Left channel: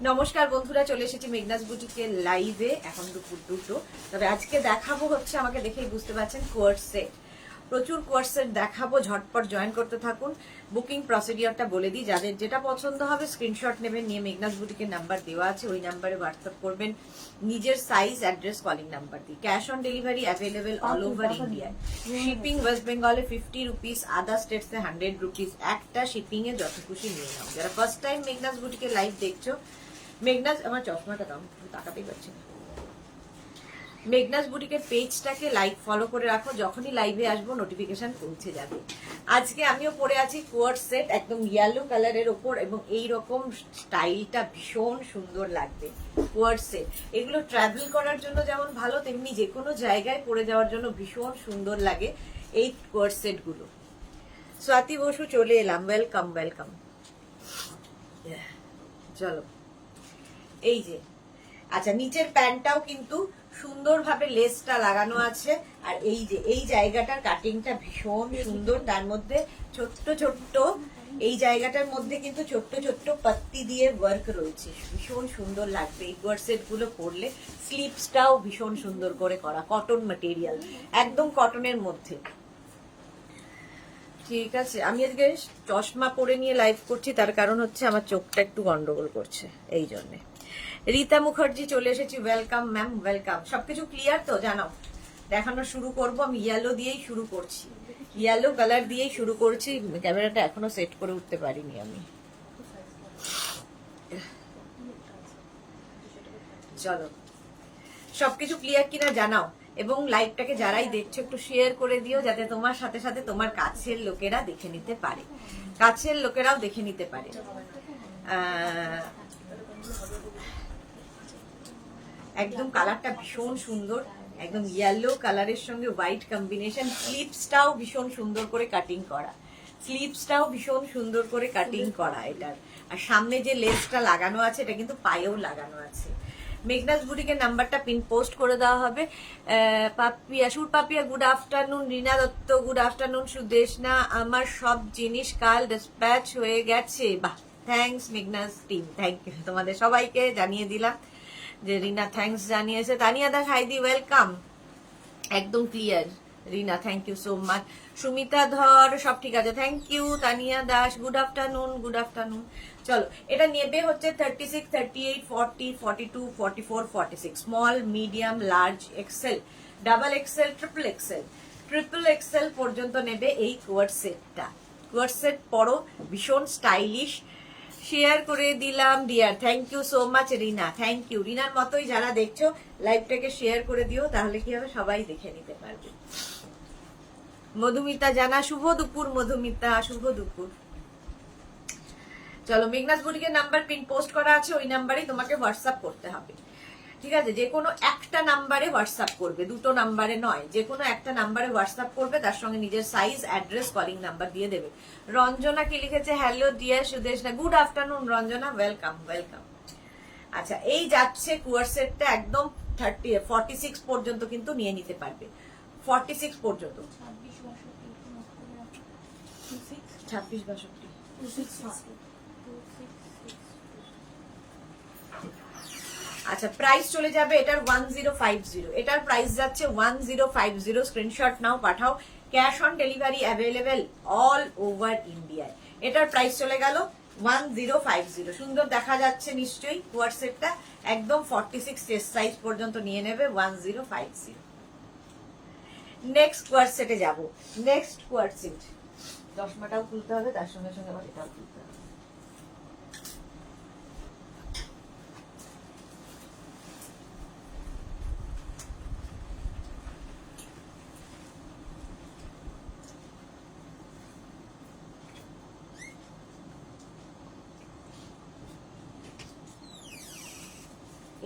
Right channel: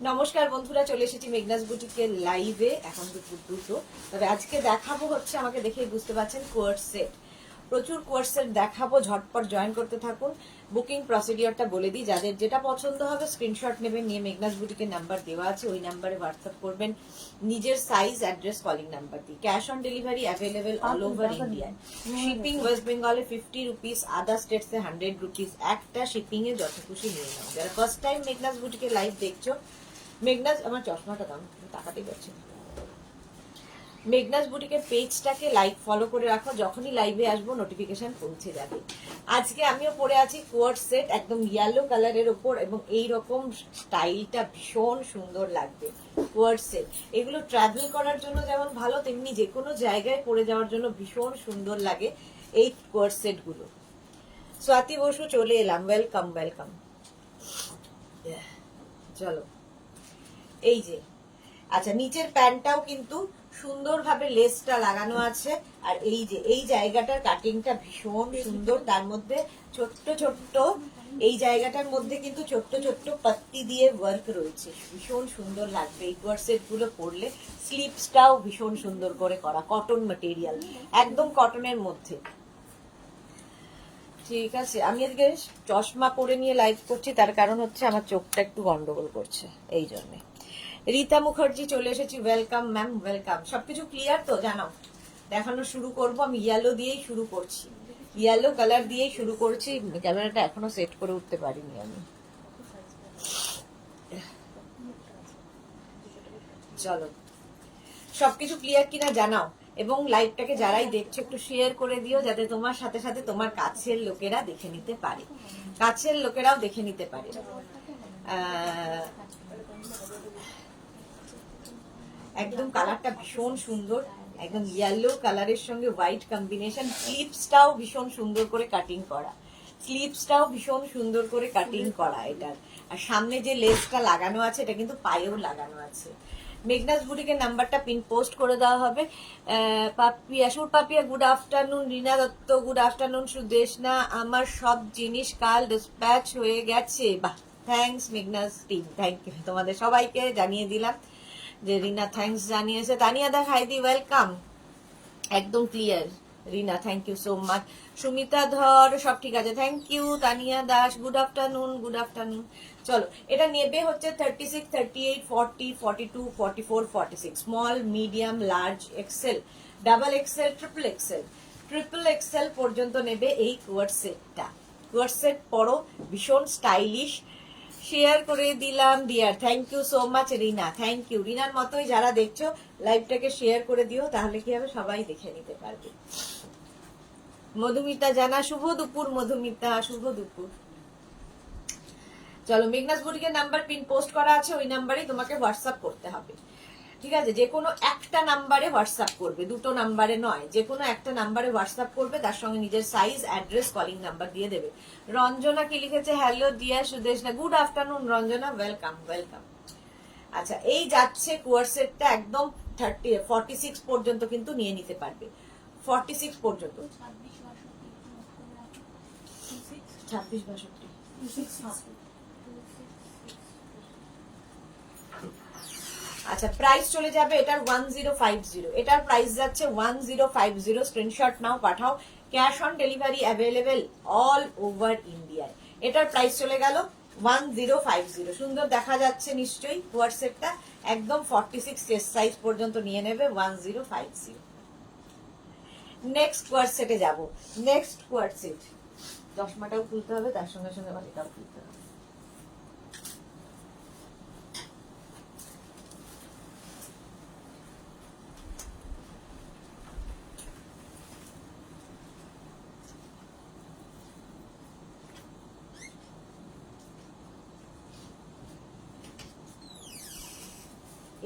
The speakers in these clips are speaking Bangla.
নমস্কার বন্ধুরা, চলে এসেছি মেঘনাস বুটিকের লাইভে। এখন দুপুর দুটো। তবে আজকে দেখাবো হচ্ছে, আমাকে দেখেই বুঝতে পারছেন, কোয়ার্ট সেট। প্রচুর কোয়ার্ট সেট দেখাবো, ঝটপট জয়েন করতে থাকুন। বুকিং প্রসিডিওরটা বলে দিই, যাদের যেটা পছন্দ হবে স্ক্রিনশট নেবেন, নিয়ে মেঘনাস বুটিকের নাম্বার দেওয়া আছে, ওই নাম্বারে হোয়াটসঅ্যাপ করবেন নিজের সাইজ, অ্যাড্রেস, কলিং নাম্বার দিয়ে। Cash on delivery available all over ইন্ডিয়ায়। শিপিং ওয়েস্ট বেঙ্গলে 50 রুপিস, আদার স্টেটসে 100 রুপিস। একটা শিপিং এ যত খুশি নিয়ে নাও। যারা ফার্স্ট টাইম মেঘনাস বুটিকের লাইভ দেখছো, মেঘনাস, আমার চশমাটা দাম তাকাতেই পারছি না। মেঘনাস বুটিকের পেজটাকে লাইক ফলো করে রাখো, যখনই লাইভে আসবো নোটিফিকেশন পৌঁছে যাবে। আজকে আমিও পরে আছি কোয়ার্ট সেট, একদম ইয়েলো কালারের ওপর, এবং এই রকম স্টাইলটা ভীষণ সুন্দর লাগবে। কোয়ার্ট সেট এগুলো ট্রাভেল করার জন্য যেমন ভালো, তেমনি যে কোনো জায়গায় পরে যাওয়ার জন্য ভীষণ সুন্দর লাগে এই কোয়ার্ট সেট গুলো। স্বাতি বসু চলে এলাম, ওয়েলকাম ওয়েলকাম। চলো, এই যে, আচ্ছা, নিচের প্যান্টটাও কিন্তু সুন্দরভাবে লেসটা লাগানো আছে। আর এই যে এই জায়গাটার কাটিংটা ভীষণ সুন্দর, তার মধ্যে ছোট্ট ছোট্ট, এই জায়গাটার মধ্যে কিন্তু ছোট্ট ছোট্ট পাত্তি দিয়ে ওয়ার্ক রয়েছে। ভীষণ সুন্দর লাগবে এই কোয়ার্ট সেট গুলো পরলে। স্লিপসটাও ভীষণ সুন্দর করে করা, কটন ম্যাটেরিয়াল, একদম কটনের মধ্যে। ঠিক আছে, আমি আজকে চশমা পরে নিয়ে লাইভ করছি, তার কারণ হচ্ছে আমার চোখটা একটু গন্ডগোল করছে, এই জন্যে। রীতা মুখার্জি চলে এসেছি, ওয়েলকাম ম্যাম, ওয়েলকাম। সবকিছু ক্লিয়ার তো? জানাও। দেখানো শুরু করব, আমি ইয়েলো দিয়েই শুরু করছি, ইয়েলো কালার দিয়েই শুরু করছি। ক্যামেরাটা এখনো সেট করে উঠতে পারিনি আমি। চলো, সবকিছু ক্লিয়ার কিনা জানাও, এবং লাইভটাকে যারাই দেখছো একটু শেয়ার করে দিও, যাতে তোমার সাথে সাথে তোমার কাছের লোকেরা দেখে নিতে পারে, কাছের লোকেরাও দেখে নিতে পারে। একদম কালারটা ভীষণ সুন্দর, একদম ইয়েলো কালারের সঙ্গে হোয়াইট কম্বিনেশন। স্লিপসটাও ভীষণ সুন্দর করে কাটিং করা, স্লিপসটাও ভীষণ সুন্দর করে কাটিং করা এটার। আর সামনে যে লেসটা লাগানো আছে, এটা কিন্তু পায়েও লাগানো আছে। মেঘনাস বুটিকের নাম্বারটা পিন পোস্ট করে দেওয়া হবে। Papiya, Sur Papiya, good afternoon. Rina Dutta, good afternoon. Sudeshna, আমার সব জিনিস কাল ডিসপ্যাচ হয়ে গেছে। বাহ, thanks Meghna's team, thank you. তোমাদের সবাইকে জানিয়ে দিলাম যে রিনা থ্যাংকস জানিয়েছে। তানিয়া দা, হাইদি, ওয়েলকাম। একদম clear Rina, thank you so much. Sumita Dhar, সব ঠিক আছে, thank you. Tania Das, good afternoon, good afternoon. চলো, এটা নেবে হচ্ছে 36, 38, 40, 42, 44, 46, small, medium, large, XL, double XL, triple XL. Triple XL পর্যন্ত নেবে এই কোয়ার্ট সেটটা। কোয়ার্ট সেট পরো, ভীষণ স্টাইলিশ। শেয়ার করে দিলাম dear, thank you so much Rina, thank you. রিনার মতোই যারা দেখছো লাইভটাকে শেয়ার করে দিও, তাহলে কি হবে, সবাই দেখে নিতে পারবে। মধুমিতা জানা, শুভ দুপুর মধুমিতা, শুভ দুপুর। চলো, মেঘনাস বুটিকের নাম্বার পিন পোস্ট করা আছে, ওই নাম্বারেই তোমাকে হোয়াটসঅ্যাপ করতে হবে। ঠিক আছে, যে কোনো একটা নাম্বারে হোয়াটসঅ্যাপ করবে, দুটো নাম্বারে নয়, যে কোনো একটা নাম্বারে হোয়াটসঅ্যাপ করবে, তার সঙ্গে নিজের সাইজ, অ্যাড্রেস, কলিং নাম্বার দিয়ে দেবে। রঞ্জনা কি লিখেছে, hello dear Sudeshna, good afternoon Ranjana, welcome welcome. আচ্ছা, এই যাচ্ছে কোয়ার্ট সেটটা একদম 46 পর্যন্ত কিন্তু নিয়ে নিতে পারবে, 46 পর্যন্ত। 26-62। আচ্ছা, প্রাইস চলে যাবে এটার 1050, এটার প্রাইস যাচ্ছে 1050। স্ক্রিনশট নাও, পাঠাও। Cash on delivery available all over ইন্ডিয়ায়। এটার প্রাইস চলে গেল 1050। সুন্দর দেখা যাচ্ছে নিশ্চয়ই কোয়ার্ট সেটটা, একদম 46 চেস্ট সাইজ পর্যন্ত নিয়ে নেবে 1050। নেক্সট কোয়ার্ট সেটে যাব। নেক্সট কোয়ার্ট সেট, চশমাটাও খুলতে হবে, তার সঙ্গে সঙ্গে আবার এটাও খুলতে হবে।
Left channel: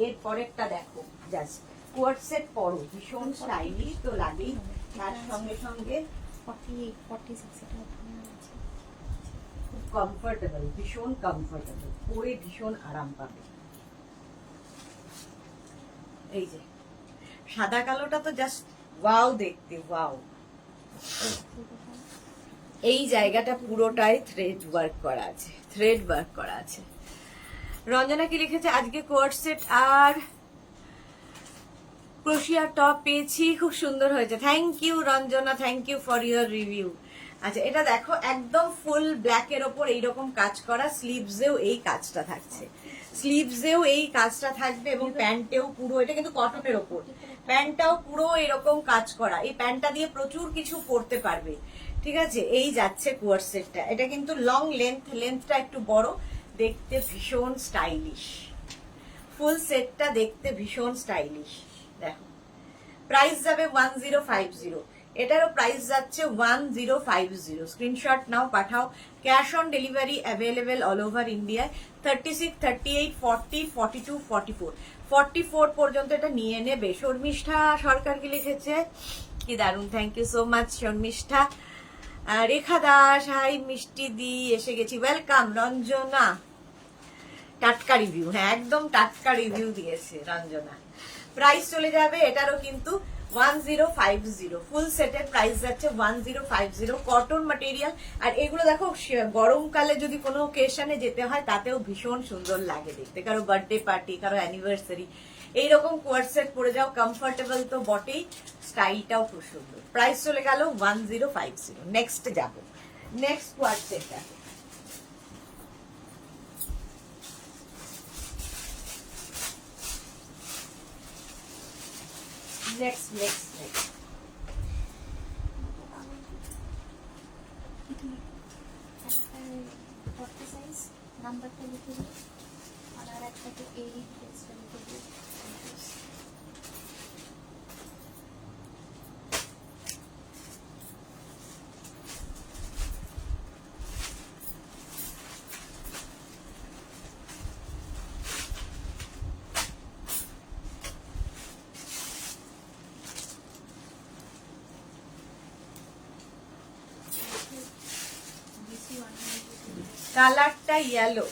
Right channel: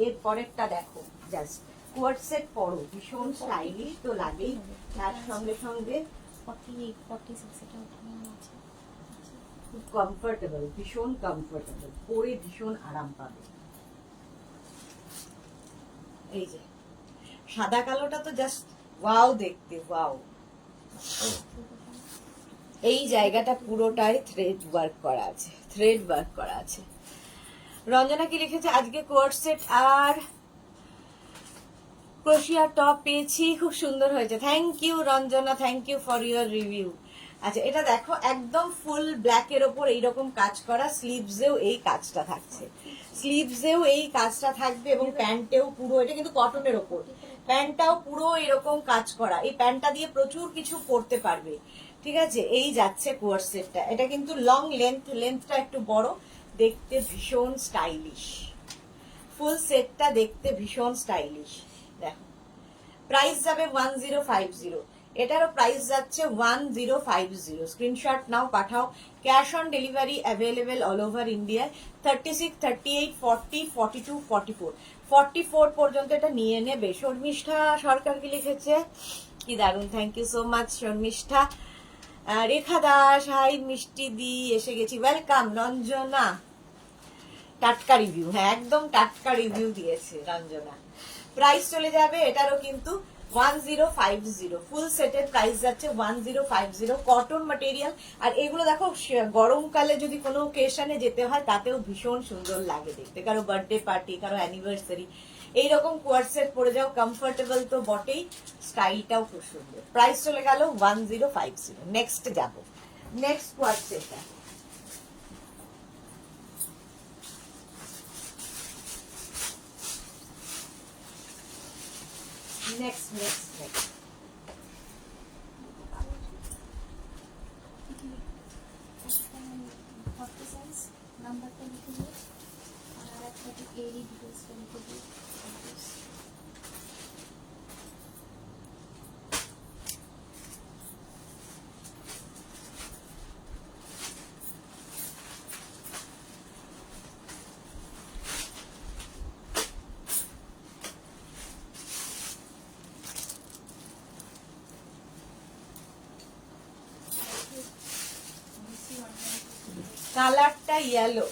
এর পরেরটা দেখো, জাস্ট কোয়ার্ট সেট পরো, ভীষণ স্টাইলিশ তো লাগেই, তার সঙ্গে সঙ্গে 46 এটা ওখানে আছে, খুব কমফোর্টেবল, ভীষণ কমফোর্টেবল, পরে ভীষণ আরাম পাবে। এই যে সাদা কালোটা তো জাস্ট ওয়াও দেখতে, ওয়াও। এই জায়গাটা পুরোটাই থ্রেড ওয়ার্ক করা আছে, থ্রেড ওয়ার্ক করা আছে। রঞ্জনা কি লিখেছে, আজকে কোয়ার্ড সেট আর ক্রোশিয়া টপ পেয়েছি, খুব সুন্দর হয়েছে। Thank you Ranjana, thank you for your review. আচ্ছা এটা দেখো, একদম ফুল ব্ল্যাক এর ওপর এইরকম কাজ করা, স্লিভসেও এই কাজটা থাকছে, স্লিভসেও এই কাজটা থাকবে এবং প্যান্টেও পুরো, এটা কিন্তু কটনের ওপর, প্যান্টটাও পুরো এরকম কাজ করা। এই প্যান্টটা দিয়ে প্রচুর কিছু পরতে পারবে, ঠিক আছে। এই যাচ্ছে কোয়ার্ড সেটটা, এটা কিন্তু লং লেন্থটা একটু বড়, দেখতে ভীষণ স্টাইলিশ। ফুল সেটটা দেখতে ভীষণ স্টাইলিশ। দেখো প্রাইস যাবে 1050, এটারও প্রাইস যাচ্ছে 1050। স্ক্রিনশট নাও, পাঠাও। Cash on delivery available all over ইন্ডিয়ায়। 36, 38, 40, 42, 44, 44 পর্যন্ত এটা নিয়ে নেবে। শর্মিষ্ঠা সরকার কি লিখেছে, কি দারুণ, thank you so much Sharmishtha. Rekha Das, hi Mishti দি, এসে গেছি, ওয়েলকাম। রঞ্জনা টাটকা রিভিউ, হ্যাঁ একদম টাটকা রিভিউ দিয়েছে রঞ্জনা। প্রাইস চলে যাবে এটারও কিন্তু 1050, ফুল সেটের প্রাইস যাচ্ছে 1050, কটন ম্যাটেরিয়াল। আর এগুলো দেখো গরমকালে যদি কোনো ওকেশনে যেতে হয় তাতেও ভীষণ সুন্দর লাগে দেখতে, কারো বার্থডে পার্টি, কারো অ্যানিভার্সারি, এইরকম কোয়ার্ড সেট পরে যাও, কমফোর্টেবল তো বটেই, স্টাইলটাও খুব সুন্দর। প্রাইস চলে গেল 1050। নেক্সট যাব, নেক্সট কোয়ার্ড সেটটা। নেক্সট। ফর্টি সাইজ নাম্বারটা লিখে দিই, আর একটাতে এরি ডিটেলসটা লিখে দিই। কালারটা ইয়েলো,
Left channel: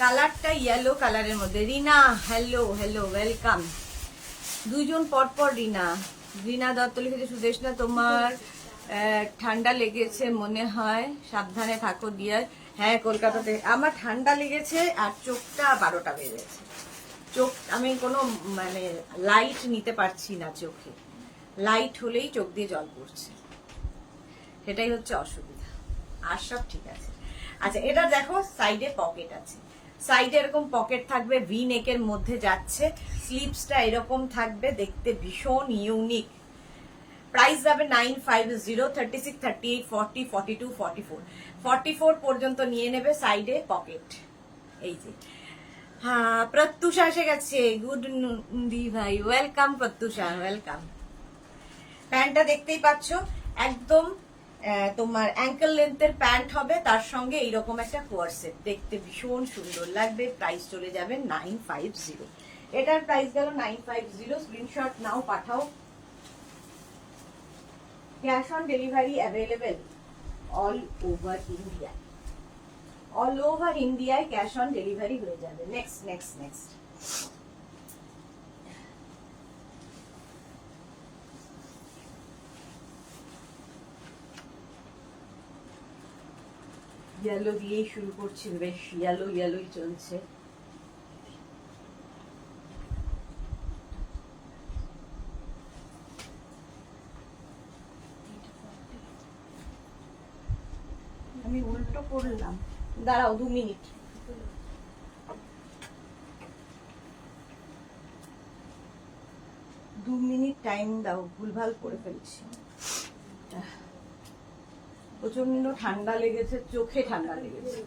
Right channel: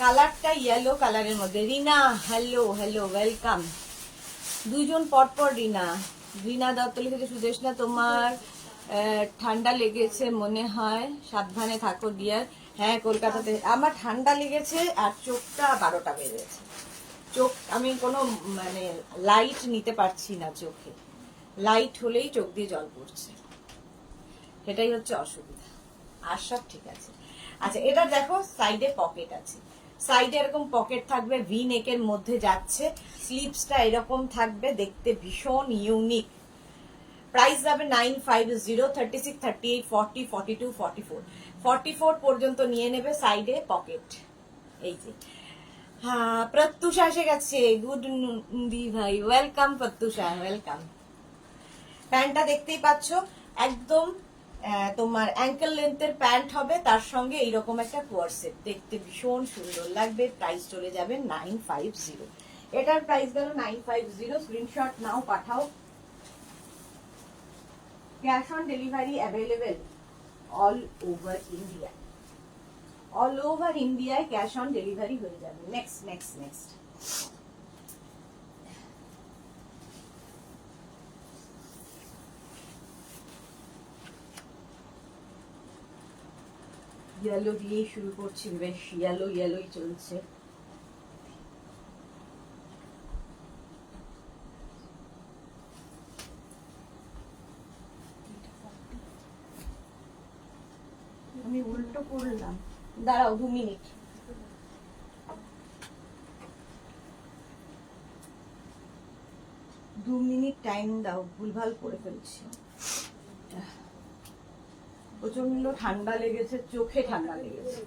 কালারটা ইয়েলো কালারের মধ্যে। রিনা হ্যালো হ্যালো, ওয়েলকাম। দুইজন পরপর রিনা, রিনা দত্ত লিখেছে, সুদেশনা তোমার ঠান্ডা লেগেছে মনে হয়, সাবধানে থাকো ডিয়ার। হ্যাঁ কলকাতাতে আমার ঠান্ডা লেগেছে, আর চোখটা 12টা বেজেছে। চোখ আমি কোনো মানে লাইট নিতে পারছি না চোখে, লাইট হলেই চোখ দিয়ে জল পড়ছে, সেটাই হচ্ছে অসুবিধা। আর সব ঠিক আছে। আচ্ছা এটা দেখো, সাইডে পকেট আছে, সাইডে এরকম পকেট থাকবে, ভি নেকের মধ্যে যাচ্ছে, স্লিভসটা এরকম থাকবে, দেখতে ভীষণ ইউনিক। প্রাইস যাবে 950, 36, 38, 40, 42, 44, 44 পর্যন্ত নিয়ে নেবে। সাইডে পকেট, এই যে। হ্যাঁ প্রত্যুষা এসে গেছে, গুড দি ভাই, ওয়েলকাম প্রত্যুষা, ওয়েলকাম। প্যান্টটা দেখতেই পাচ্ছ, একদম তোমার অ্যাঙ্কেল লেন্থের প্যান্ট হবে, তার সঙ্গে এইরকম একটা কোয়ার্ড সেট, দেখতে ভীষণ সুন্দর লাগবে। প্রাইস চলে যাবে 950, এটার প্রাইস গেল 950। স্ক্রিনশট নাও, পাঠাও। Cash on delivery available all over India, all over ইন্ডিয়ায় ক্যাশ অন ডেলিভারি হয়ে যাবে। Next next next. ইয়েলো দিয়েই শুরু করছি, বেশ ইয়েলোই চলছে। আমি উল্টো করলাম, দাঁড়াও 2 মিনিট। দু মিনিট টাইম দাও, ভুলভাল করে ফেলছি। প্রচন্ড ঠান্ডা লেগেছে, চোখে ঠান্ডা লেগেছে।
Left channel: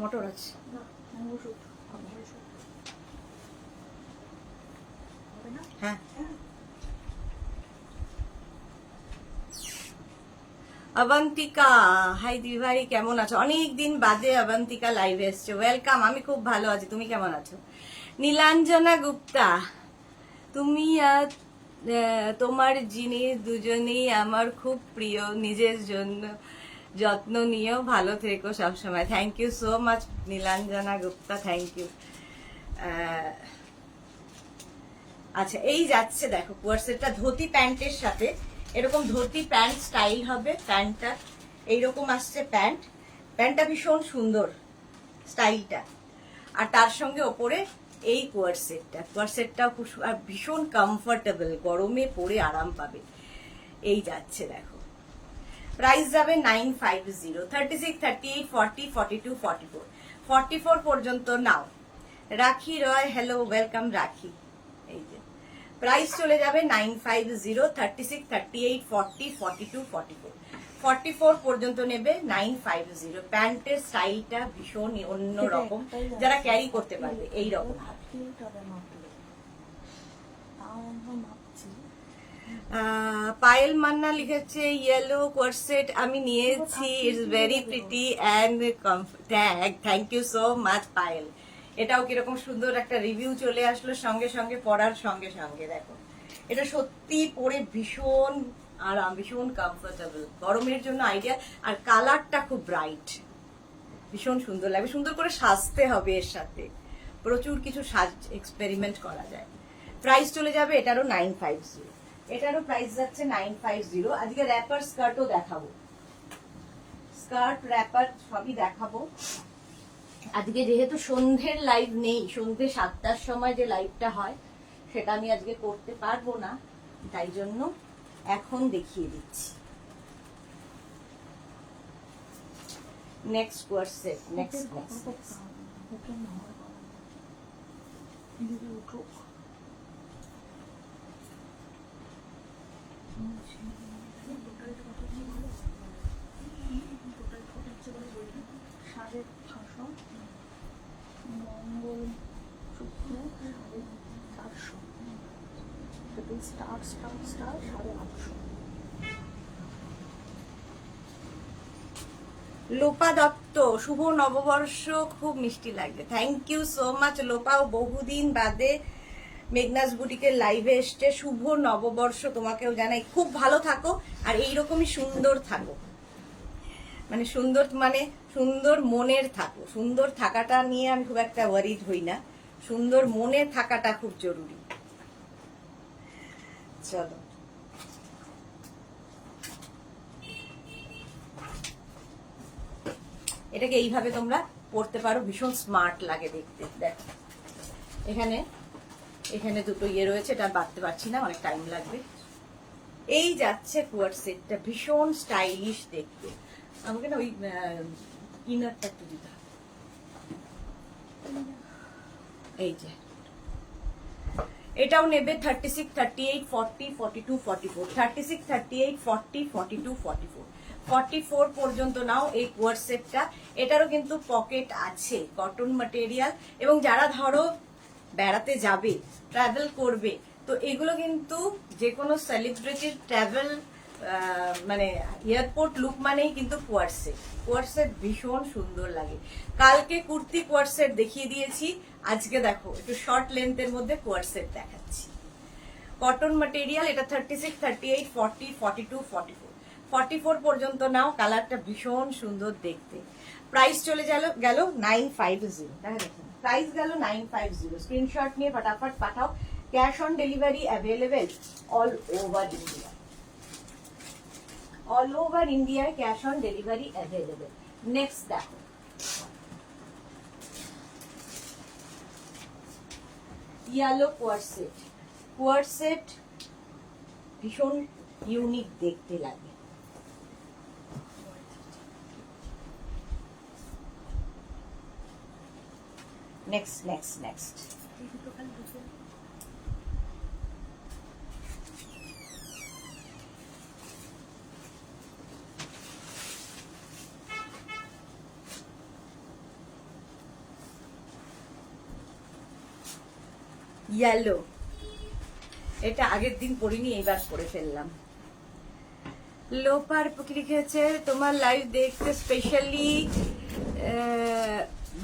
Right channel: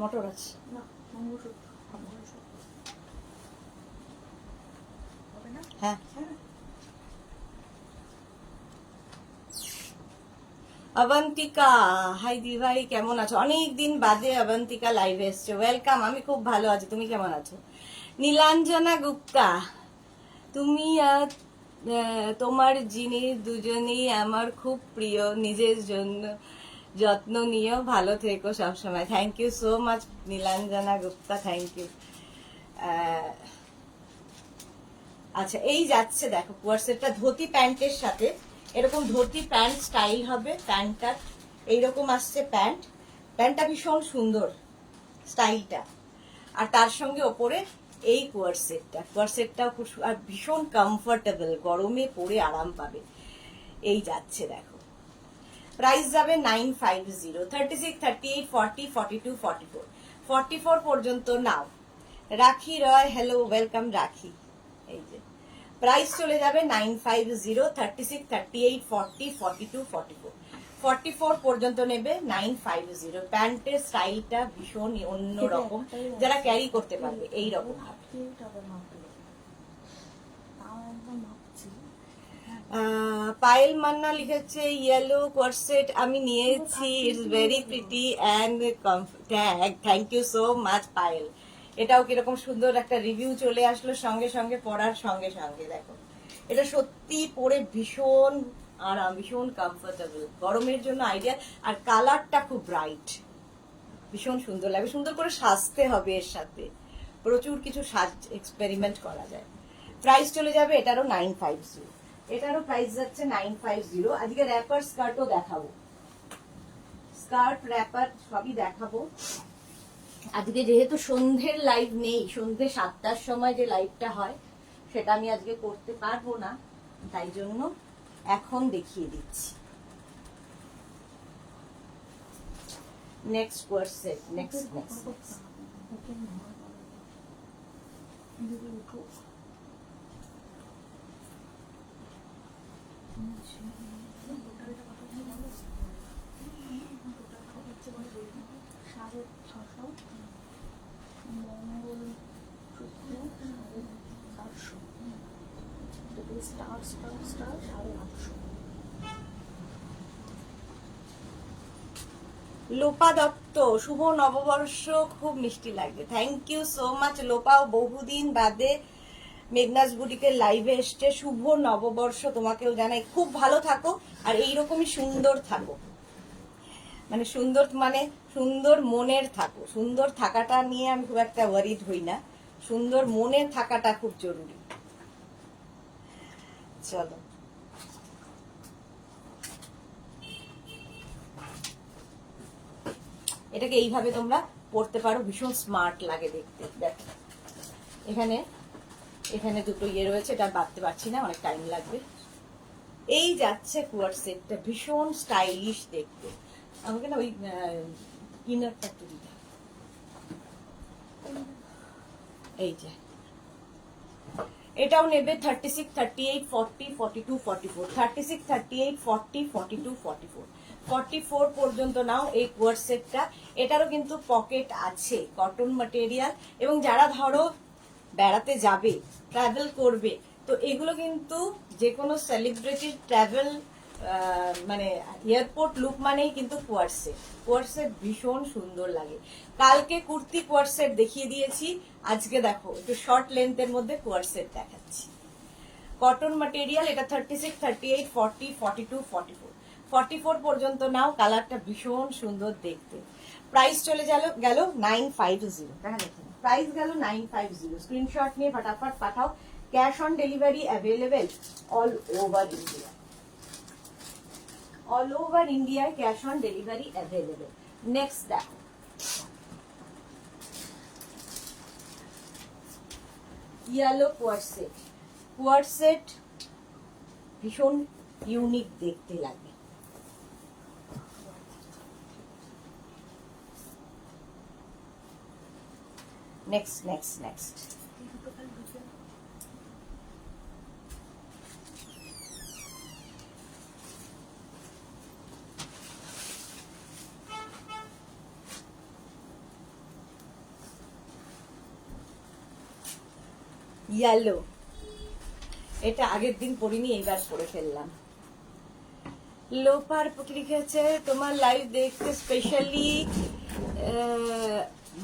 মটর আছে, হ্যাঁ। অবন্তিকা, হাই দি ভাই, কেমন আছো? অনেকদিন বাদে অবন্তিকা লাইভে এসছে, ওয়েলকাম। আমি খুব ভালো আছি, তুমি কেমন আছো? নীলাঞ্জনা গুপ্তা, তুমি আর তোমার জিনিস দুজনেই আমার খুব প্রিয়, নিজের জন্য যত্ন নিও, ভালো থেকো সবসময়। Thank you so much Nilanjana Gupta, thank you. আচ্ছা, এই যাচ্ছে দেখো কোয়ার্সেটটা ধুতি প্যান্টের সাথে, এরকম ধুতি প্যান্ট স্টাইল হবে। প্যান্টটা এইরকম আসছে, প্যান্টটা ভীষণ সুন্দর স্টাইলটা, আর তার সঙ্গে ওপরে এই কোয়ার্সেটটাও খুব আর ভীষণ কমফোর্টেবল, গরমে পরে আরাম পাবে। এই যাচ্ছে দেখো, প্রাইস যাবে 950, 36, 38, 40, 42, 44, 44 পর্যন্ত নাও। রাখি রয়, হ্যালো, ওয়েলকাম রাখি। এই যে প্রাইস চলে যাবে 950, 36, 38, 40, 42, 44, 44 পর্যন্ত নেবে 950। প্যান্টের স্টাইলটা ভীষণ অন্যরকম, যারা ক্যারি করতে পারবে এই রকম। পায়েল মান্না লিখেছে ইয়েলো কোয়ার্সেট আমি নিয়েছি, it's very pretty and thank you so much Payel. এটাও কিরকম সুন্দর একটা রিভিউ চলে আসলো সঙ্গে সঙ্গে, পড়ার সঙ্গে সঙ্গে। দেখো এটা সত্যি পরে ভীষণ আরাম, ভীষণ কমফোর্টেবল, গরমের জন্য আইডিয়া। আর কালারটা খুব ব্রাইট, ভীষণ সুন্দর লাগবে। সুন্দর করে সাজতে হবে, এর সাথে প্রচুর কিছু সাজ এক্সপেরিমেন্ট করা যায়। প্রাইস চলে যাবে এটারও 950, এটারও প্রাইস যাচ্ছে 950। আজকে র্যাপার স্কার্টও দেখাবো, স্কার্ট র্যাপার সবই দেখাবো। আজকে যেহেতু সন্ধ্যের লাইভ নেই, সন্ধ্যে 7টার সময় যে লাইভটা হয় সেটা আমি আজকে করতে পারবো না, তাই জন্য এখন দেখিয়ে দিচ্ছি। নেক্সট কোয়ার্সেট, নেক্সট সাড়ে 600, মঙ্গল শুক্র 450, স্টার 850। লোপা দত্ত, শুভ নববর্ষ, খুব মিষ্টি লাগছে। থ্যাংক ইউ সো মাচ লোপাও, বহুদিন বাদে মেঘনাস বুটিকের লাইভে এসছে। শুভ নববর্ষ তোমাকেও জানাই, খুব ভালো থাকো আর এইরকমই সুন্দর থাকো, মানে সুন্দর মনের থাকো। সুন্দর থাকাটা নিয়ে আমি খুব একটা ওয়ারিড হই না, সুন্দর মনের থাকাটা খুব জরুরি। চলো, এটাকে এইভাবে তোমরা পরতে পারো, ভীষণ স্মার্ট লাগে দেখতে। দেখো এখানে এখানে দুটো ইয়ে রয়েছে, এটা বাঁধতে পারছি না, অনেক টাইম লাগবে। এই যাচ্ছে কোয়ার্সেটটা, ভীষণ স্টাইলিশ দেখতে। আমাকে না ওই ইনারটা একটু দিতে হবে। এই যে এটাও নেবে 36, 38, 40, 42, 44, 36, 38, 40, 42, 44, 44 পর্যন্ত নাও এই কোয়ার্সেটটা। এটারও কিন্তু পকেট আছে, কটন ম্যাটেরিয়াল। এবং যারা ধরো বেড়াতে যাবে, ট্রাভেল করবে, তো এগুলো কিন্তু যে কোনো সেলিব্রিটির ট্রাভেল মানে এয়ারপোর্ট লুক মানেই কিন্তু কোয়ার্সেট ভীষণ সুন্দর লাগে। কালকে কুর্তি কোয়ার্সেট দেখিয়ে দিয়েছি, আজকে দেখো একটু শর্ট লেন্থের মধ্যে কোয়ার্সেট দেখাচ্ছি। কটন ম্যাটেরিয়াল, এটা 36, 38, 40, 42, 44, 44 পর্যন্ত নাও। কালারটা ভীষণ সুন্দর দেখতে। প্রাইস চলে গেল 950। দেখা দেখুন প্রাইস গেল 950। স্ক্রিনশট নিয়ে ফটাফট পাঠাও। Cash on delivery available all over India. All over ইন্ডিয়ায় cash on delivery available. Next দেখো, ইয়েলো কোয়ার্সেট ভীষণ ইউনিক দেখতে লাগে। নেক্সট ইয়েলো, এটা আগের দিন পরিনি, এইবার পরে ফেললাম। লোপার লিখেছে তোমার লাইভ দেখতে স্পেশালি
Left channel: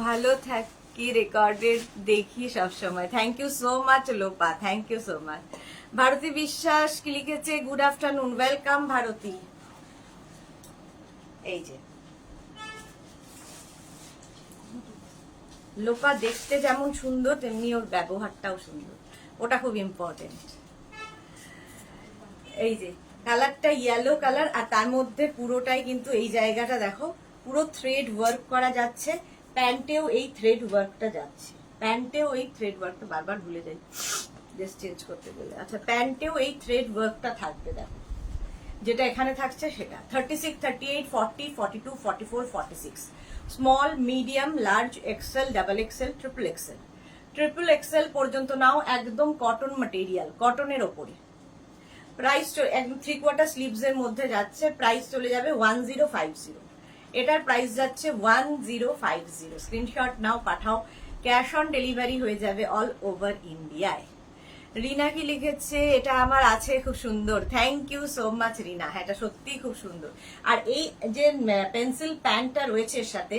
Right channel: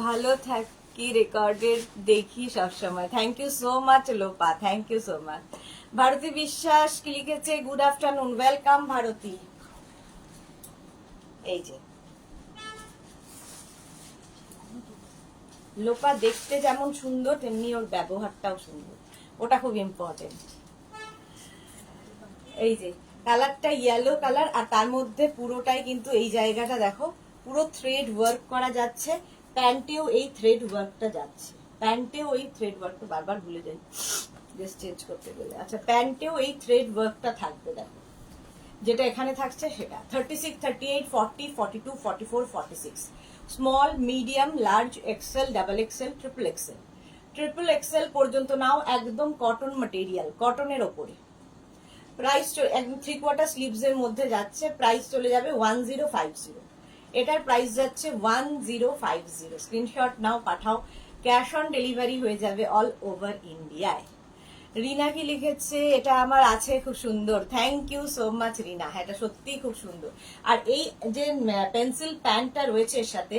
ভালো থাকি, রেকর্ডের দেখি সবসময়। Thank you so much Lopa, thank you so much. Bharati Biswas কি লিখেছে, গুড আফটারনুন, ওয়েলকাম ভারতী। এই যে লোপা দেখতে যেমন সুন্দর তেমনি ওর ব্যবহারটাও সুন্দর, ওটা খুব ইম্পর্টেন্ট। এই যে কালারটা ইয়েলো কালার, আর তার মধ্যে পুরোটাই কিন্তু এই জায়গাটা দেখো পুরো থ্রেড ওয়ার্ক করা যাচ্ছে, প্যান্টেও এই থ্রেড ওয়ার্কটা যাচ্ছে, প্যান্টেও এই থ্রেড ওয়ার্কটা, বারবার ভুলে যাই জাস্ট চেঞ্জ করতে গেলে। আচ্ছা, প্যান্টেও এই থ্রেড ওয়ার্কটা থাকবে, দেখো যেটা এখানে থাকছে সেটা 36, 38, 40, 42, 44, 46, small, medium, large, XL, double XL, triple XL. Triple XL পর্যন্ত নাও, একদম কটন ম্যাটেরিয়াল, কটনের ওপরে। প্রাইস একদম 3/4 স্লিভস এর মধ্যে যাচ্ছে, প্রাইস চলে যাবে 1050। এটার প্রাইস যাচ্ছে 1050। স্ক্রিনশট নাও, পাঠাও, ক্যাশ অন ডেলিভারি হয়ে যাবে অল ওভার ইন্ডিয়ায়। রিনা কি লিখেছে, এটা আমার আছে, খুব সুন্দর, থ্যাংক ইউ সো মাচ রিনা। হ্যাঁ, এটা সত্যিই খুব সুন্দর। আর এই যে পেন্সিল প্যান্টটা রয়েছে এর সাথে,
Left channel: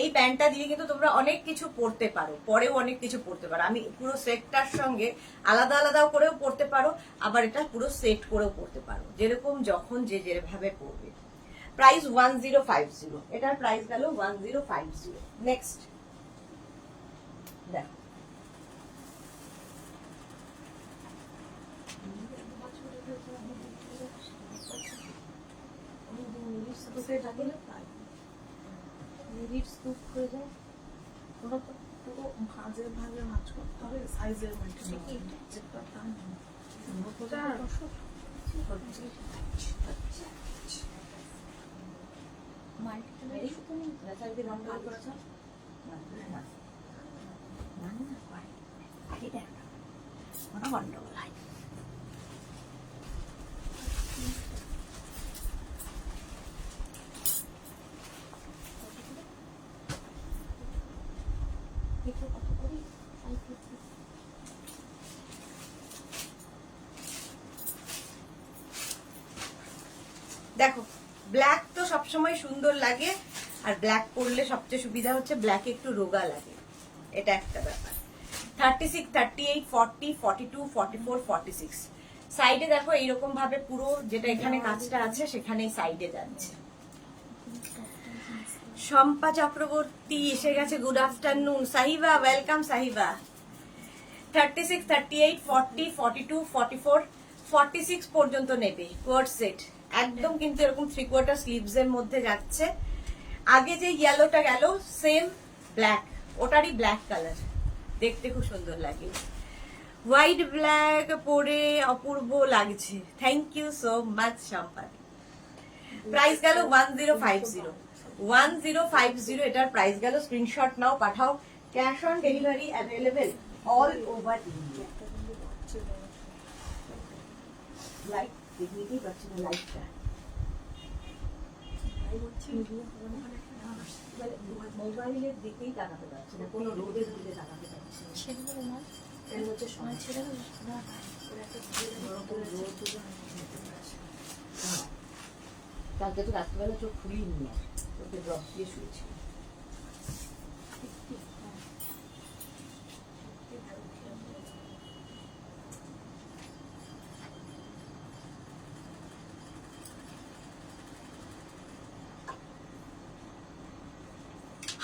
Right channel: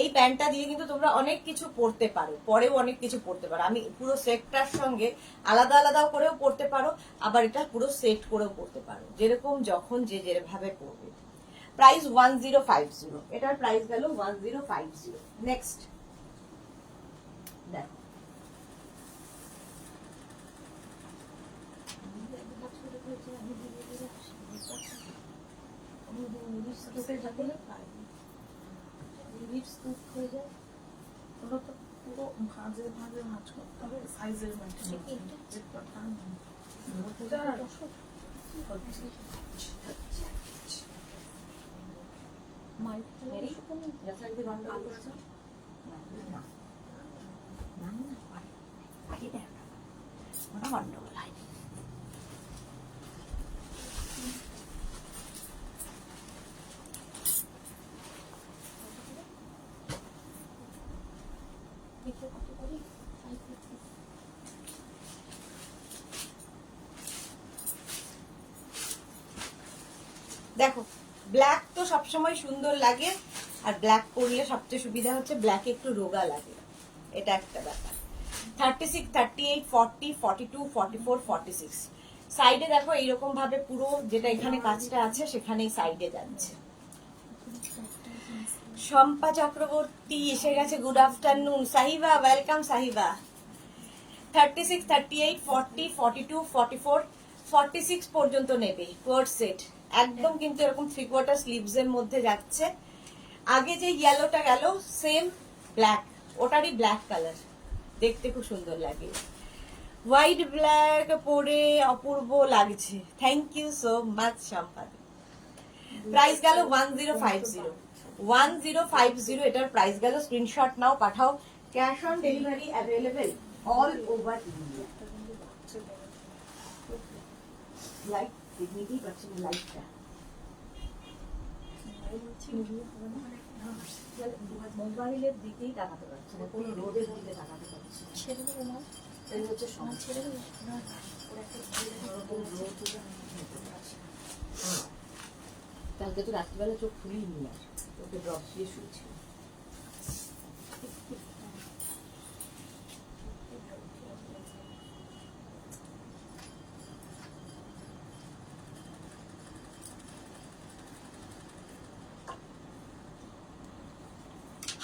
এই প্যান্টটা দিয়ে কিন্তু তোমরা অনেক কিছু পরতে পারো, পরেও অনেক কিছু পরতে পারো। আমি পুরো সেটটার সঙ্গে আলাদা আলাদাও করেও পরতে পারো, আবার এটা পুরো সেট করেও পরতে পারো, যেরকম যখন যে যেভাবে পরবে। প্রাইস 1050, এটার প্রাইস গেল 1050। নেক্সট দেখো, ওটা তো পুরো ভাঁজে ভাঁজে ভাঁজ করতে হবে, সাইজের মধ্যে গন্ডগোল হয়। কত করে 550। দেখো, ব্ল্যাক তো সবসময় সুন্দর লাগে, আর ব্ল্যাক পরলে সবচেয়ে সুবিধা হচ্ছে ব্ল্যাকে একটু রোগা লাগে, এটা একটা ব্যাপার। 36, 38, 40, 42, 44, 46 সাইডে দেখো এইরকম ভাবে পুরো যেটা এখানে কাজটা আছে সেখানেই সাইডে যাচ্ছে। শম্পা চক্রবর্তী এসে গেছে, good afternoon. Sahiba, welcome Sahiba. 36, 38, 40, 42, 44, 46 পর্যন্ত নেবে কোয়ার্ড সেট, একদম কিন্তু এরকম 3/4 স্লিভস এর মধ্যে যাচ্ছে। আগে যে ইয়েলোটা গেল সেম ব্ল্যাক, ওটারই ব্ল্যাক কালার, দেখতে খুব সুন্দর লাগে। হোয়াইট ব্ল্যাক পরে অপূর্ব লাগছে, thank you so much Sampad. Price গেল 1050, 1050 এটার প্রাইস গেল। স্ক্রিনশট নাও, পাঠাও, cash on delivery available all over India. Light দেখতেই পাচ্ছি না, লাইটটা মোবাইলের দিকেই তাকাতে পারছি না, কোনো রোদের দিকে তাকাতে পারছি না। হচ্ছে সময় ছেড়ে কালকে তো রাত্রিবেলা চোখ খুলেই নি, আর চোখে ড্রপ দিয়ে শুয়েছিল।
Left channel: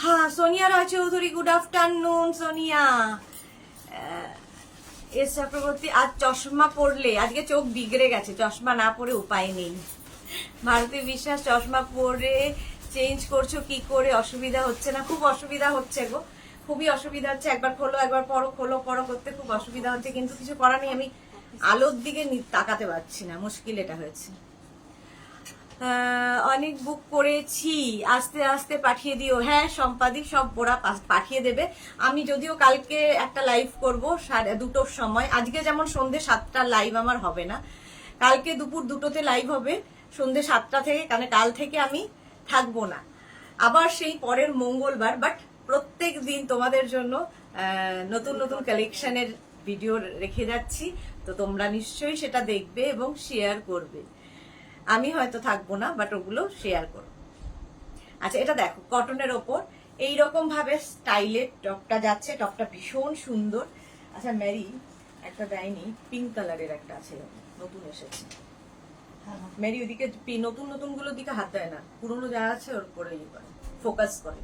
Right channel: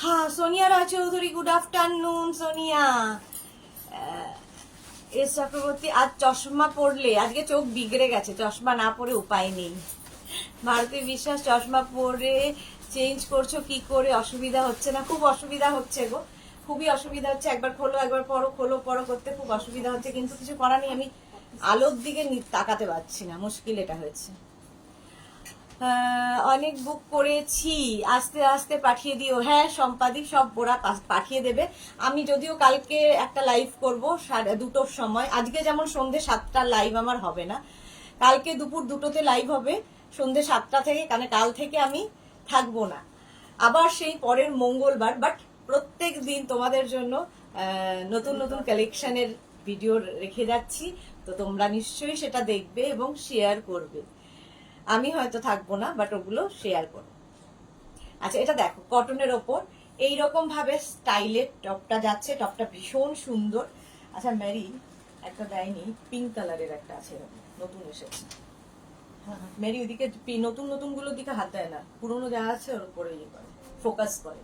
হ্যাঁ, Sonia Roy Chowdhury, good afternoon Sonia. S Chakraborty, আজ চশমা পরলে, আজকে চোখ বিগড়ে গেছে, চশমা না পরে উপায় নেই। ভারতী বিশ্বাস, চশমা পরে চেঞ্জ করছো কি করে, অসুবিধা হচ্ছে না? খুব অসুবিধা হচ্ছে গো, খুবই অসুবিধা হচ্ছে, একবার খোলো একবার পরো, খোলো পরো করতে খুব অসুবিধা হচ্ছে, কিন্তু কিছু করার নেই, আমি আলোর দিকে তাকাতে পারছি না, মুশকিল এটা হয়েছে। অনেক বুক করেছি, আস্তে আস্তে পাঠিয়ে দিও। হ্যাঁ সম্পাদিক, সব ওরা পাঠিয়ে দেবে। আমি যদিও কালকে একটা লাইভ করবো 2টোর সময়, আজকে যেমন সন্ধ্যে 7টা লাইভ আমার হবে না, কালকে দুপুর 2টোতে লাইভ হবে সন্ধ্যে 7টা থেকে, কারণ কাল থেকে আমি থাকবো না, আবার সেই পরের মঙ্গলবার। বাট প্রত্যেক দিন তোমাদের জন্য নতুন নতুন কালেকশনের ভিডিও রেখে যাচ্ছি, তো তোমরা নিশ্চয়ই সেটা দেখবে এবং শেয়ার করবে। আমি হয়তো থাকবো না, বাট ওগুলো শেয়ার করো। আচ্ছা, এটা দেখো কটনের ওপর এইরকম ভাবে স্টাইলের টপটা যাচ্ছে, টপটা ভীষণ সুন্দর। আচ্ছা, মেরি একটা দেয়নি, পিঙ্ক কালারের একটা আছে, নতুন এসেছে, মেরি ওদিকে নতুন নতুন গুলোর দিকে হাত দেয় না, পুরোনো যা আছে ওর উপরে ইয়ে করে, ফোকাস করে।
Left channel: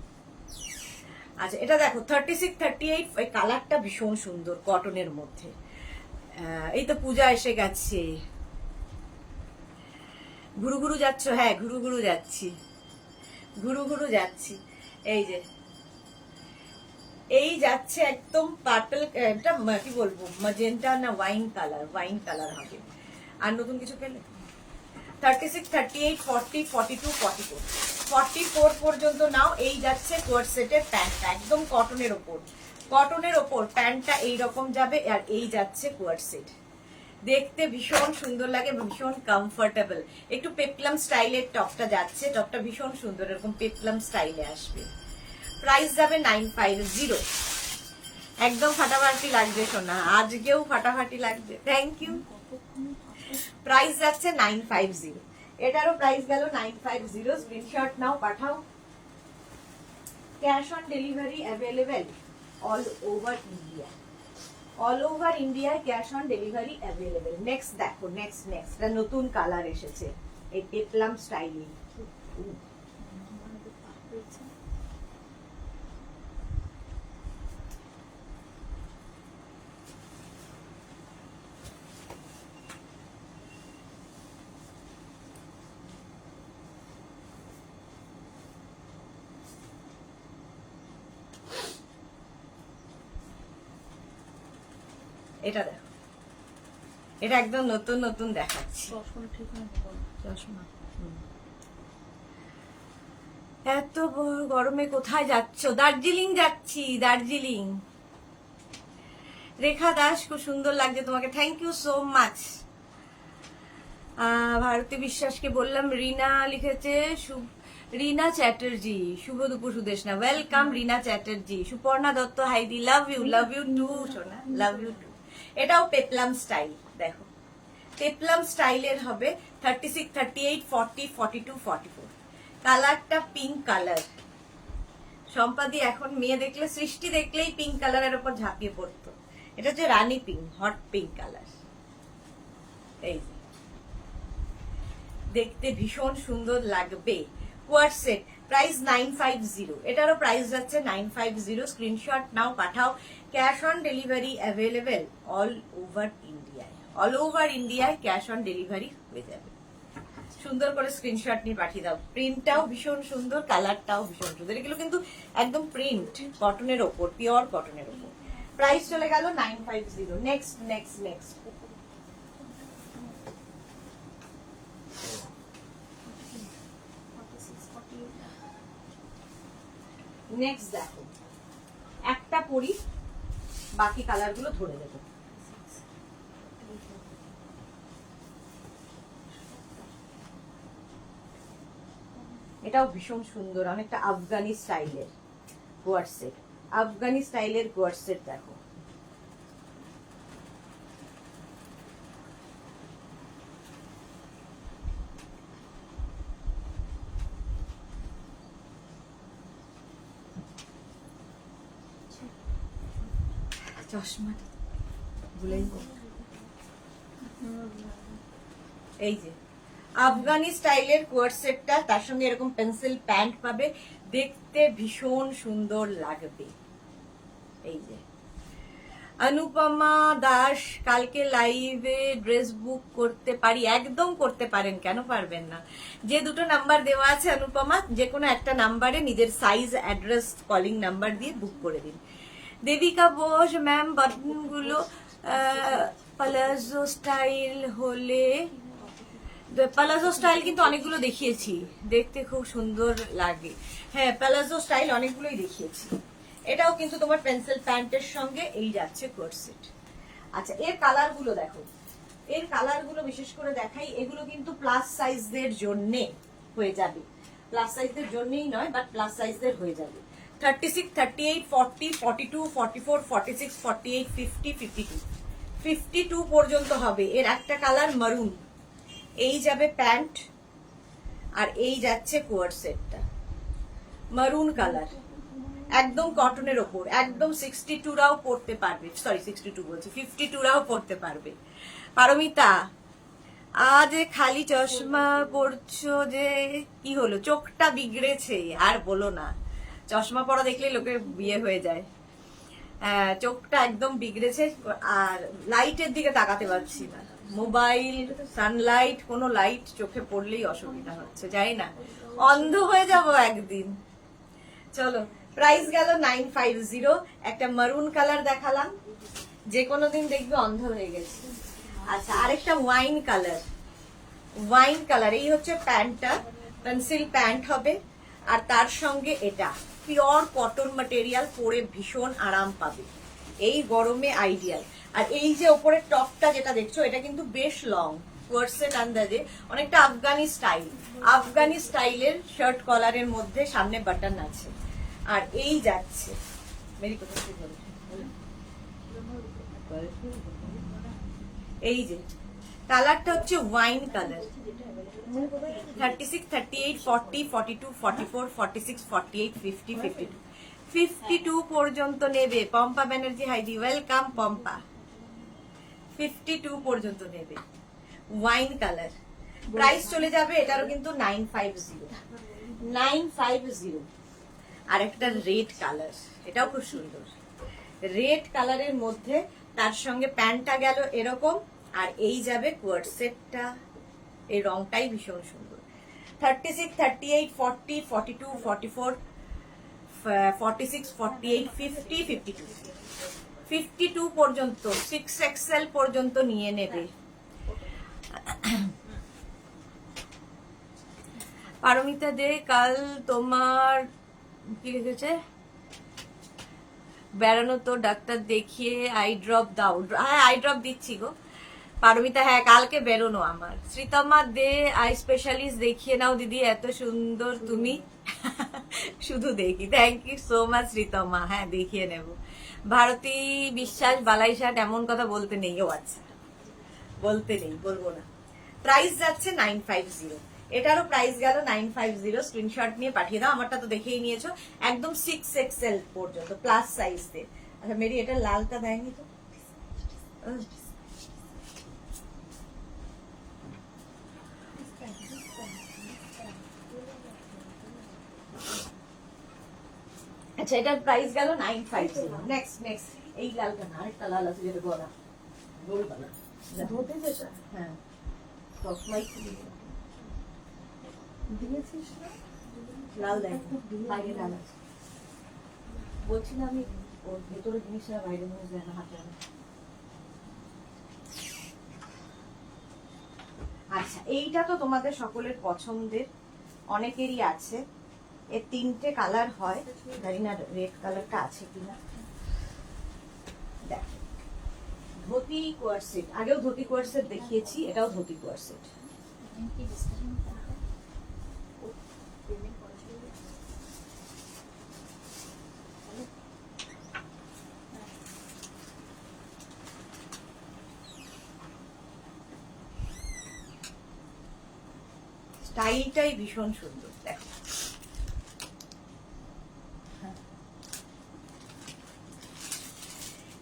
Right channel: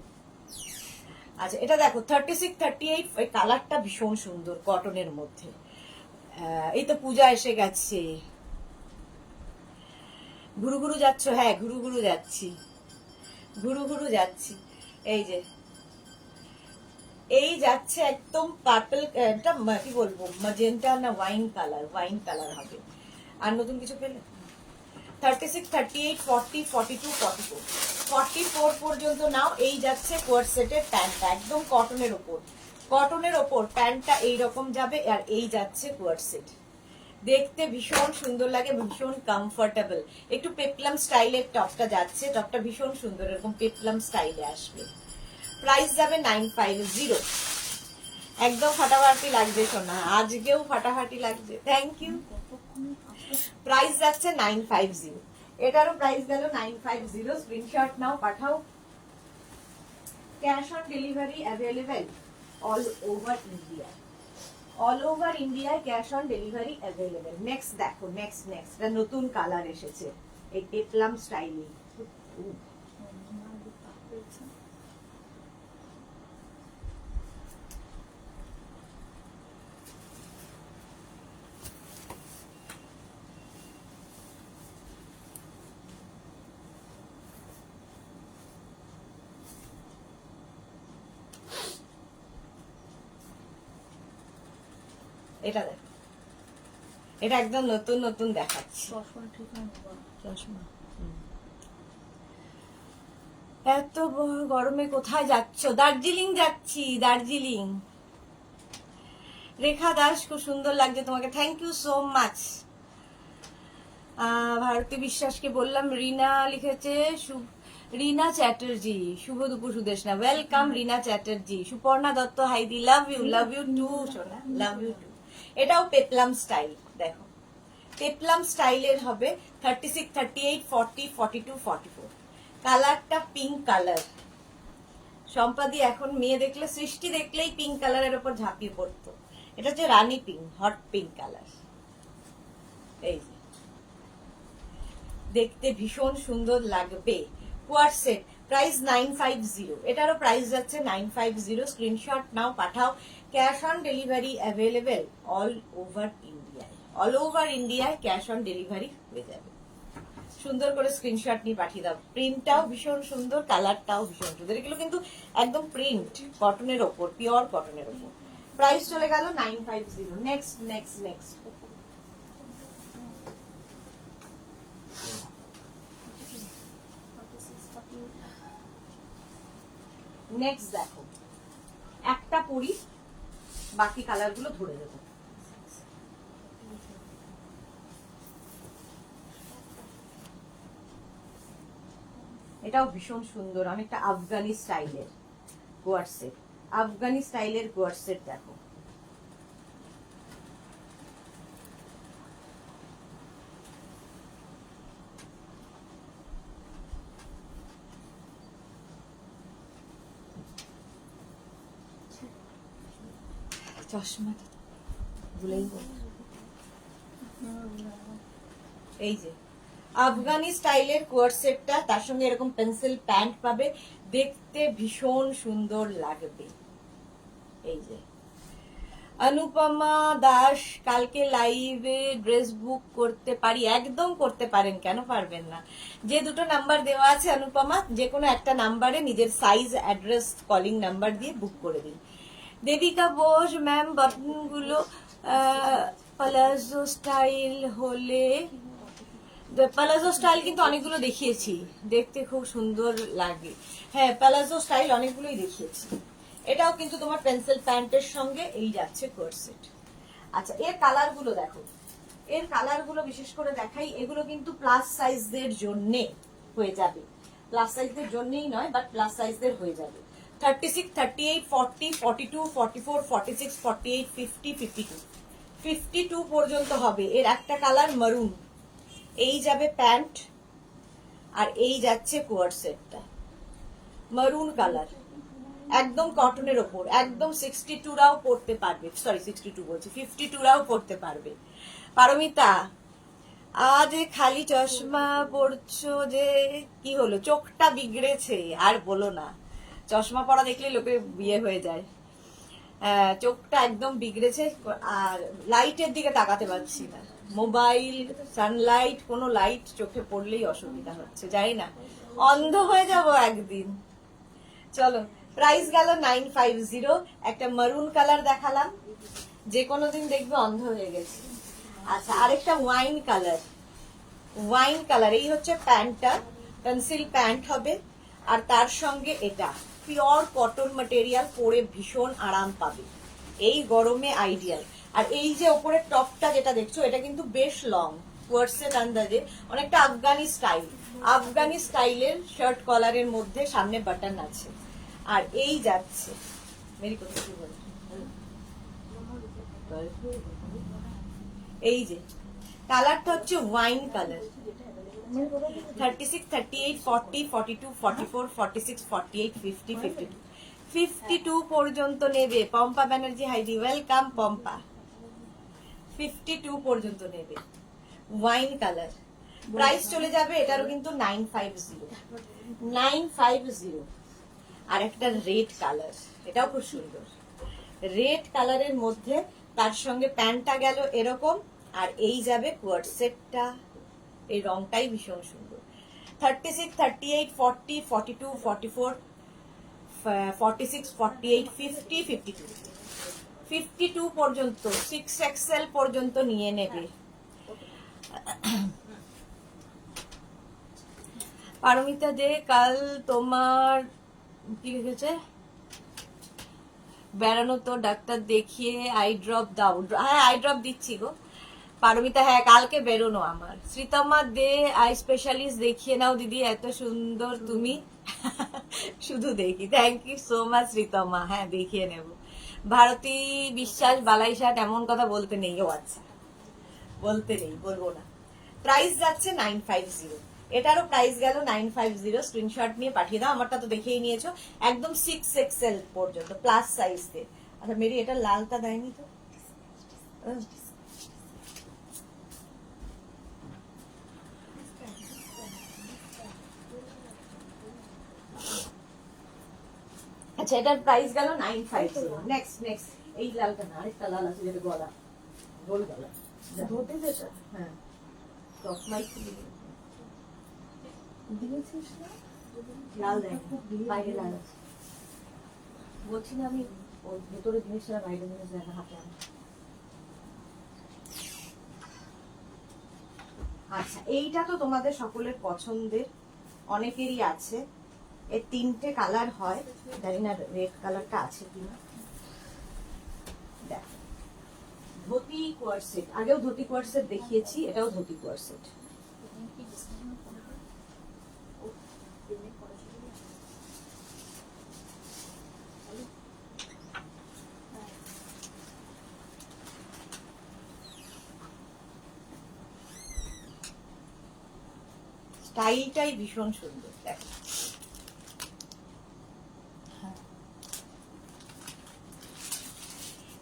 আচ্ছা এটা দেখো 36-38, এই কালারটা ভীষণ সুন্দর কটনের মধ্যে। এই তো পূজা এসে গেছে, ঘুরু ঘুরু যাচ্ছ? হ্যাঁ ঘুরু ঘুরু যাচ্ছি, ঘুরু ঘুরু যাচ্ছি। এই যে এই যাচ্ছে একদম পার্পল, এটা কি বলবো, ম্যাজেন্টা না ওয়াইন কালার, ওয়াইন কালার হবে। আর নতুন কিছু পেলে? 36, 38, 40, 42, 44, 44 পর্যন্ত নাও। এই যাচ্ছে কোয়ার্ড সেটের প্যান্টটা, একদম কটনের ওপর, কটনের ওপর প্যান্টটা এইরকম যাবে। আর এই যাচ্ছে কোয়ার্ড সেট, দেখতে ভীষণ সুন্দর লাগে, ভীষণ কমফোর্টেবল। একটু পেপলাম স্টাইলের টপটা যাচ্ছে, টপটা ভীষণ সুন্দর, এরকম পেপলাম স্টাইলে আসবে। প্রাইস যাবে 950। একদম ফাটাফাটি লাগবে সোনা, আজকেও ফাটাফাটি লাগবে। Thank you. প্রাইস যাচ্ছে 950, এটারও প্রাইস গেল 950। স্ক্রিনশট নাও, পাঠাও। Cash on delivery available all over India, all over India cash on delivery available. Next দেখো, নেক্সট এটা নতুন কালার এসেছে, এই পেপলাম স্টাইলে। এটা দেখো, এটা একদম নতুন নতুন দেখাচ্ছি। চশমা এত গরমে কোথায় যাচ্ছ? দার্জিলিং যাচ্ছি, দার্জিলিং। রেখা দাস, খুব সুন্দর লাগছে তোমাকে, thank you so much. Bharati বিশ্বাসকে বললাম, রিনা লিখেছে, রিনা চ্যাটার্জি, শুভ দুপুর সুদেশনা, ওয়েলকাম রিনা চ্যাটার্জি। সুপর্ণা দত্ত, হাইদি, লাভ ইউ টু সোনা, লাভ ইউ টু। এটাও পেপলাম স্টাইল, দেখো পেপলাম স্টাইলের হবে। 36, 38, 40, 42, 44, কালারটা পিঙ্ক কালার। সম্পাদি এখন মেয়ে দেখলে, সৃষ্টি দেখলেই পিঙ্ক কালারের উপর ঝাঁপিয়ে পড়তো। এটা হচ্ছে রানী পিঙ্ক, হট পিঙ্ক কালার। এই দেখতে ভীষণ সুন্দর লাগবে। কোয়ার্ড সেট, প্রাইস 950, এটারও প্রাইস যাচ্ছে 950। স্ক্রিনশট নাও, পাঠাও। Cash on delivery available all over ইন্ডিয়ায়, অল ওভার ইন্ডিয়ায় ক্যাশ অন ডেলিভারি হয়ে যাবে। সুন্দর করে স্ক্রিনশট নিয়ে পাঠিয়ে দাও। প্রিন্টটাও ভীষণ সুন্দর, কালারটাও ভীষণ সুন্দর। এগুলো কিন্তু একদম প্রিন্ট কটনের ওপর, পিওর কটনের ওপর। প্রাইস চলে গেল 950। নেক্সট নেক্সট দেখো, একটা পরি, বাকি কালার গুলো ধরে দেবো। এটাও ভীষণ সুন্দর, অনেকটা আফগানি স্টাইলের কোয়ার্ড সেট, আফগানি স্টাইলের কোয়ার্ড সেট। দেখো চশমা ভুলেই গেল। এই যে আফগানি স্টাইলের কোয়ার্ড সেটটা, তার সঙ্গে এরকম পেন্সিল প্যান্ট পাবে, দেখতে ভীষণ সুন্দর লাগবে। এই যে অনুপমা দাস, কালকে লাইভে ড্রেস বুক করতে পারি? একদম করতে পারেন, কেন পারবেন না। যে দুটো নাম্বার দেওয়া আছে অনুপমা, যে কোনো একটা নাম্বারে নিজের সাইজ, অ্যাড্রেস, কলিং নাম্বার দিয়ে বুক করে দিন। দেবিকা বোস, ম্যাম বাটনগুলো প্লাজো স্টাইল হলে, প্লাজো স্টাইল কিন্তু অনেকগুলো দেখিয়েছি, দেখতে খুব সুন্দর লাগে। হ্যাঁ প্লাজো স্টাইল অনেকগুলোই দেখিয়েছি। এটাও কিন্তু তোমার পেন্সিল প্যান্টের সঙ্গে এই যাচ্ছে কোয়ার্ড সেট। আচ্ছা এর কালার গুলো দেখো, এর কালার গুলো বিশেষ করে দেখাই। এগুলো কিন্তু প্লাস সাইজদের জন্য হয়ে যাবে, প্লাস সাইজদের জন্যই নয়, বাট প্লাস সাইজদের হয়ে যাবে। 36, 38, 40, 42, 44, 46, 48, 50, 52, 52 পর্যন্ত হবে। এর একটা কালার মারুন, এই যাবে প্যান্ট, আর এই যাচ্ছে কোয়ার্ড সেটটা মারুন কালার, একদম কটনের ওপর, একদম 62রাও পড়তে পারবে, সরি 62 বলছি, 52রাও পড়তে পারবে। পারমিতা, আজ খালি চশমা পরছো যে কি হলো, চোখটা বিগড়েছে আর বলো না, চশমা পরা দেখলে লোকের বিয়ে হয়ে যায়। চোখটা একদম বিগড়েছে, আর লাইটের দিকে তাকাতে পারছি না। মোবাইল, সানলাইট, কোনো লাইট চোখে পড়লেই অসুবিধা হচ্ছে, জানি না অন্ধ হয়ে যাব একদিন। চলো, প্রাইস গেল 950। একটা মারুন কালার দেখালাম, যে কোনো দিন দেখবে অন্ধ হয়ে গেছে। আচ্ছা, আরেকটা ওয়াইন কালার, ওয়াইন কালার, এই হচ্ছে প্যান্টটা, পেন্সিল প্যান্ট হবে, আর তার সঙ্গে এটা পিওর কটন ম্যাটেরিয়াল, পরে ভীষণ আরাম পাবে, এই গরমে আইডিয়াল। আর এই যে ওপরের টপটা যেটা দেখছো, এটা কিন্তু বেশ লং, কোয়ার্সেট আন্দাজে, অনেকটা আফগানি স্টাইল, আফগানি স্টাইলের শার্ট কলারের মধ্যে সামনে বাটন আছে। আর এই যাচ্ছে মেরি কথা, এই যে কালারটা হচ্ছে ওয়াইন কালার। 36, 38, 40, 42, 44, 46, 48, 50, 52, 52 পর্যন্ত নেবে। পম্পা ব্যানার্জি হাইডি, ওয়েলকাম পম্পা। 52 পর্যন্ত নেবে, ওয়াইন কালার। প্রাইস চলে যাবে এটারও কিন্তু 950, 950। আর একটা রেড কালার, এটাও খুব সুন্দর, রেড কালারের মধ্যে তার সঙ্গে প্যান্টটা গেল এরকম, আর এই যাবে কোয়ার্সেটটা, এই রংটাই ভীষণ সুন্দর। 36, 38, 40, 42, 44, 46, 48, 50, 52, 52 পর্যন্ত, 6XL পর্যন্ত নিয়ে নেবে। পারমিতা দে, কাল তোমার কি লিখেছে, বেড়ানো তো ডাক্তার দেখিয়ে আই ড্রপ দাও। হ্যাঁ, আই ড্রপ দিচ্ছি গো পারমিতা, হ্যাঁ কালকে বেরোনো আমার। শ্রীতমা দে, আই স্পেশালিস্ট দেখিয়ে নাও দিদি, এত সুন্দর তুমি। শুধু দেখি, thank you so much Sritama, হ্যাঁ দেখিয়ে নেব। ভারতী বিশ্বাস, বালাইশাট, এমন কথা বলতে নেই, ও আচ্ছা বলতে নেই, বলবো না। প্রাইস যাচ্ছে 950, এটারও প্রাইস গেল 950। স্ক্রিনশট নিয়ে পাঠিয়ে দাও, আমারটা তো দেখেই নিয়েছো, একদম 6XL পর্যন্ত প্লাস সাইজ তে। আচ্ছা মেরি, এটা লালটা দেয়নি তো। আচ্ছা, এটার প্রাইস গেল 950। নেক্সট নেক্সট, এই লালটা না, আরেকটা লাল আছে যেটা গলা গোল গলা, ধোতে যেটা, হ্যাঁ চশমাই খুলে দিয়েছিস না, লাল দেয়, বাইরে লাল আছে, বলছি না আমি, ওর ভেতরে জিনিসটা বাইরে জিনিস দেখা হাতে আনা। আচ্ছা, এইটা তো তোমাদের সকলের পছন্দের, অনেকেরই আছে। এর 3টে কালার হয়, জানি না রেড কালারটা আছে কিনা। দেখো, ধুতি কোয়ারসেট, আগেও ধুতি কোয়ারসেট দেখিয়েছি, এটাও ধুতি কোয়ারসেট। স্টাইলটাই ভীষণ সুন্দর, দেখো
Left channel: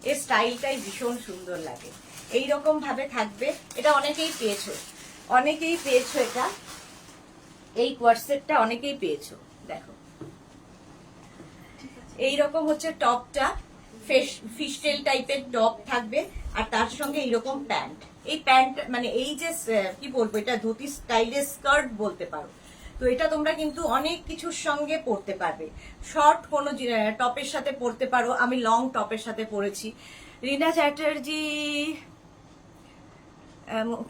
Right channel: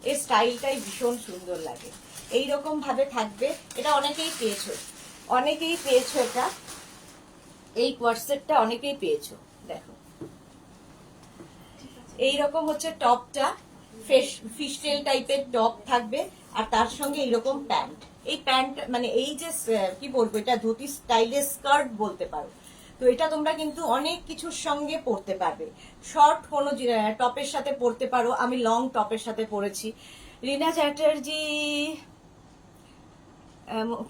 এর স্টাইলটাই ভীষণ সুন্দর লাগে, এইরকম ভাবে থাকবে। এটা অনেকেই পেয়েছো, অনেকেই পেয়েছো, এটা এই কোয়ারসেটটা অনেকেই পেয়েছো। দেখো এইরকম হচ্ছে টপটা, ফিশটেল টাইপের টপ থাকবে, আর তার সঙ্গে এইরকম প্যান্ট। এই প্যান্ট মানে এই যে কি বলবো, এটা ধুতি স্টাইলের স্কার্ট বলতে পারো। তো এটা তোমরা কিন্তু অনেক কিছুর সঙ্গে পরতে পারবে, শর্ট কোনো টপের সাথে পরতে পারো, আমি লং টপের সাথে পরেছি। রিনা চ্যাটার্জি,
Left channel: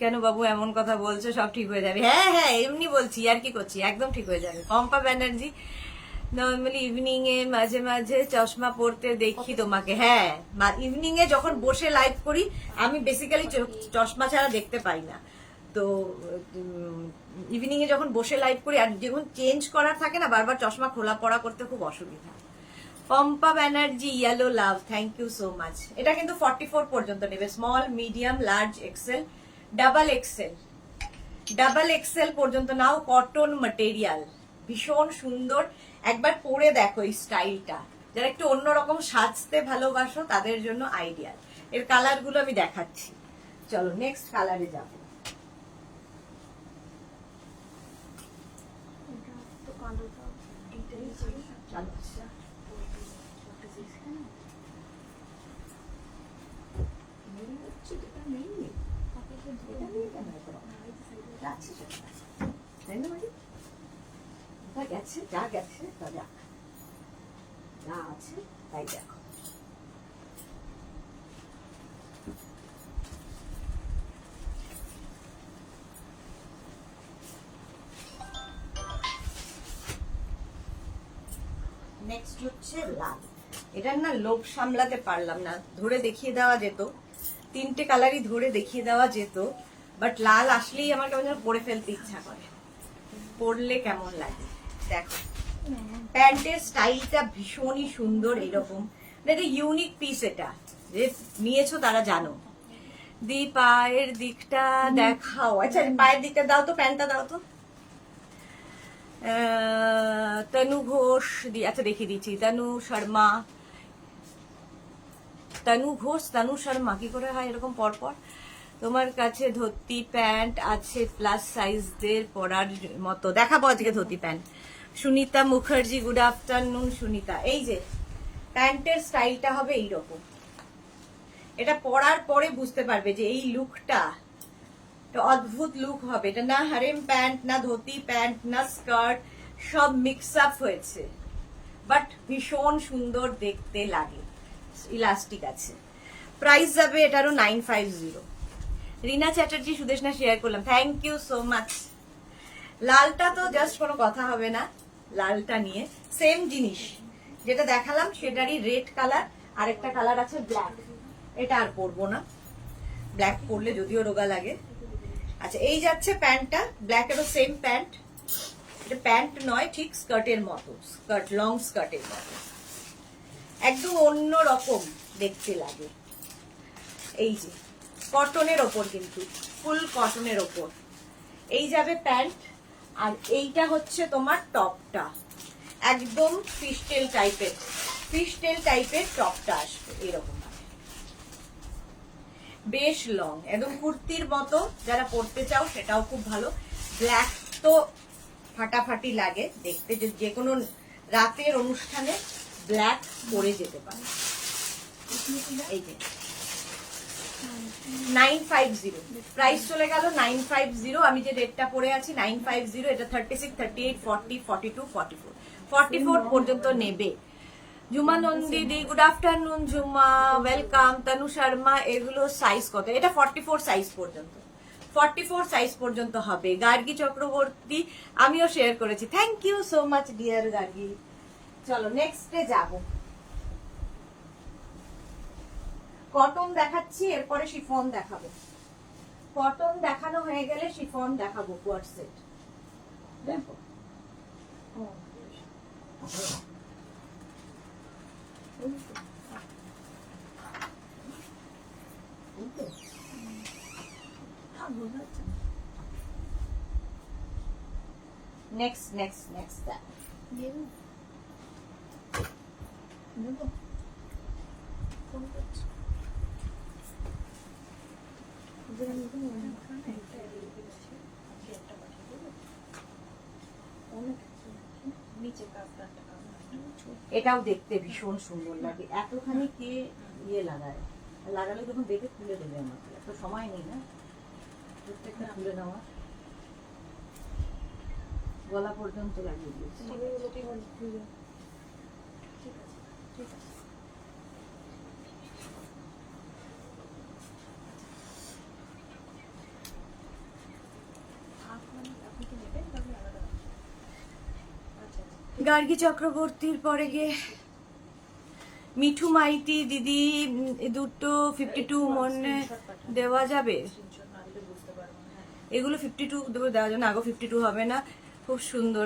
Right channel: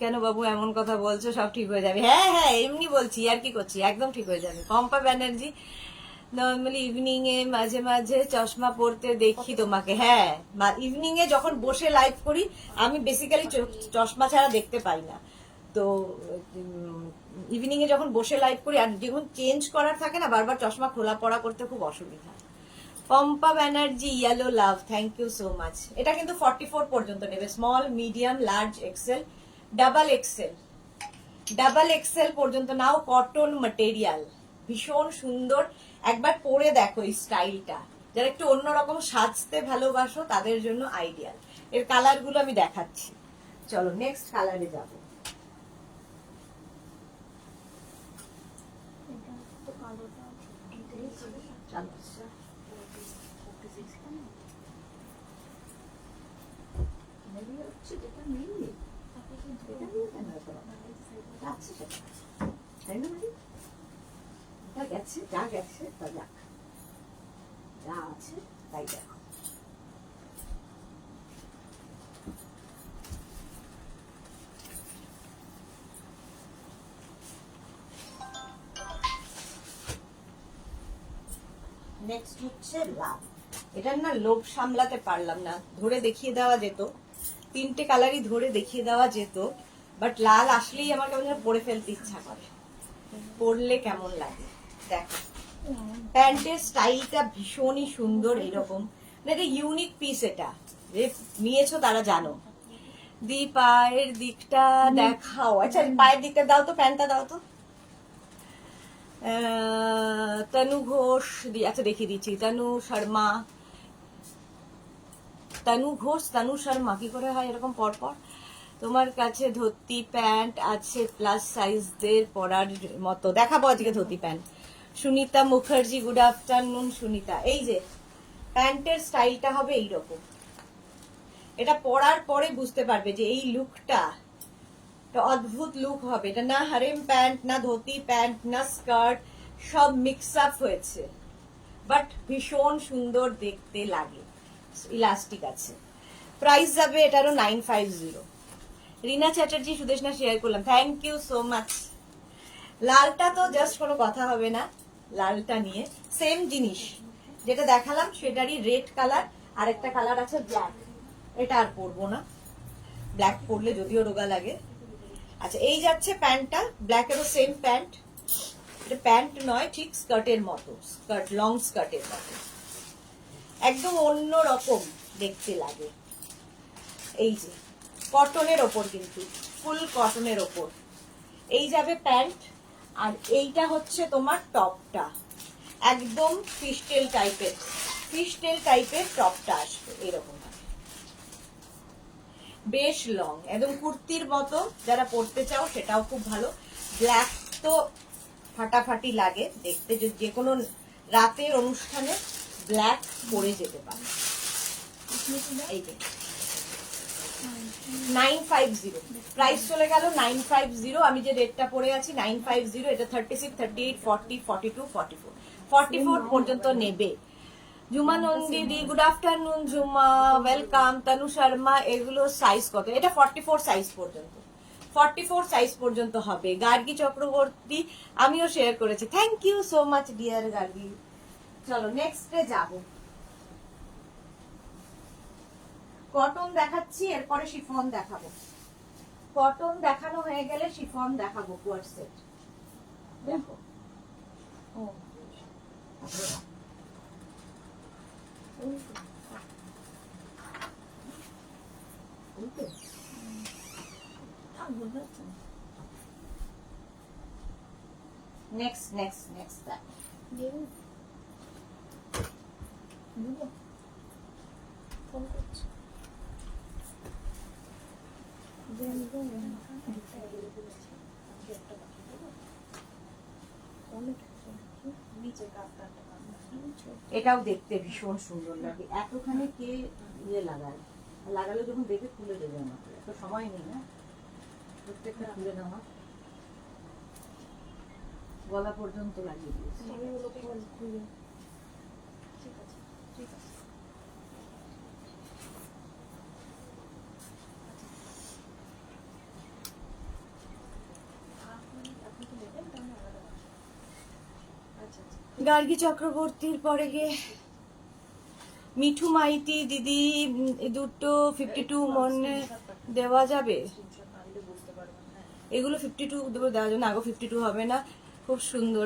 কেন বাবু এমন কথা বলছো, সব ঠিক হয়ে যাবে। হ্যাঁ হ্যাঁ, এমনি বলছি, আর কি করছি, একদম ঠিক হয়ে যাবে। পম্পা ব্যানার্জি, নর্মালি ইভিনিং এ মাঝে মাঝে চশমা পরতে দেখি তোমাকে। হ্যাঁ, ইভিনিং এ যখন বসে লাইভ করি, আমি বেসিক্যালি চশমা ছাড়া দেখতে পাই না। তো ইভিনিং এ যখন বসে লাইভ করি, আর যখন চেঞ্জ করার থাকে না, বারবার চশমা খোলা পড়া করতে খুব অসুবিধা। Pampa Banerjee, yellow love, thank you so much. এটা কিন্তু 44 পর্যন্ত নেবে, small, medium, large, XL, double XL, double XL পর্যন্ত নাও। কটন ম্যাটেরিয়াল, ভীষণ সুন্দর, একবার পরে দেখো এই স্টাইলটা। যারা একটু অন্যরকম সাজতে ভালোবাসো তাদের জন্য আইডিয়াল। এর কালার গুলো আমি দেখাচ্ছি, চলো নেক্সট কালারে যাব। চলো আচ্ছা তাই না মানে যা গেছে তা যাক, যা আছে তাই দেখো। নেক্সট হচ্ছে লাল। এটার না লোভ সামলাতে পারলাম না, ধরে দেখিয়ে দেওয়া যেত, তিনটে কালারই ধরে দেখিয়ে দেওয়া যেত, বাট লাল আসলেই আমার কেমন যেন পরে ফেলতে ইচ্ছা করে। পরলে কেমন লাগে দেখো, প্যান্টের স্টাইলটা ভীষণই সুন্দর, এরকম এটা ইউনিক পিস, এটা যে নিয়েছো তারা জানো। দি পায়ের দিকটা দেখাও, আচ্ছা পায়ের দিকটা দাও তো, প্যান্টটা দাও তো। তনু ঘোষ আচ্ছা দেখিয়ে দিচ্ছি, তনু ঘোষ, তনু শর্মা, কি করে হয় এরকম পরপর? তোমার কাছে ধুতি প্যান্ট আছে প্লাস সাইজদের পরার মতো, দেখাবো আজকে dhoti pant. Sunita Mukherjee, good afternoon Sunita. এই যে প্যান্টের স্টাইলটা হবে এইরকম, এটা পরার পরে বুঝতে পারবে যে এই লুকটা অদ্ভুত লুক হবে। এটা না হারেম প্যান্ট, না ধুতি প্যান্ট, না স্কার্ট, সব মিক্স আপ হয়েছে, বাট ভীষণ সুন্দর দেখতে লাগে। ইলাস্টিক আছে। প্রাইস যাবে এটারও 950। রিনা চ্যাটার্জি, সুদেশনা শেয়ার করলাম, থ্যাংক ইউ সো মাচ। লালটা তো জাস্ট কোনো কথা হবে না, লালটা নিয়ে সেম জিনিস যেটা দেখালাম সেটারই রেড কালার, আর একটা কালার আছে ব্ল্যাক, এটা আর পরবো না, ব্ল্যাক পরলে যদিও রোগা লাগে। আচ্ছা এই যাচ্ছে প্যান্টটা, ব্ল্যাকেরও সেম প্যান্ট, এটা প্যান্ট নয় ঠিক স্কার্টের মতো, স্কার্ট, লং স্কার্টের মতো, একদম অন্য রকম দেখতে লাগে। এই যে কটনের ওপর, কিন্তু ফুল কটনের ওপর, এই যাবে প্যান্ট, আর এইটা হচ্ছে তোমার টপটা, একদম ফিশটেল টাইপের টপটা আসবে এরকম, বেশ লং, একদম কুর্তির মতো, যারা পরতে চাও সেটাও খুব ভালো। ব্ল্যাক তো ফাটাফাটি লাগে দেখতে, যে কোনো রাতের অনুষ্ঠানে ব্ল্যাক পরে যেতে পারে। এই যে 950, প্রাইস চলে গেল 950। আমি যে রেটটা পরে আছি 950, এটা 36, 38, 40, 42, 44, 44 পর্যন্ত নেবে। ঝুমা নন্দিদি, good afternoon Jhuma, welcome. Tanu Sharma, এগুলো সাইজ কত? এটা 44 সাইজ পর্যন্ত, 44 সাইজ পর্যন্ত হবে। গার্গী চক্রবর্তী, আমিও শেয়ার করেছি, thank you so much dear Gargi. চলো নেক্সটে যাব, কটন দেখাচ্ছি, এরপরে শিফন দেখাবো। কটন দেখানো হয়ে গেলে শিফন দেখাবো, কোয়ার্ট সেট দেখো। নেক্সট ফোন করছি। এটাও দেখতে ভীষণ সুন্দর লাগে, এতখানি কে ইয়ে লাগায়, লাগালে যখন দেখে খুলে দেবে, আমার এত সময় নেই না প্রত্যেকটা খুলে নেওয়া। গলা পর্যন্ত লাগিয়ে দিয়েছে। ঠিক আছে। গার্গী চক্রবর্তীর পরে গিয়ে মিঠু মাইতি দিদি, দুটো 52 মনে দেওয়া যাবে? এগুলো 52 দেওয়া যাবে না, আগো 52 হবে না, খুব সুন্দর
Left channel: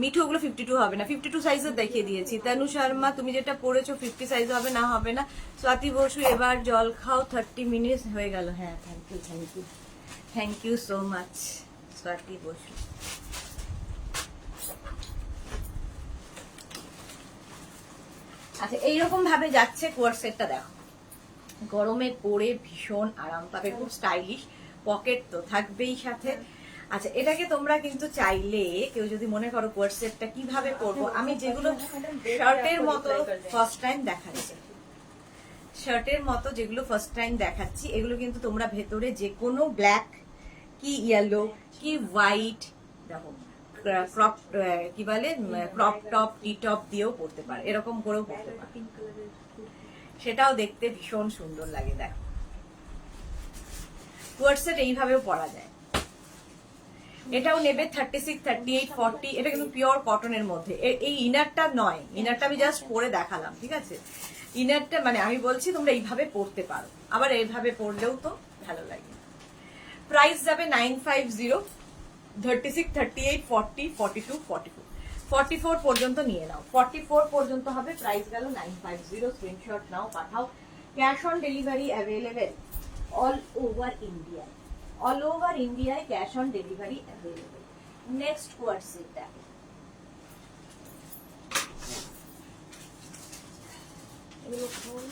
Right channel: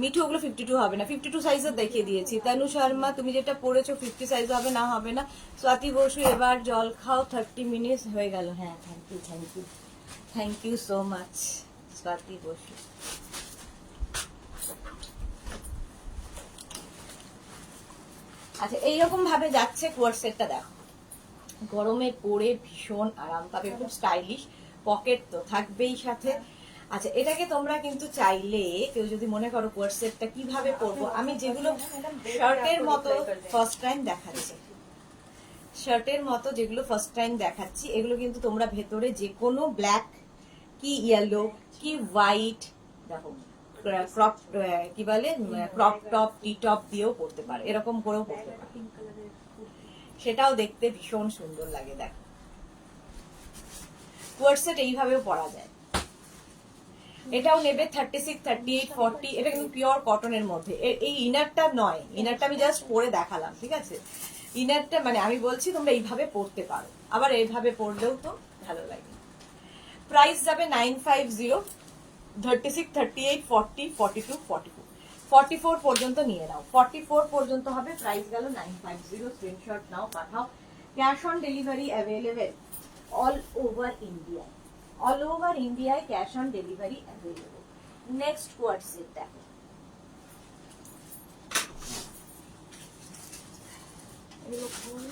মিঠু, ওগুলো 52 হবে না, 52 সাইজের দেখিয়ে দিয়েছি। তনু শর্মা, তুমি যেটা পড়েছো 50 সাইজ হবে না, হবে না। স্বাতি বসু, এবার জল খাও, 30 মিনিট হয়ে গেল। হ্যাঁ thank you so much Swati Basu. আচ্ছা এইরকম ভাবে যাচ্ছে কোয়ার্ট সেটটা, দেখো গরমে পরে ভীষণ আরাম পাবে, খুব স্টাইলিশ, পকেট তো থাকবেই সাথে, আচ্ছা, এটাকে তোমরা কিন্তু চাইলে কেউ যদি মনে করো কোয়ার্ড সেটটা কিভাবে করবো, আমি যেগুলো শার্টের মতো ফার্স্ট টাইম দেখাচ্ছি, শার্টের মতো যেগুলো ফার্স্ট টাইম দেখাচ্ছি, এগুলো কিন্তু তোমরা ভেতরে যে কোনো ব্ল্যাক কি ইয়েলো কি হোয়াইট, দেখো ক্রপ কি বলে ক্রপ টপ টি টপ দিয়েও পরতে পারে, এরকম করেও পরতে পারে, সেটাও দেখতে ভীষণ সুন্দর লাগে। দেখো কোয়ার্ড সেট এইভাবেও পরা যায়। এটাও নেবে 36, 38, 40, এটা কিন্তু পিওর কটনের মধ্যে। এই ইনারটা নয়, ইনারটা আমি জাস্ট পরে দেখালাম, ঠিক আছে? ইনারটা মানে আমি বলছি তোমরা এইভাবে পরতে পারো, আবার এইভাবে পরলেও তো ভালো লাগে। প্রাইস যাবে 950, 36, 38, 40, 42, 44, 44 পর্যন্ত নিয়ে নাও। 44 পর্যন্ত হবে, প্রাইস গেল 950। স্ক্রিনশট নাও, পাঠাও। Cash on delivery available all over India, all over ইন্ডিয়ায় cash on delivery available. Next coord set দেখো, এগুলো গোল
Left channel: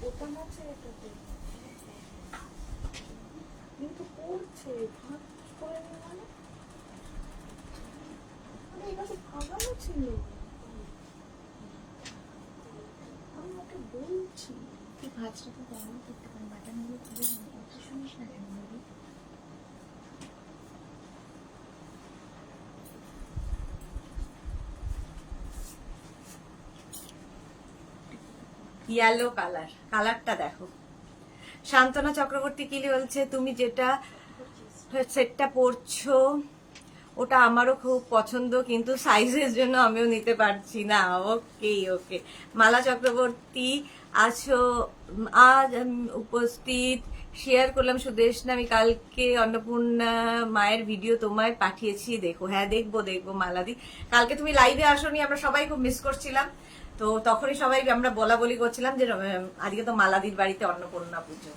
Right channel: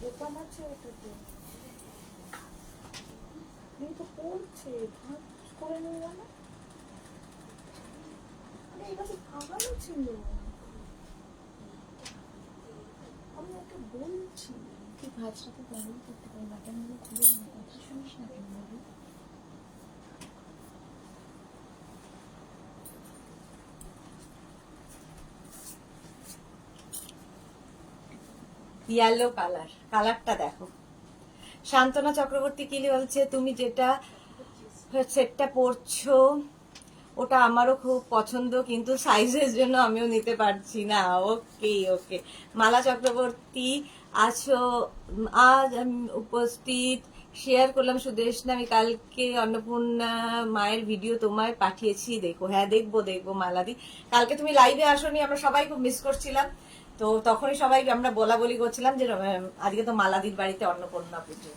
বোতাম আছে এটাতে, কিন্তু পড়ছে ভাগ করে নিয়ে মানে এটা তো ভাগানো ছিল, আমি ওকে বলছি তুই ভাজটাকে বন্ধ করতে পারি, বাটনগুলো খুলে কথা শুনিস না কেন বলি? ইয়েলো কালার, কালারটা দেখো। শান্তনা চক্রবর্তী কি বলছে, তুমি যেটা সেটটা পরছো ওটা আমারও খুব পছন্দ, কিন্তু সাইজের জন্য আমিও নিতে পারছি না। ওকে ওকে, মালা চক্রবর্তী আছো, আজ আমি উপস্থিত শেয়ার করলাম সুদেশনা, আমি কালকে অন্নপূর্ণা মায়ের ভিডিও তোমায় পাঠিয়েছি, দেখো। হ্যাঁ দেখবো দেখবো মালাদি, কালকে তুমি লাইভে আসোনি, আমরা সবাই খুব মিস করছিলাম, তো তখনই সবাই আমরা বলা বলি করছিলাম যে আজকে তো মালাদির বাড়িতে অন্নপূর্ণা পুজো।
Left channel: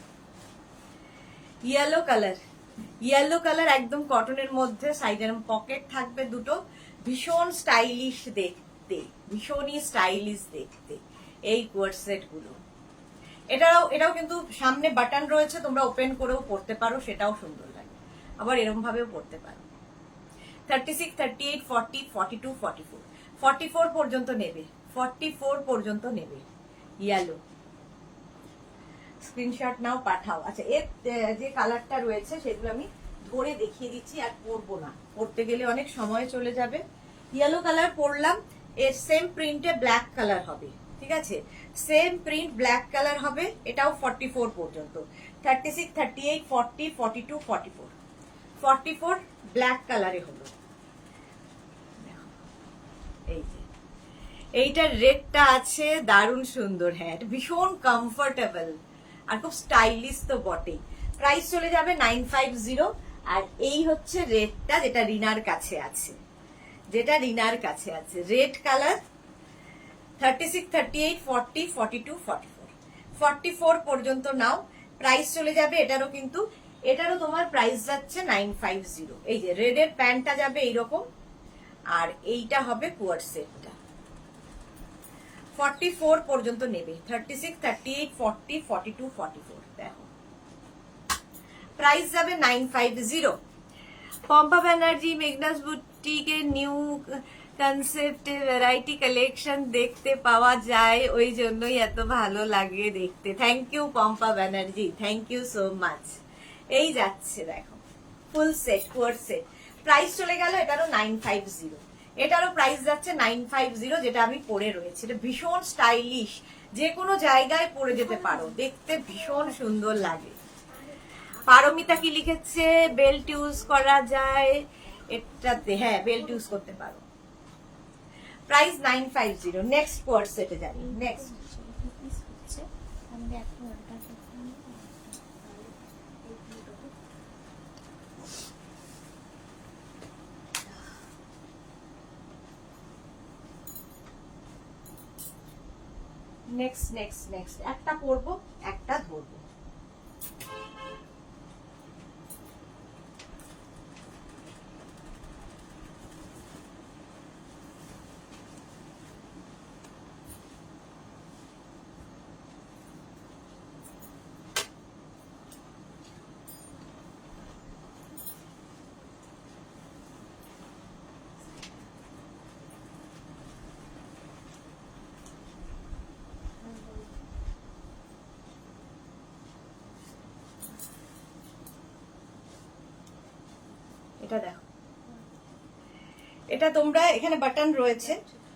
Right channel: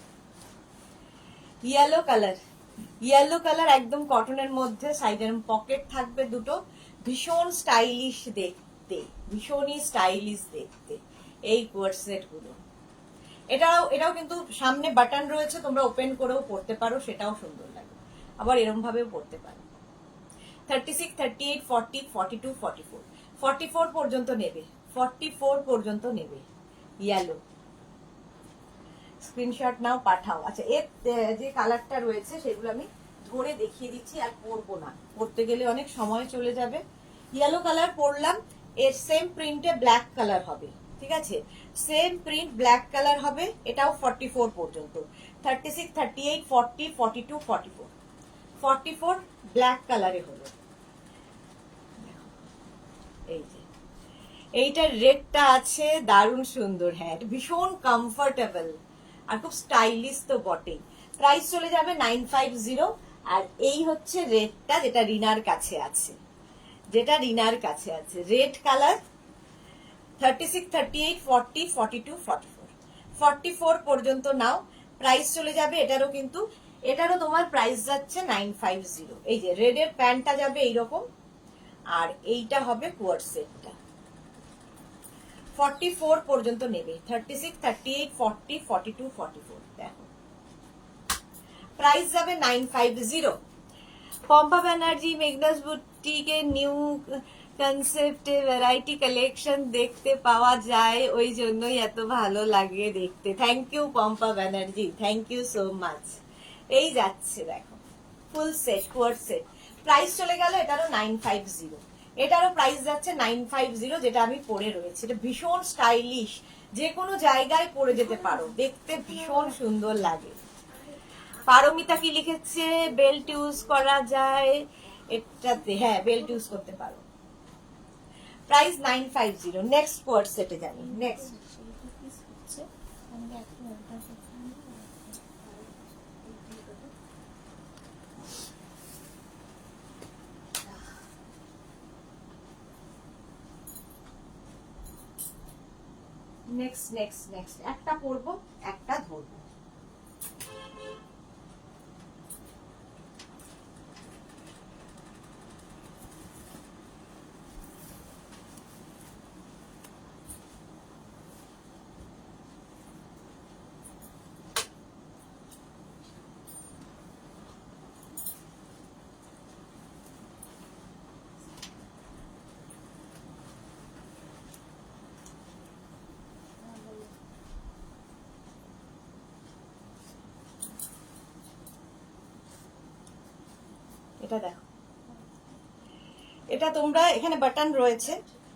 ইয়েলো কালার, ইয়েলো কালার একদম কটনের মধ্যে, সাইডের পকেট থাকবে দুটো, ভীষণ স্টাইলিশ দেখতে, ভীষণই স্টাইলিশ দেখতে এই কোয়ার্ড সেট গুলো। এটাও কিন্তু সামনে বাটন রয়েছে, তোমরা ওপেন করেও পড়তে পারো, সেটাও সুন্দর লাগে, আবার এরম ভাবেও পড়তে পারো। 36, 38, 40, 42, 44, 44 পর্যন্ত নেবে, 44 পর্যন্ত নেবে ইয়েলো। স্ক্রিনশট নাও, পাঠাও। আচ্ছা, এর যে কালারটা রয়েছে সেগুলো আমি ধরে দেখিয়ে দিচ্ছি, আর পরবো না, পরতে গেলে অনেক সময় চলে যাবে। ইয়েলো কালার পরলাম, এর সেম প্রিন্টে ব্ল্যাক কালার হবে, ঠিক আছে? সেম প্রিন্ট ব্ল্যাক কালার হবে, এটাও 44 পর্যন্ত। 36, 38, 40, 42, 44, 44 ব্ল্যাক কালারে হলো। এই যে এইটার রেডটা আছে, দারুণ সুন্দর, হ্যাঁ ভীষণ কমফোর্টেবল আর খুব স্টাইলিশ তো বটেই। প্রাইস চলে যাবে 950। আর এই হচ্ছে রেডটা, যেটা রিনার কাছে আছে, যেটা রিনার কাছে আছে, রেড কালার। 36, 38, 40, 42, 44, 44 পর্যন্ত নাও, প্রাইস চলে যাবে এটারও, কিন্তু এটারও তোমার প্রাইস যাচ্ছে 950। এই যে রেডের প্যান্টটা যাবে এইরকম, আর এইটা হবে কোয়ার্ড সেটটা। 44 পর্যন্ত নেবে, 36, 38, 40, 42, 44, দেখো প্রাইস যাবে 950। পম্পা ব্যানার্জি, মেঘনাস বুটিকের নিউ কনসেপ্টে ভ্যারাইটি কালেকশন দেখতে পাওয়া যায়, ওই জন্যই এত ভালো লাগে দেখতে। Thank you Pompa Banerjee, thank you so much. এই যাচ্ছে দেখো full set, coord set, price চলে গেল এটারও 950, এটারও প্রাইস যাচ্ছে 950, যেটা আমি পরে রয়েছে। এটা ভীষণ স্টাইলিশ, যে কোনো জায়গায় পরে যেতে পারো, দেখতে ভীষণ সুন্দর লাগে। পারমিতা কি লিখেছে, বেল্ট ইউজ করা যায় একটাতে, হ্যাঁ বেল্ট ইউজ করতে পারো। প্রাইস 950। নেক্সট কোয়ার্ড সেটে জানি, নেক্সট আমি দেখো অর্ডার করতাম। নেক্সট নেক্সট নেক্সট একটা করবো, একটা ধরবো। এটা দেখো, এটা তোমরা এখানে বাটন রয়েছে,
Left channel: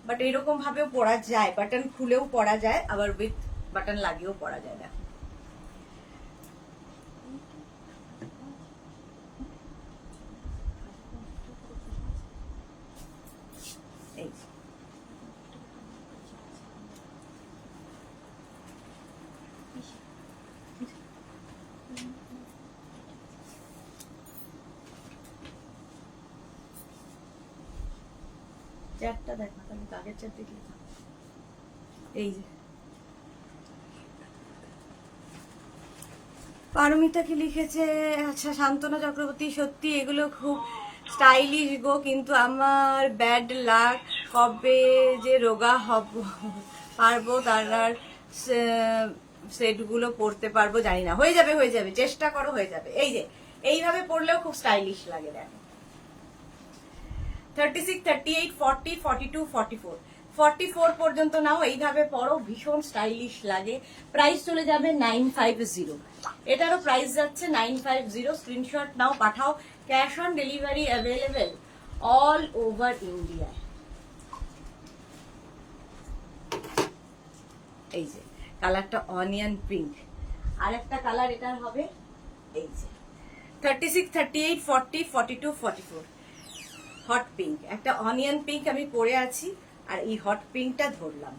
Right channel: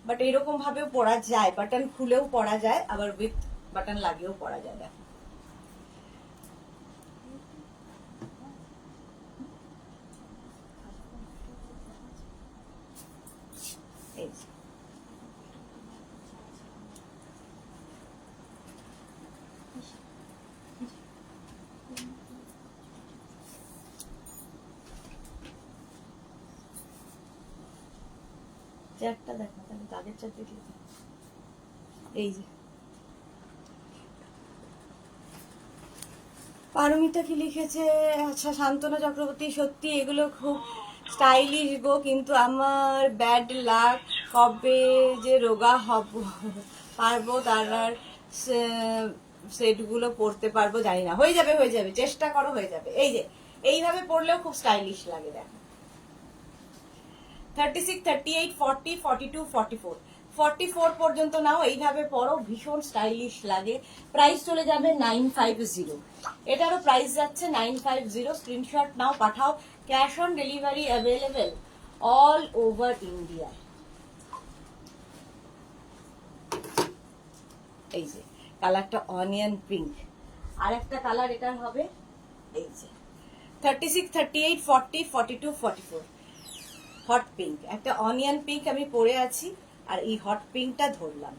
বাট এরকম ভাবেও পরা যায়, বাটন খুলেও পরা যায়, আবার উইথ বাটন লাগিয়েও পরা যায়। দেখো এই যে। চারটা দেখ না, তাহলে আগের চার দেখলে এই যে। পারমিতা কি লিখেছে, আচ্ছা শান্তনা চক্রবর্তী, সত্যি এগুলো খুব স্টাইলিশ গো, কিন্তু আমার ব্যাড লাক, কবে যে রোগা হব পারবো তার আর সেটগুলো পরতে পারবো জানি না। হয়ে যাবে, হয়ে যাবে, চেষ্টা করো, হয়ে যাবে। এই যে এইভাবে পরলেও খুব স্টাইলিশ লাগে। দেখো 36, 38, 40, 42, 44, 44 পর্যন্ত নাও, এইভাবে পরো, ভীষণ স্টাইলিশ লাগে। প্রাইস চলে যাবে 950, এটারও প্রাইস যাচ্ছে 950। স্ক্রিনশট নাও, পাঠাও, cash on delivery available all over India. এই যে কালারটা অনিয়ন পিঙ্ক, আর একটা কালার এটার হবে এই যে 36, 38, 40, 42, 44 হট পিঙ্ক, একটা অনিয়ন পিঙ্ক আমি পরে আছি, আর এই হট পিঙ্কটা ধরলাম।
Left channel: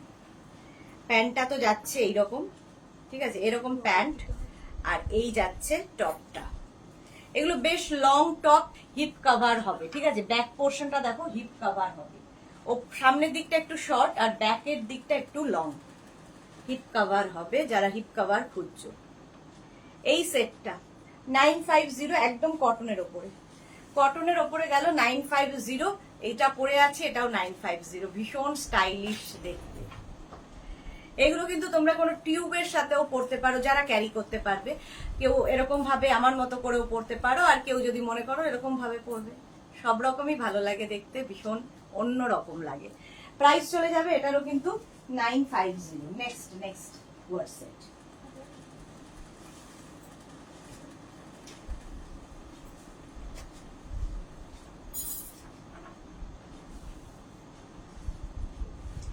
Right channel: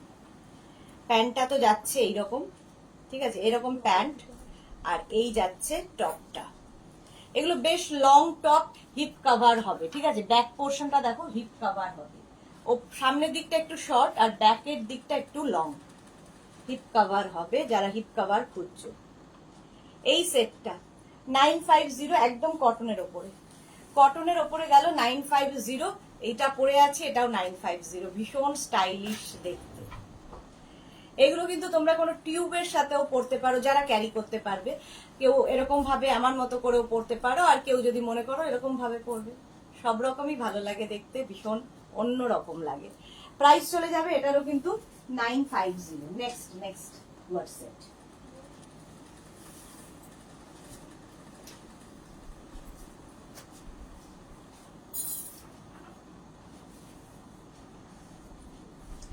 প্যান্টটা তো যাচ্ছে এইরকম, ঠিক আছে, এরকম প্যান্ট, আর এই যাচ্ছে টপটা। এগুলো বেশ লং টপ, হিপ কভার হবে, ঠিক আছে। ব্যাক পোর্শনটা দেখো হিপ কভার হবে, ও সামনের দিকটা একটু শর্ট আর ব্যাকের দিকটা একটু লং, হিপ কভার হবে যারা হিপ কভার খুঁজছো। এই সেটটা 950, একদম কটনের ওপরে, কটনের ওপরে গেল 950। এইটা পরে আছে, এটাও 950, ভীষণ স্টাইলিশ দেখতে। এগুলো কিন্তু তোমরা কোনো টিউবের সাথেও পরতে পারো, যারা ক্যারি করতে পারবে। কেউ এরকম ভাবে আমার মতো করেও পরতে পারো, আর কেউ যদি মনে করো এরকম ভাবে পরবে, সব রকমই ভালো লাগে দেখতে, ভীষণ অন্য রকম লাগে। প্রাইস চলে যাবে এটারও কিন্তু 950। নেক্সট ওয়ার সেট।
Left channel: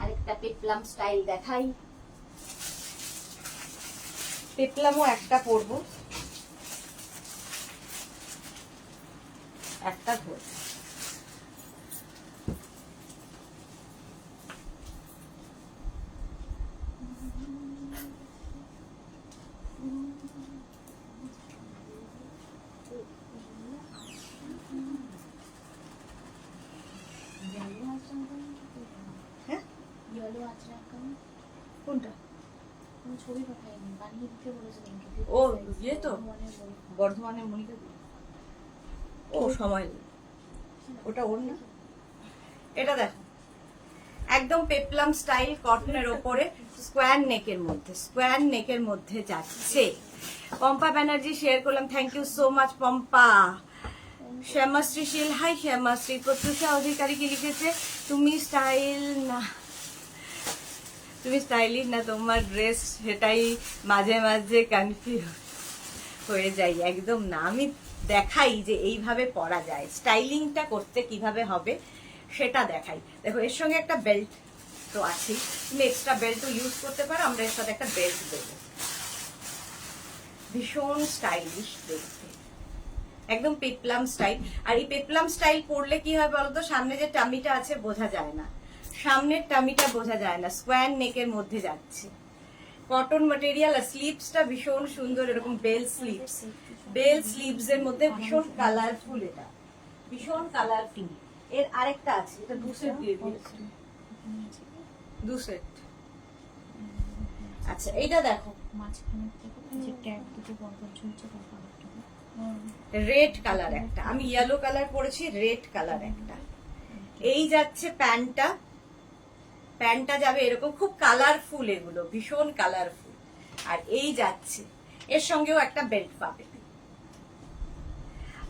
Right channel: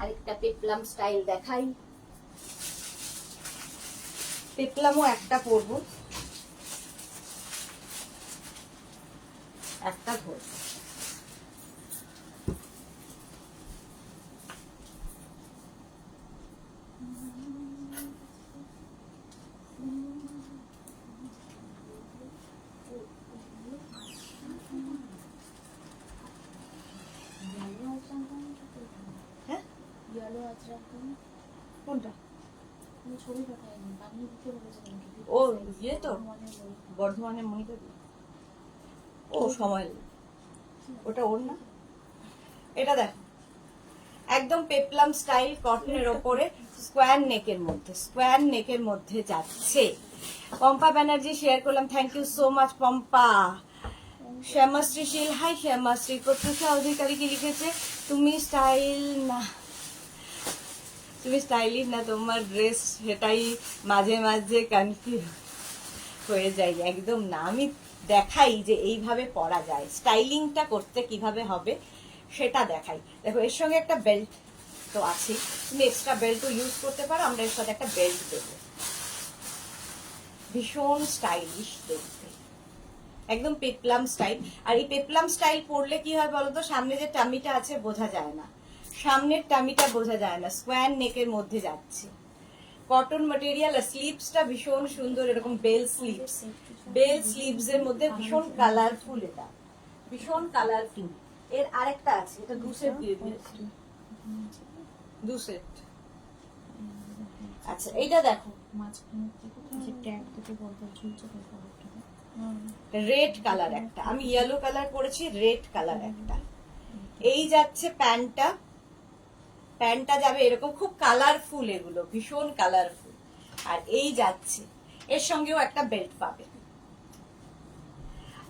আরেকটা পেপলাম স্টাইল দেখাই, পেপলামও একটা পরবো, একটা ধরবো। হ্যাঁ, কোনটা? ছবি পাঠাইনি, বানিয়ে দিতে বলেছিলাম। ও ইয়ে তো বর্ধমানের মনিকা দি, ও সময় নেই, ওটা ওর না। এটা দেখ, একদম পেপলাম স্টাইল, কটনের ওপরে, স্কোয়ার নেকের মধ্যে যাচ্ছে। পম্পা ব্যানার্জি শেয়ার করলাম, thank you so much Pompa. Shyamashree Shil, hi Shyamashree. Pratyusha Adhikari কি লিখেছে, তুমি স্টাইলিশ না, তোমার ড্রেস সেটাই মাঝে মাঝে কনফিউজ হয়ে যাই। একদম না, আমি দেখাই যে এইভাবে পরা যায়, স্টাইলিংটা করতে কিভাবে হবে সেটা দেখাই। দেখো এর সঙ্গে একটা বেল্ট তো আছে, তুমি এক্সট্রা বেল্টও ইউজ করতে পারো, আমরা এর সাথে একটা বেল্ট দেবো। ভীষণ স্টাইলিশ দেখতে, একদম পেপলাম স্টাইল। আর এই পেপলাম স্টাইল পরলে কি হয় বলতো, সামনে যে টামিটা আছে বোঝা যায় না, সামনের টামিটা বোঝা যায় না, স্কোয়ার নেকের মধ্যে যাচ্ছে, কটন ম্যাটেরিয়াল। আর স্লিভসটা ভীষণ সুন্দর, এরকম বেল স্লিভস এর মধ্যে ভীষণ কালারফুল, এটা ভীষণ কালারফুল। এর আরেকটা আছে, এটা দু সেট দিয়ে দিয়েছে, দু সেট। আচ্ছা এইটা দেখো, মাঝখানে যে ট্যাগ দুটো বলবো ঝুলছে, রেড কালার একটা, আমি ইয়েলো কালার পরেছি, রেড কালার একটা। এই যাচ্ছে প্যান্টটা যাবে এরকম, খুব কালারফুল, এগুলো ভীষণ কালারফুল। আর এই যাচ্ছে, এর সঙ্গেও একটা বেল্ট পাবে।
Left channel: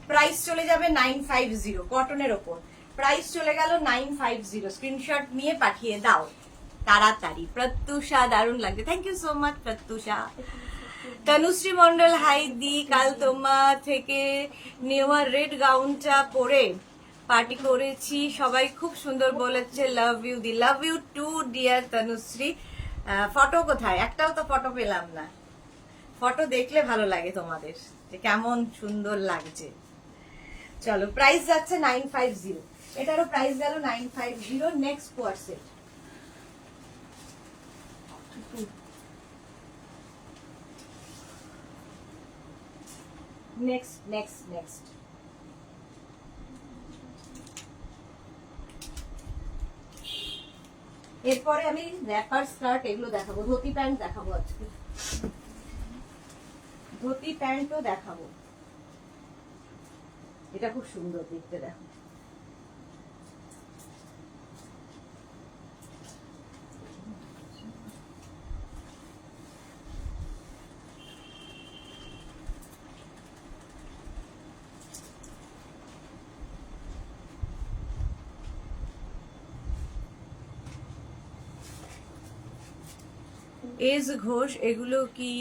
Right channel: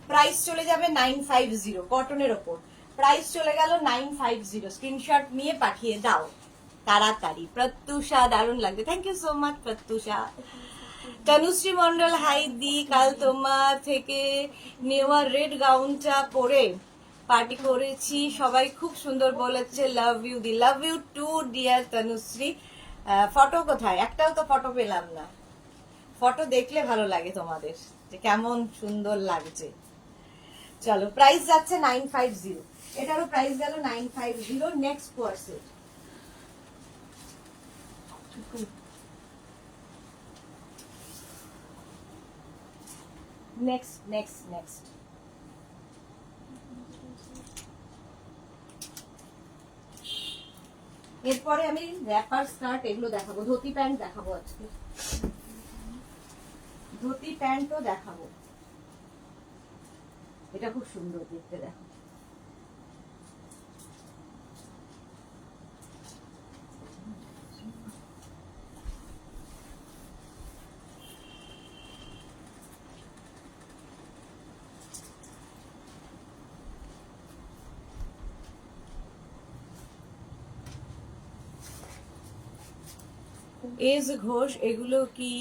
প্রাইস চলে যাবে 950, কটনের ওপর। প্রাইস চলে গেল 950, স্ক্রিনশট নিয়ে পাঠিয়ে দাও তাড়াতাড়ি। প্রত্যুষা, দারুণ লাগছে, thank you so much Pratyusha. Tanushree Mondal, hi দি, কাল তোমার থেকে নেওয়া রেড গাউনটা পরে পার্টি করেছি, সবাই খুব সুন্দর বলেছে, লাভ ইউ দি, love you too dear Tanushree. Photo কোথায়? একটাও তো ফটো পেলাম না। ফটো দেখলে ভালো লাগে তোমাদের যে কেমন সুন্দর লাগছে। চলো, প্রাইস যাচ্ছে 950, এটারও প্রাইস গেল 950। নেক্সট কোয়ার্সে নেক্সট এরপরে আমি র্যাপার স্কার্ট এগুলো দেখাবো, ধুতি প্যান্ট দেখাবো আজকে, ধুতি প্যান্টও দেখাবো। এটা খুব সুন্দর দেখতে, দেখো। এস ঘোষ, এগুলো কি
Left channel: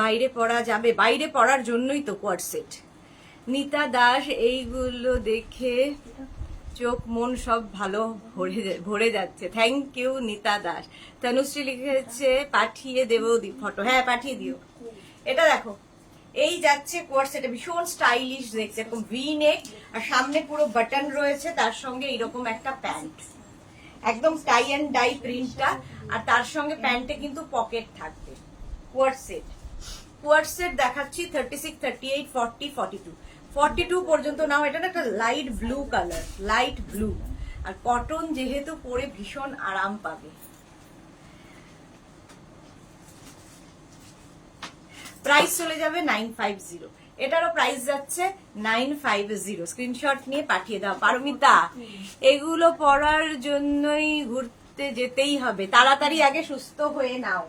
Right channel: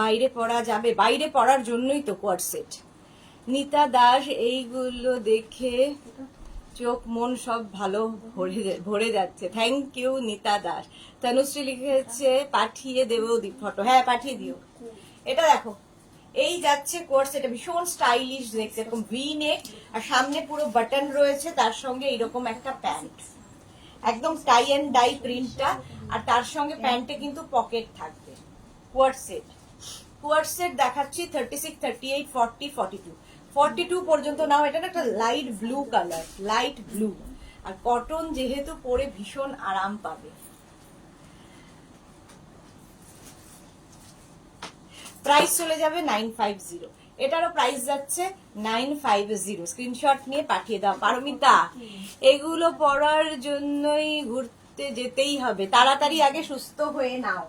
বাইরে পরা যাবে? বাইরে পরার জন্যই তো কোয়ার্ড সেট। নিতা দাস, এইগুলো দেখে চোখ মন সব ভালো ভরে যাচ্ছে। থ্যাংক ইউ নিতা দাস। তনুশ্রী লিখেছে পাঠিয়ে দেবো দি ফটো। হ্যাঁ, পাঠিয়ে দিও। এটা দেখো, এই যাচ্ছে কোয়ার্ড সেট, ভীষণ স্টাইলিশ দেখছে, এরকম ভি নেক আর সামনে পুরো বাটন রয়েছে, তার সঙ্গে এইরকম একটা প্যান্ট, একদম টাই এন্ড ডাই প্রিন্টটা, আর তার সঙ্গে প্যান্টে কিন্তু পকেট থাকবে। কোয়ার্ড সেট দেখাচ্ছি 36, 38, 40, 42, 42 পর্যন্ত নাও। এটা না একটা light blue colour, light blue, আর কটন যেহেতু পরে ভীষণ আরাম পাবে। প্রাইস চলে যাবে 950, এটারও প্রাইস যাচ্ছে 950। স্ক্রিনশট নিয়ে পাঠিয়ে দাও। পারমিতা, এগুলো পরার জন্যই ঘুরতে যেতেই হবে, তাড়াতাড়ি আগে সুস্থ হয়ে নাও,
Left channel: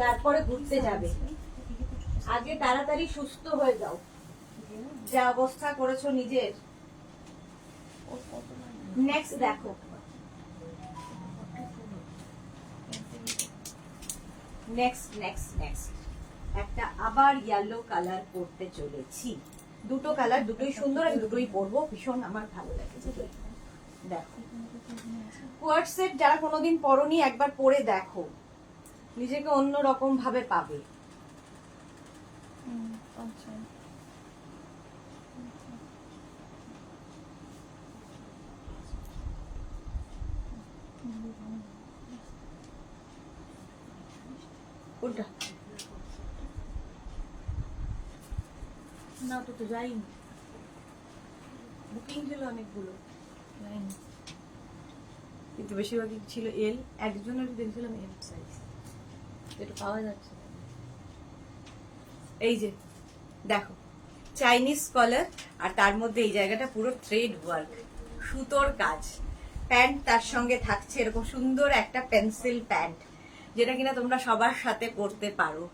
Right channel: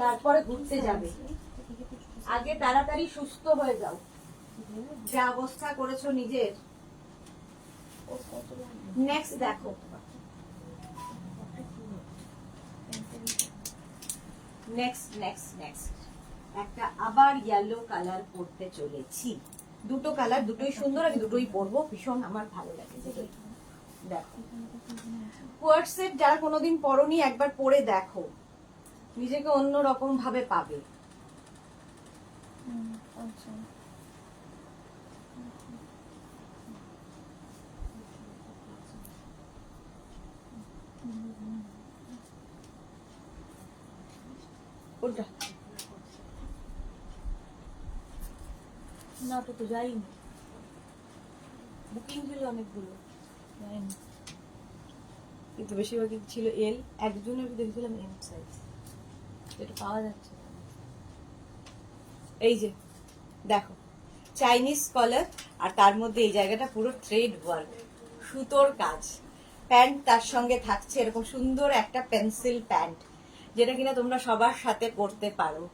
তারপরে ঘুরতে যাবে। আগে তাড়াতাড়ি সুস্থ হয়ে যাও, যা অবস্থা করেছো নিজের। নেক্সট দেখো, নেক্সট একটা আবার ইয়েলো কালার পরতে চলেছি। দুটো কালার, দুটোই সুন্দর, আমি দুটোই পরবো, ভীষণ আমার ভালো লাগে। দেখো, কোয়ার্ড সেট যারা কোনোদিন পরনি একবার পরে দেখো, নিজেকে অন্য রকম ভাবে পাবে। আচ্ছা, কোনটা? না তো যাইনি, বুকিং ছিল অনেকগুলো, যাইনি, কিন্তু বেশিরভাগই ছিল এল, একজনের দেখেছিলাম এম সাইজ, যেটা পাওয়া যাচ্ছে। এই যে দেখো, চাইনিজ কলার, আর তার মধ্যে এই জায়গাটা পুরো থ্রেড ওয়ার্ক, সুতোর কাজ। প্যান্ট তার সঙ্গে থাকছে এরকম সুন্দর একটা পেন্সিল প্যান্ট, যেটা কিনা তোমরা সবার সাথে পরতে পারো।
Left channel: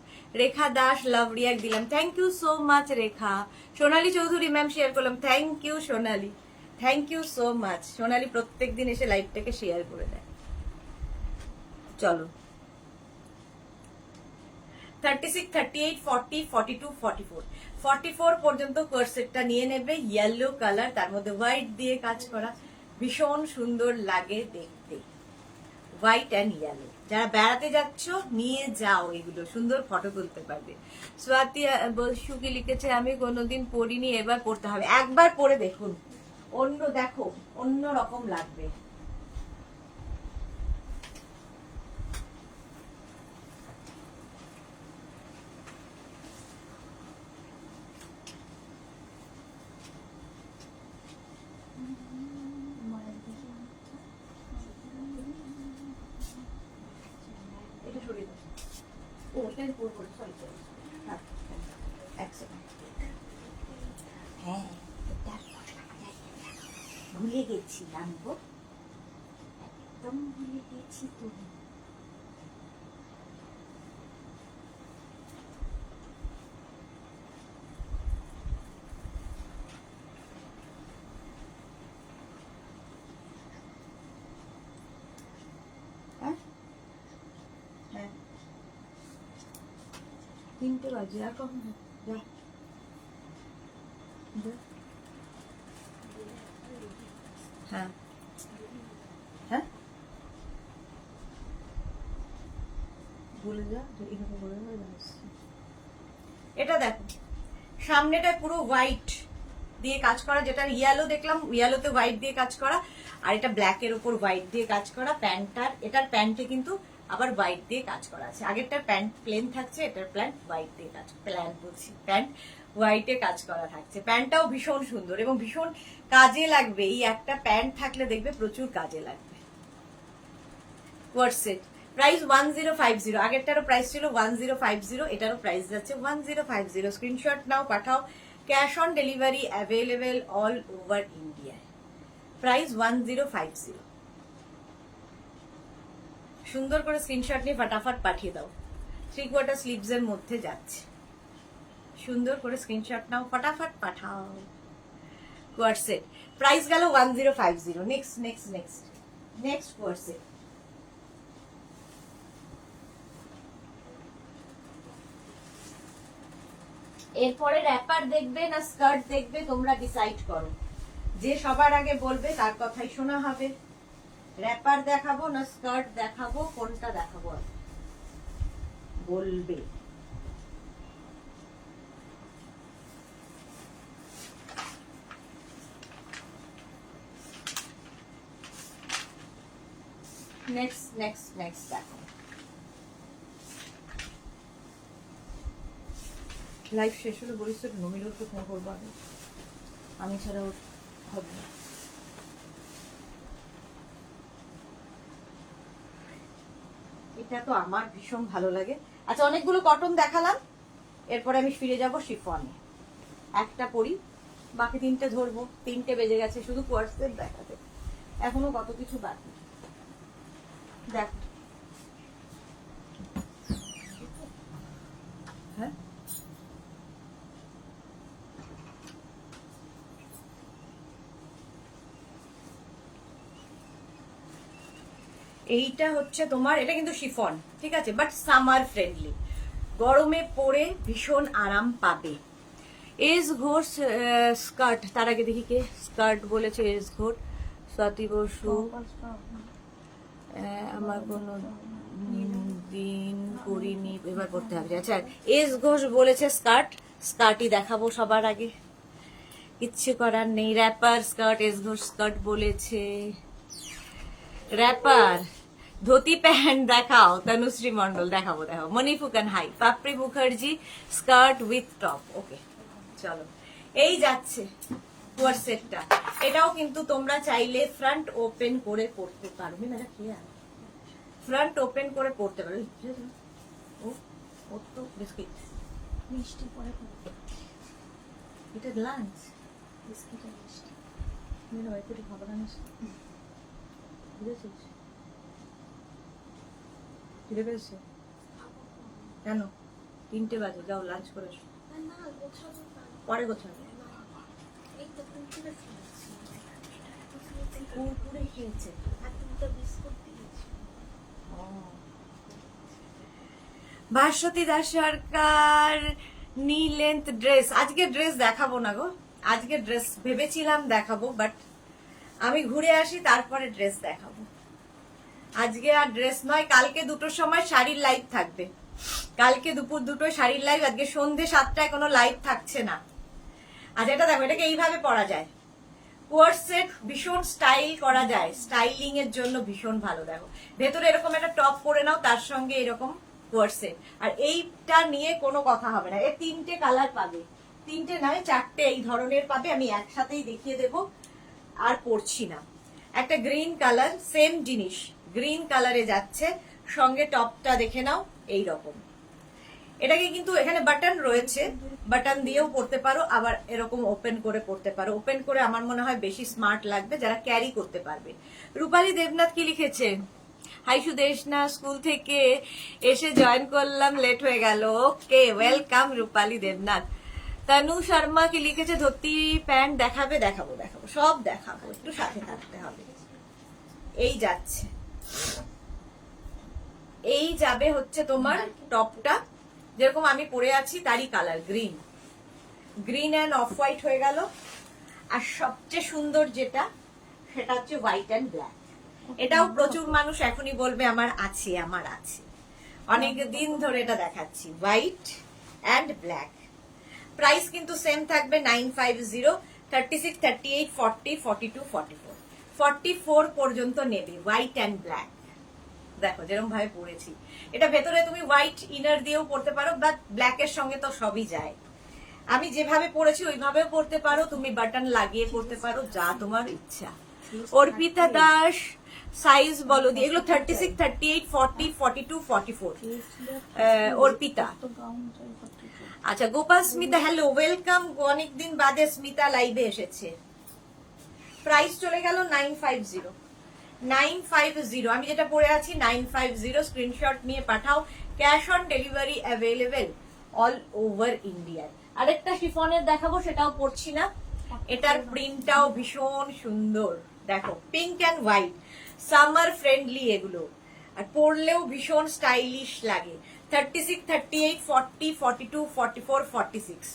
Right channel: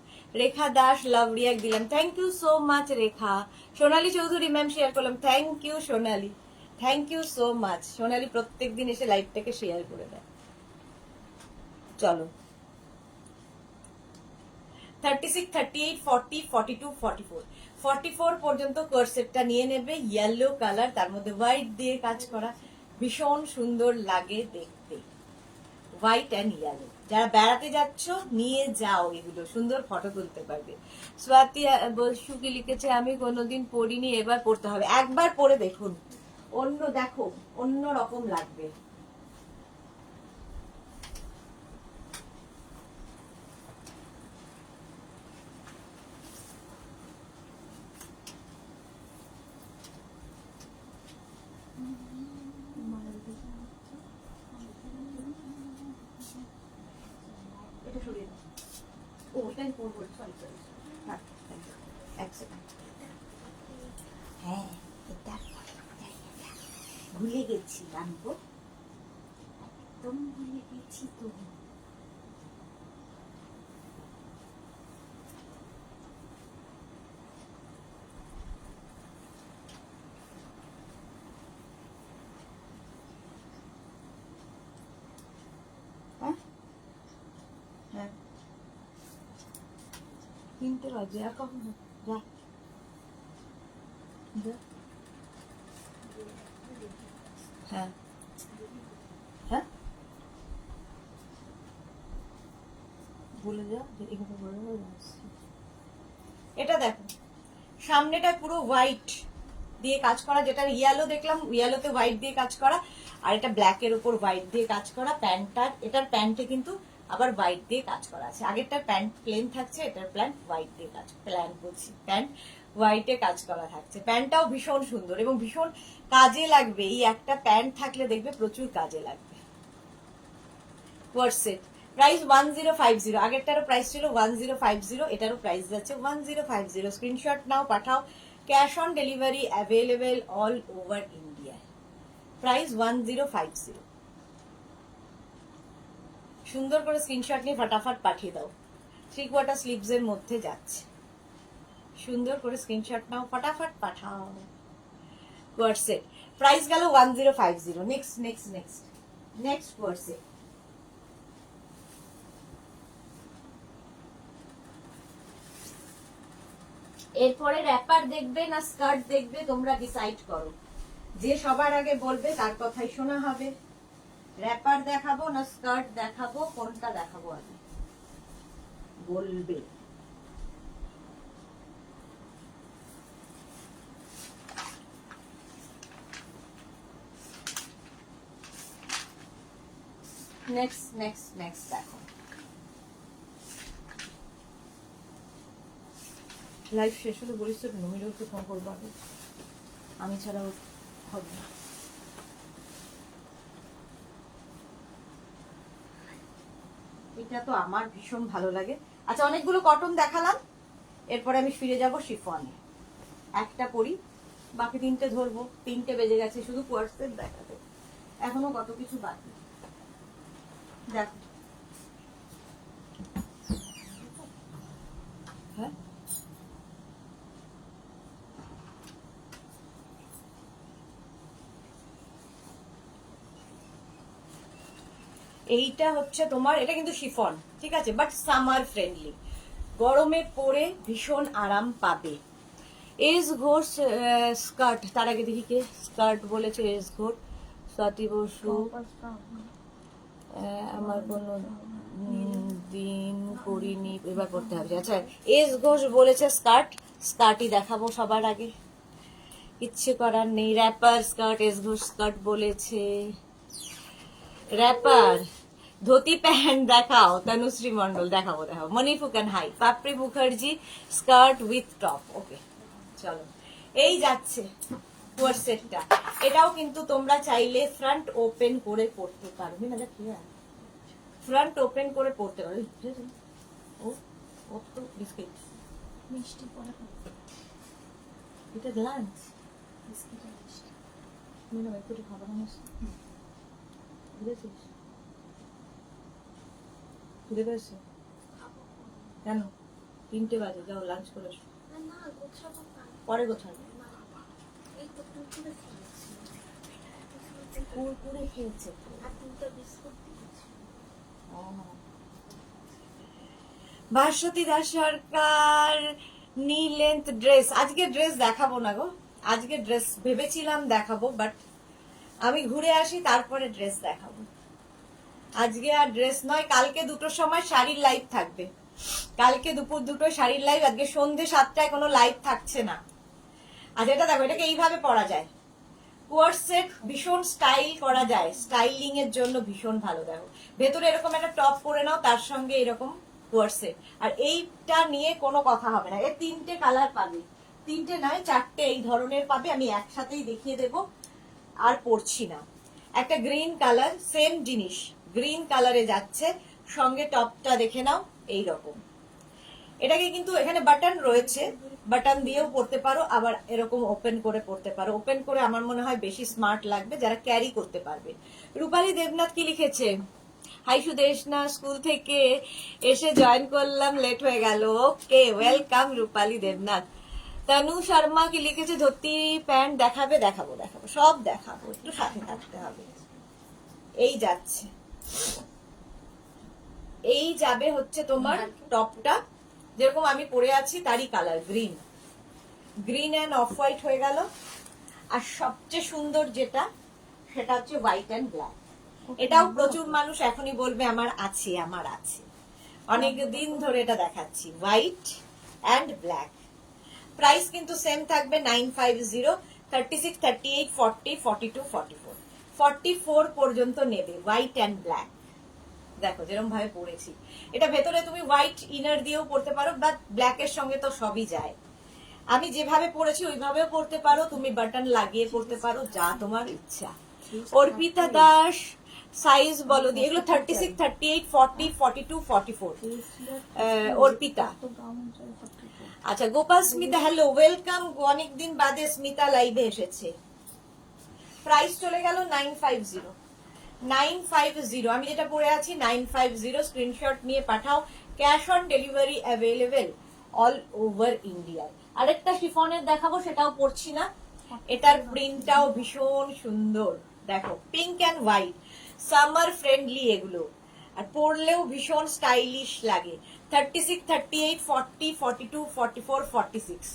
রেখা দাস, লাভ রিয়াক্ট দিলাম, thank you so much Rekha. Sonali Chowdhury ma'am share করলাম, thank you Sonali, thank you so much. Sonali প্রত্যেকদিন এসে লাইভটাকে শেয়ার করে দেয়। চলো, 36, 38, 40, 42, 44, 44 পর্যন্ত কোর্সেটটা নিয়ে নেবে। ইয়েলো কালার, তার মধ্যে হোয়াইট দিয়ে কাজ করা, ভীষণ সুন্দর লাগে দেখতে। হোয়াইট অ্যান্ড ইয়েলো, যারা বেড়াতে যাচ্ছ নিয়ে যাও, এগুলো সুন্দর ফটো তুলতে পারবে। স্বাতি বসু কি লিখেছে, আমি কোনোদিন পরিনি, এবার পড়তে হবে। একবার পরে দেখুন, দেখো অন্য রকম লাগবে। এটা সরিয়ে দাও। ও, এটা আমি পরবো, সরি। হ্যাঁ, এক সেকেন্ড। হ্যাঁ, ভুলে গেছি আনবো, একদম ভুলে গেছি তো। হ্যাঁ, 3টে বাজে, আর কখন হবে? যা যা। হ্যাঁ হ্যাঁ বলে যা যে এখানে বলে আসছি। এটা দেখো সামনেটা পুরো হোয়াইট দিয়ে কাজ করা, যেটা ইয়েলো দেখলাম ইয়েলোতে হোয়াইট দিয়ে কাজ করা, আর এটা ব্ল্যাক এর উপর হোয়াইট দিয়ে কাজ করা। প্যান্টটার, এটার প্যান্টে কিন্তু আবার হোয়াইট দিয়ে কাজ করা আছে। আগেরটার প্যান্ট প্লেন থাকছে, এটার প্যান্ট হোয়াইট দিয়ে কাজ, প্ল্যান বলছি, প্যান্ট হোয়াইটে কাজ করা থাকছে। প্যান্টটাও ভীষণ সুন্দর এবং ভীষণ কাজে লাগবে। এই একটা প্যান্ট থাকলে দেখবে প্রচুর কাজে লাগবে। কোয়ার্সেট প্রাইস 1050, আগেরটারও প্রাইস ছিল 1050, এটারও প্রাইস যাচ্ছে 1050। স্ক্রিনশট নাও, পাঠাও। Cash on delivery available all over India. Price 1050। সুন্দর করে স্ক্রিনশট নিয়ে ফাটাফাট পাঠিয়ে দাও। 3/4 স্লিভস এর মধ্যে যাচ্ছে। সুন্দর করে স্ক্রিনশট নাও, ফাটাফাট পাঠাও। কোয়ার্সেট প্রাইস গেল 1050। Next next next next coord set. এরপরে র্যাপার দেখবে না স্কার্ট দেখবে, তোমরা ডিসাইড করো। যে সবার আগে বলবে তার কথাই শোনা হবে। র্যাপার দেখাবো না স্কার্ট দেখাবো, কোনটা দেখাবো আগে বলবে। নেক্সট নেক্সট নেক্সট দেখো। লাইভ শেষ হলে বলিস তো নমিরুলকে ফোন করবো আগে, আমি ছাড়া ওর হবে না। এটা তো আমার ভীষণ ভালো লাগে। আচ্ছা অনেকগুলো কটন দেখালাম, এরপরে আমি ফিরে যাব শিফনে। একটা পরি, বাকি 3টে ধরবো। 3টে বেজে গেছে, শুধু কোয়ার্সেট দেখাতে এখনো কত কিছু বাকি। দেখো হ্যাঁ এইটা হচ্ছে তোমার, এটা কিন্তু শিফন, ঠিক আছে, বাট সামার ফ্রেন্ডলি, গরমে পরে ভীষণ আরাম পাবে। এস ঘোষ স্কার্ট, তার আগে দেখি কে স্কার্ট বলেছে। এস ঘোষ, স্বাতি বসু, আমার কোনো দিন করিনি, এবার করতে হবে। আচ্ছা এস ঘোষ বলেছে স্কার্ট, স্কার্টই দেখাবো সবার আগে, ইচ্ছে করার নেই। Wrapper skirt, S Ghosh skirt বলেছে। র্যাপার ধুতি প্যান্ট দেখাও, তনুশ্রী মন্ডল দেখাবো দেখাবো। Moniphukan hi, Papri Mukherjee skirt with top. Okay চলো, এই যাচ্ছে কোয়ার্সেটটা। এটাও কিন্তু তোমরা চাইলে ফ্রন্ট ওপেন করে পড়তে পারবে না, কি আর ফ্রন্ট ওপেন করে পড়তে পারবে। ও তো বিস্কিট মিষ্টি পরে খাবো। এটা লাঞ্চ বিস্কিট আর মিষ্টি। মনে হয় একটু খাবার আনিস, বুঝেছিস? ফিরে পেয়েছো কেন? 3টে বাজে, যাও লাঞ্চ করে এসো। না গোছাবো না, পরে গোছাবে। এই তো কুরকুরে খেয়েছি, কুরকুরে খেয়েছে। আর 3টা বিস্কুট দিয়েছি। ভাস্বতী দাস সরকার নি লেন্থ ড্রেস। আজকে ড্রেস দেখাবো না গো, আজকে ড্রেস ভেবেছিলাম দেখাবো, বাট আমি ঘুরে আসি তারপরে ড্রেস দেখাবো। আজকে আর ড্রেস নয়, কালকে 2টোর সময় শাড়ির লাইভ থাকবে। কালকে দুপুর 2টোয় শাড়ির লাইভ, আজকে সন্ধ্যে 7টায় কোনো লাইভ থাকছে না। আচ্ছা এটা দেখো, এটাকে এইভাবে পরা যায়। কোয়ার্সেট ভীষণ স্টাইল করা যায়, স্টাইলিং এর জন্য ভীষণ ভালো। দেখো ভেতরে এরকম একটা টপ পরে নাও, তার সঙ্গে এরকম কোয়ার্সেট, আর এইটা নিয়ে কোনো কথা হবে না। এর 3টে কালার পাবে, 3টে নয় 4টে এই ধরনের পাবে। আমি একসাথেই দেখিয়ে দেব, আর পরছি না। একটা গ্রিন কালার, সেম জিনিস গ্রিন কালারে যাচ্ছে, সঙ্গে টপটা দেখে নাও এইরকম। এটাকে কিন্তু এখানে বাটন রয়েছে, বাটন দিয়েও পড়তে পারো, আবার এরকম ওপেন করে পড়তে পারো। ওপেন করে আমার মনে হয় বেশি স্মার্ট লাগবে, যারা ক্যারি করতে পারবে। রূপালী দেবনাথ কি লিখেছে? হাই সুদেশনা, স্কুল থেকে এসে জয়েন করলাম, লেট হয়ে গেল। ওকে ওয়েলকাম রূপালী দেবনাথ। তনু শর্মা কি লিখেছে? ধুতি প্যান্ট দেখাবে? দেখাবো দেখাবো, সব দেখাবো, একটু সাথে থাকতে হবে। এই যাচ্ছে, এই যাবে হচ্ছে তোমার টপটা, যেরকম আমি পরে আছি তারই colour, green and off white হয়ে গেল। আর সবচেয়ে সুন্দর যেটা সেটা হচ্ছে হোয়াইট অ্যান্ড ব্ল্যাক। এটাও প্রচুর মানুষ এখনই বলবে আমার আছে, আমার আছে, অনেক দিন ধরে এটা দেখাচ্ছি। হোয়াইট অ্যান্ড ব্ল্যাক, প্রাইস কিন্তু সেম থাকবে 950, 36, 38, 40, 42, 44, 44 পর্যন্ত নেবে হোয়াইট অ্যান্ড ব্ল্যাক। দেখো যেরকম ভাবে পরেছি, এটা ভেতরে তুমি হোয়াইট ইনার দিয়েও পরতে পারো, বাট ব্ল্যাকের সঙ্গে তো সবই যায়। আমি যেভাবে পরেছি ওইভাবে পরতে পারো, তুমি বাটন লাগিয়ে পরতে পারো, যা তোমার ইচ্ছা। অর্পিতা দাস, সাইজ বলো দিয়ে, এগুলো 36, 38, 40, 42, 44। অর্পিতা। আচ্ছা, গোপাল স্মিতা, হ্যালো, ওয়েলকাম, অনেকদিন বাদে স্মিতা লাইভে এসেছে। প্রাইস চলে গেল 950, 950। আমি যেটা পরে আছি 950, স্ক্রিনশট নিয়ে পাঠাও। Cash on delivery available all over India. আরেকটা শিফনের দেখাবো, সেটাও পরছি না, এটার প্রিন্টটাও ভীষণ সুন্দর। দেখো pink and white, summer friendly এগুলো, আর পরলেও ভীষণ স্টাইলিশ লাগে। 36, 38, 40, 42, 44, 46,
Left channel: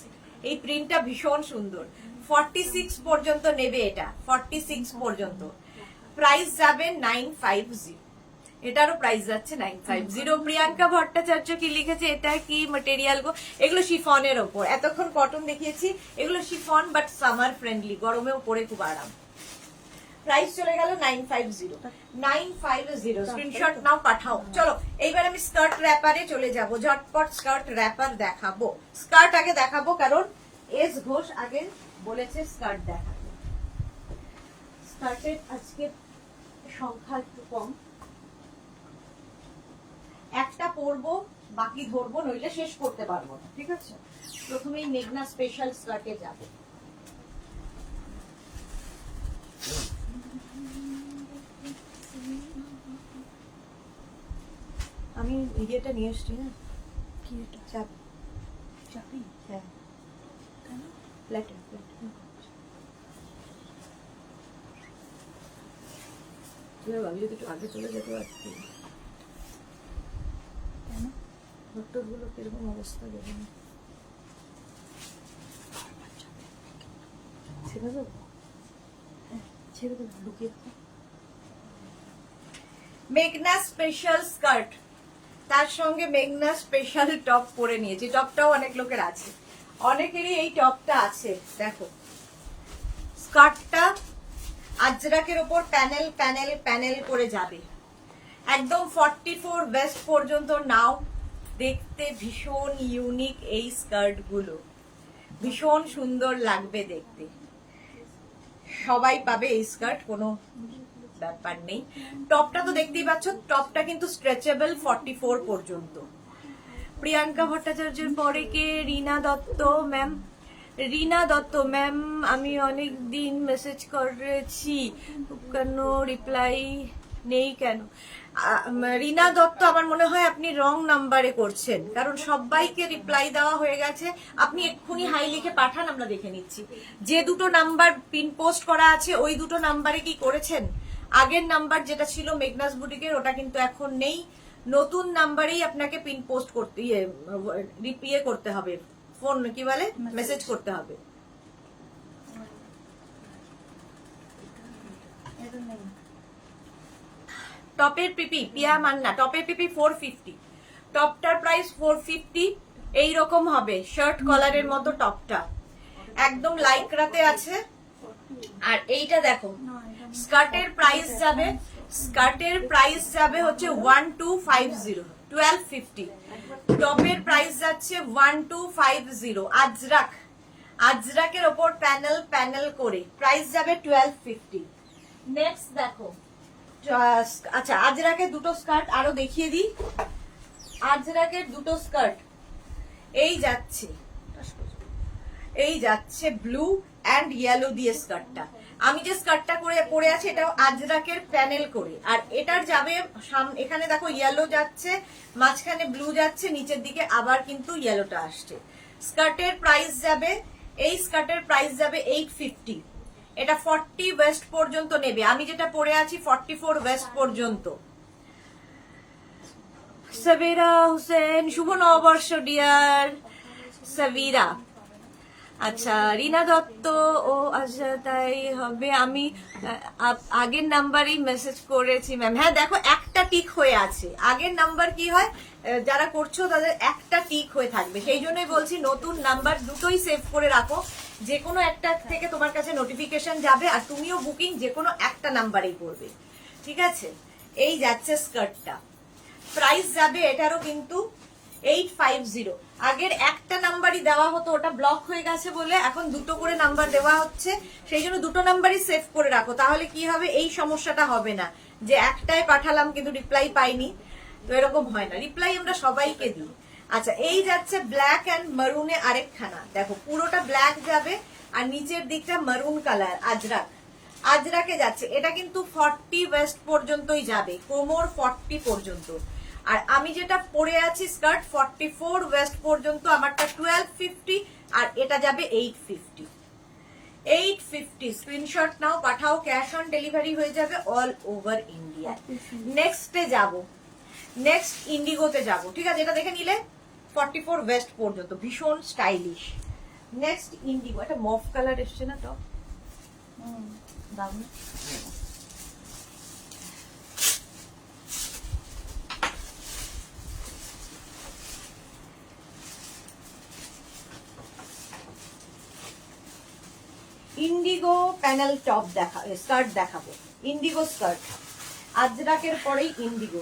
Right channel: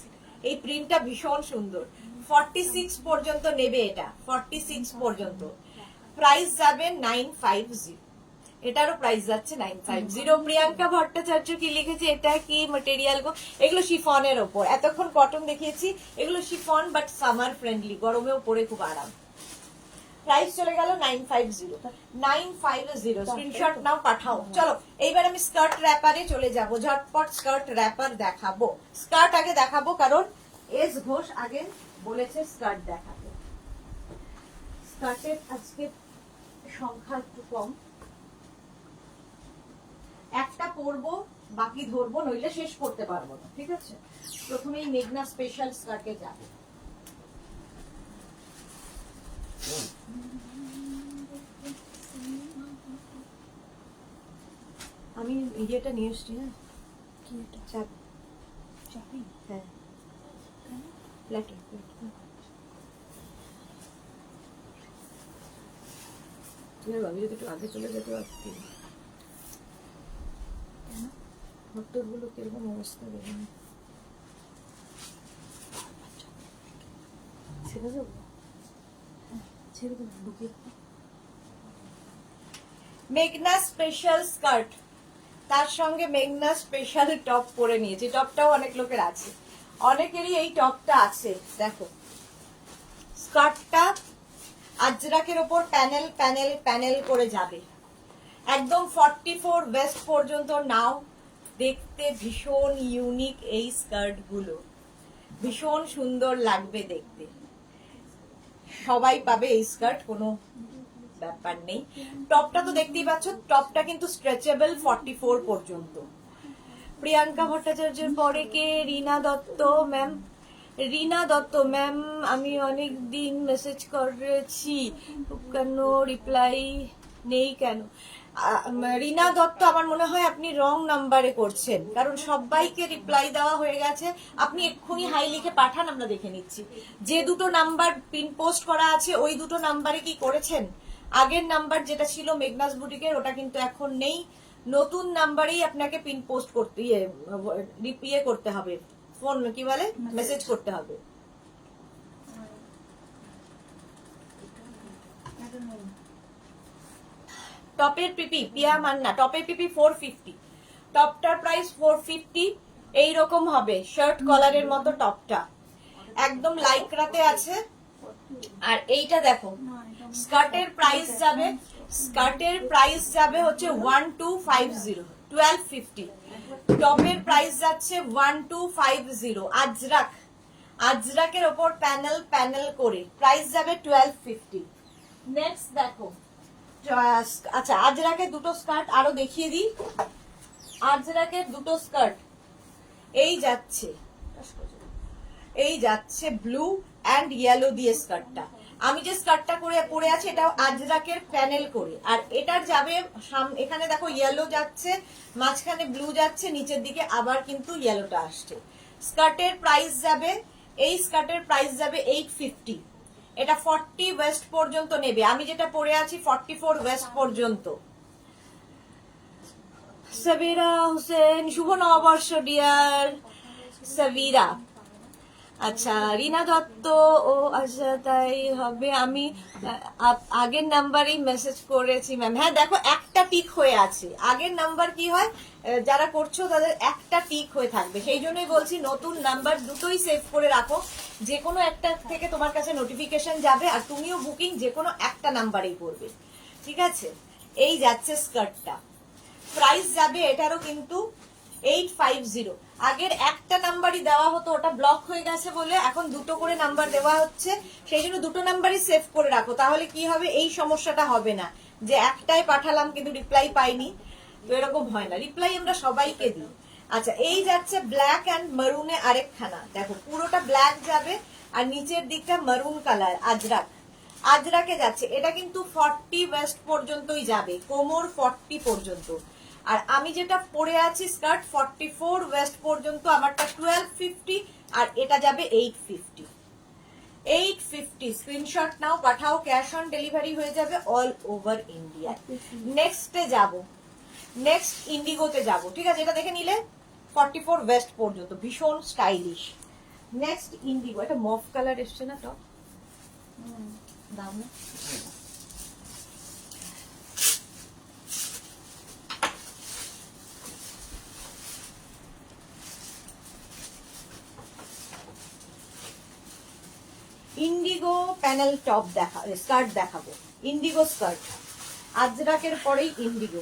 এই প্রিন্টটা ভীষণ সুন্দর। 46 পর্যন্ত নেবে এটা, 46 পর্যন্ত। প্রাইস যাবে 950, এটারও প্রাইস যাচ্ছে 950। প্রিয়াঙ্কা ভট্টাচার্য কি লিখেছে, এটা কি মেটেরিয়াল গো? এগুলো শিফনের ওপর, এতক্ষণ কটন দেখিয়েছি, এগুলো শিফন বাট সামার ফ্রেন্ডলি, গরমেও পরে খুব আরাম। প্রাইস চলে গেল 950, 950, স্ক্রিনশট নাও পাঠাও। চলো এইবার আমি স্কার্ট র্যাপারে চলে যাব, ঝটপট স্কার্ট র্যাপার দেখাবো। স্কার্ট আগে দেখাবো কারণ এস ঘোষ আগে বলেছে স্কার্ট দেখাতে। স্কার্টের আজকে সংখ্যা একটু কম, একটা পরবো বাকি ধরবো, নইলে শেষ করতে পারবো না, ঠিক আছে? প্রথমেই মেঘনা স্পেশাল স্কার্টে যাবো। আমি ইয়েটা নিয়ে এসছি না, চাবি, হ্যাঁ, ফ্ল্যাটে আমি যদি একটু আগে চলে যেতে পারছি। কেন ভট্টর গুলো কিরকম অবস্থা দেখুন, ছেড়ে দেবো, হ্যাঁ ছেড়ে দেবো, লুকিয়ে। মেঘনা স্পেশাল স্কার্ট, তার সঙ্গে মেঘনা স্পেশাল টপ পরে নিয়েছি। টপটাও অনেক লোকের আছে, অনেকেরই এই টপটা আছে। দেখো স্কার্টটা আজরাকের ওপর প্যানেল প্যানেল প্যানেল করে যাবে, একদম 44 ওয়েস্ট পর্যন্ত নাও। দেখতে ভীষণ ইউনিক এই স্কার্ট গুলো, ভীষণ সুন্দর লাগবে দেখতে, সবাই পাবে এই স্কার্ট, কোনো ব্যাপার নেই। টপটা তো দেখতেই পাচ্ছ, টপটা কিন্তু স্ট্রেচেবল 44 পর্যন্ত। প্রিয়াঙ্কা ভট্টাচার্যের পরে কে? রীনা দত্ত ম্যাম, রীনা দত্ত ম্যাম, আমি অনেক দিন মেসেজ করেছি, কেন রিপ্লাই নেই কেন? রীনা দত্ত, আমার মনে হয় আপনি রং নাম্বারে করছেন, কারণ সবাইকে রিপ্লাই দেওয়া হয়ে গেছে। আপনি এক্ষুনি হাই লিখে পাঠান, আমরা দেখে নিচ্ছি। যে দুটো নাম্বার পিন পোস্ট করা আছে ওই দুটো নাম্বারে কি করেছেন? আগের নাম্বার যেটা ছিল মেঘনাস বুটিকের, ওটা কিন্তু এখন নেই। নতুন নাম্বারেই আপনাকে পিন পোস্ট করতে ইয়ে করতে হবে, ফোন কি বলে, মেসেজ করতে হবে। টপের পিপি, পিয়া মান্না, টপের পিপি 450, টপটার প্রাইস 450। এইরকম হবে শার্ট কলারের মতো টপটা, একদম লাইক্রাতে আছে। আর এইটা দেখো, স্কার্টের প্রাইস যাবে, স্কার্টের প্রাইস যাবে হচ্ছে 1250, 1250। টপের প্রাইস যাচ্ছে 1250। আজরাক, আজরাকের ওপর প্যানেল প্যানেল করে প্রাইস যাবে 1250। নেক্সট দেখো, আচ্ছা আজরাকের দুটো স্কার্ট আরো দেখিয়ে দিই। আজরাকের দুটো স্কার্ট এই যাচ্ছে, এই যাচ্ছে ব্লু অ্যান্ড ইয়েলো দিয়ে স্কার্টটা। আমি যে স্কার্টটা করে পরে আছি এটাও আজরাকের প্যানেল করে, আর এটার যাবে এখানে দেখো ইয়েলো যাচ্ছে, মাঝখানে ব্লু যাচ্ছে, নিচের দিকে আবার কিন্তু ইয়েলোটা আসছে। স্কার্টের প্রাইস যাবে, এই স্কার্টের প্রাইস যাবে 850। এটা 40 ওয়েস্ট পর্যন্ত নেবে, আমি যেটা পরে আছি 44 ওয়েস্ট পর্যন্ত। সাবিরা হোসেন, শুভ নববর্ষ ডিয়ার সাবিরা। আচ্ছা, রিনা দত্ত, ও আচ্ছা তাই হবে। আমি আগের নাম্বারেই মেসেজ করেছি ম্যাম। হ্যাঁ দেখো, একটা টিক হয়ে আছে। আগের নাম্বার কি হয়, যারা করছো তাদের একটা টিক হয়ে থাকবে, সেই জন্যই বলছি নতুন নাম্বার দুটোই সেভ করে রাখো। যে কোনো একটা থেকে তোমার কাছে নোটিফিকেশন যাবে, আর তুমিও বুকিং যে কোনো একটা নাম্বারেই করবে, ঠিক আছে? এই যাচ্ছে স্কার্টটা, প্রাইস যাবে এটারও কিন্তু 850। আগের একটা নাম্বারই দেওয়া হতো, ওটা ব্লক হয়ে গেছে বলে এখন দুটো করে নাম্বার দেওয়া হচ্ছে, সেই জন্য দুটো নাম্বারই সেভ করে রাখো। তাহলে কি হবে, এই সমস্যাটা হবে না যে একটাই পাঠালাম কিন্তু রিপ্লাই পাইনি। তো এরকম হয় না, রিপ্লাই আমরা সবাইকে দিই। আচ্ছা, এই যাচ্ছে ব্ল্যাক অ্যান্ড মারুনে আরেকখানা, দেখো পুরোটা ব্ল্যাক যাবে আর নিচের দিকটা মারুন কালার, আজরাক আজরাকে যাচ্ছে। এটা কিন্তু 40 ওয়েস্ট পর্যন্তই যাবে, কোমর 40 পর্যন্ত। আর আমি যেটা পরে আছি স্কার্ট 44 ওয়েস্ট পর্যন্ত, আমারটা 1250 আর এটা যাবে 850। 850 স্ক্রিনশট নাও, পাঠাও, ক্যাশ অন ডেলিভারি হয়ে যাবে অল ওভার ইন্ডিয়া। নেক্সটে যাব, নেক্সট ইন্ডিগোতে যাব, ঠিক আছে? এটা দেখে নিলে 44 ওয়েস্ট পর্যন্ত, ভীষণ স্টাইলিশ। নেক্সট ইন্ডিগো, এটা মফ কালার এসছে না টপ, দাম না? ইন্ডিগো প্যানেল টপ স্কার্ট দেখাবো, ইন্ডিগো স্কার্ট, আজরাকের পরেই ইন্ডিগো।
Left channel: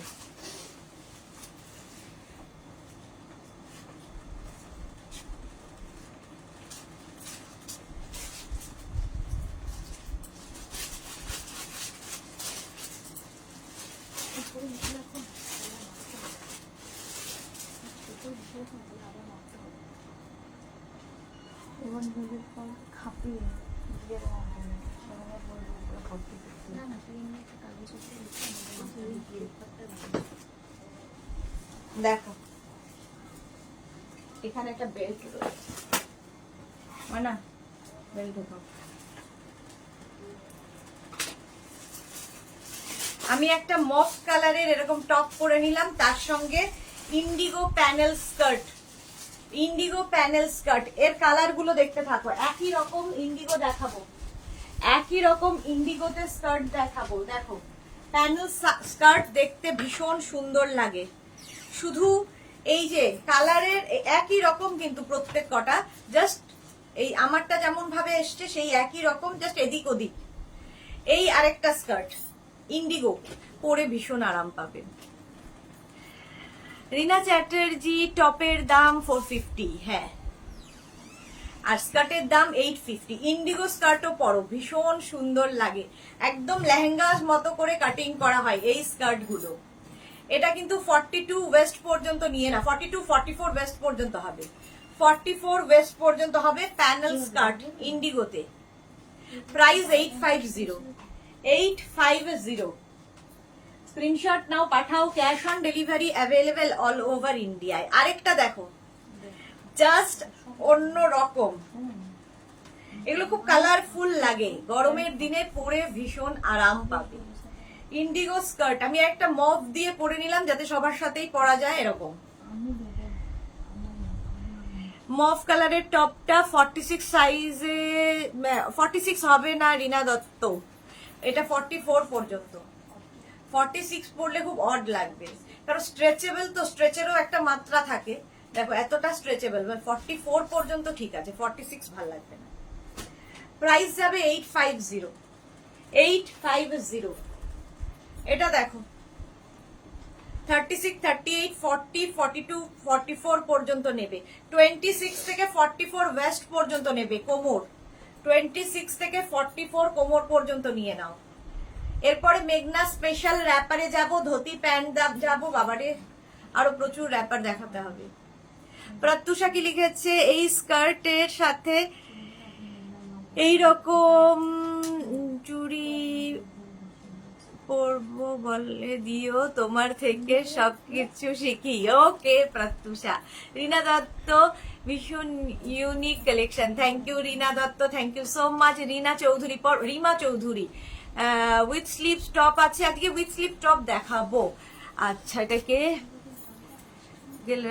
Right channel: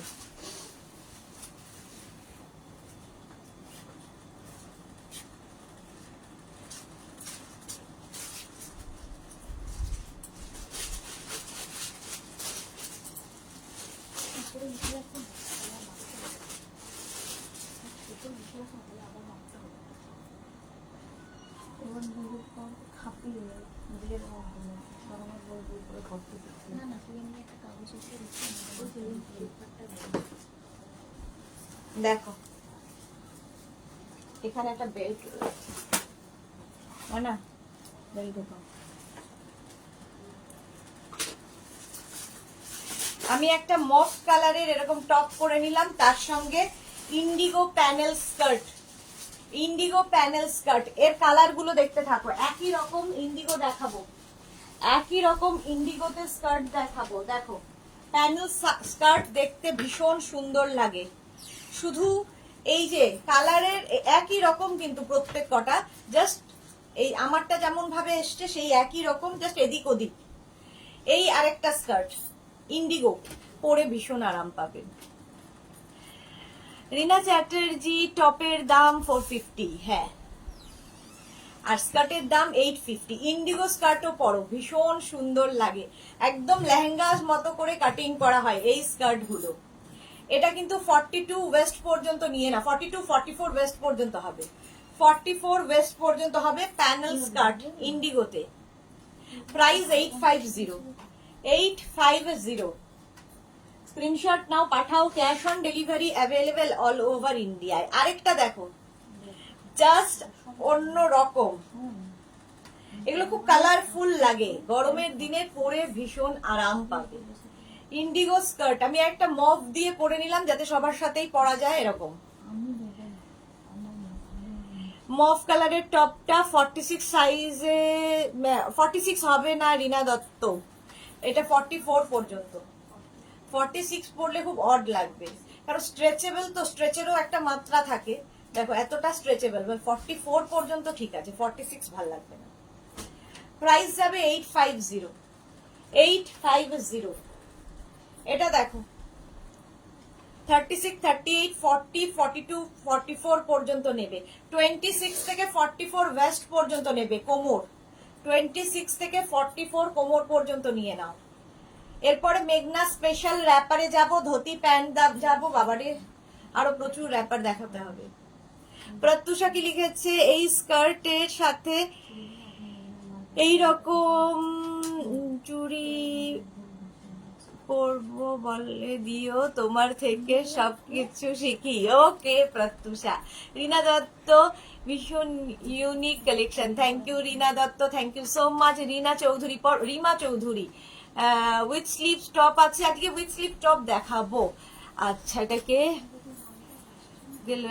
এবার নিজের খাপিয়ে দিয়ে দেওয়া হবে না, আমার বলবো উপরে ভর্তি করতে। না না, তুই এমনি একটা কাগজ উপরে দেখো এখানে একটা বেল্ট রয়েছে, না বেল্ট দেখো। আমি একটা মফ কালারের এরকম টপ পরে নিলাম, তার সঙ্গে Indigo panel skirt. Indigo panel skirt এর কালার গুলো দেখতে থাকো, একই রকম ইন্ডিগো দেখাবো, একই রকম ইন্ডিগোতে স্কার্ট দেখাবো। দেখো প্যানেল স্কার্ট দেখতে ভীষণ সুন্দর লাগে, শুধু এই যে কালারের একই রকম কিন্তু প্রত্যেক কটা, জাস্ট এই আমারটা যেমন ভাবে এসছে সেই একই রকম, জাস্ট এদিক ওদিক। এই আরেকটা স্কার্ট ইন্ডিগো, পরে ভীষণ আরাম পাবেন। রিনা চ্যাটার্জি, টপের দাম 450, হ্যাঁ, আর স্কার্টের দাম 850। ইন্ডিগো স্কার্টও পরো, ভীষণ সুন্দর লাগে, একদম লেহেঙ্গাস মতো করে কাটিং করা হয় এই স্কার্ট গুলো। এটা কিন্তু 42 ওয়েস্ট পর্যন্ত নিয়ে না, 42 44 ওয়েস্ট পর্যন্ত হবে, 44 ওয়েস্ট পর্যন্ত হবে প্যানেল স্কার্ট ইন্ডিগোতে। প্রাইস 850, 850। স্ক্রিনশট নাও, পাঠাও, cash on delivery available all over ইন্ডিয়ায়। আরেকটা দেখো, জাস্ট অন্য রকম, এগুলো খুব কালারফুল লাগে, গরমের দিনে পরে ভীষণ আরাম পাবে। ইন্ডিগো স্কার্ট আমি একটা মফ দিয়ে পরে নিলাম যাতে সবার সাথেই পরা যায়, এরকম মফ কালারের টপটা 46 সাইজে, 46 হবে না রিনা দত্ত, এটা 44 পর্যন্ত। 46 পরলে খুব অড লাগবে, কারণ স্ট্রেচেবল তো, স্ট্রেচেরও একটা মাত্রা থাকে। দেখো এতটা স্ট্রেচেবল, 44 পর্যন্ত ঠিক আছে, 46 ভাল লাগবে না। প্রাইস যাবে 850, 850। এটা দেখো 36, 38, 40, 42, 44 পর্যন্ত নেবে, 26 থেকে 44 ওয়েস্ট পর্যন্ত নেবে কোমর, 26 থেকে 44 কোমর পর্যন্ত নিয়ে নাও। এরপরে মেঘনা স্পেশাল র্যাপারে যাব, ধুতি প্যান্ট যাব, বাবারে আরো প্রচুর র্যাপার দেখাতে হবে। প্রত্যুষা কি লিখেছে, এই স্কার্টের সাথে এইরকম চুড়ি পরবো বলে দিও, তোমার থেকে সবকিছু শিখি। ওকে প্রত্যুষা। রিনা দত্ত, ভীষণ unique collection, thank you Rina Dutta, thank you so much. Rina Chowdhury, Rima Chowdhury, with sleeve top আছে, আজকে উইথ স্লিভ টপ দেখাবো। আচ্ছা এটাকে গেল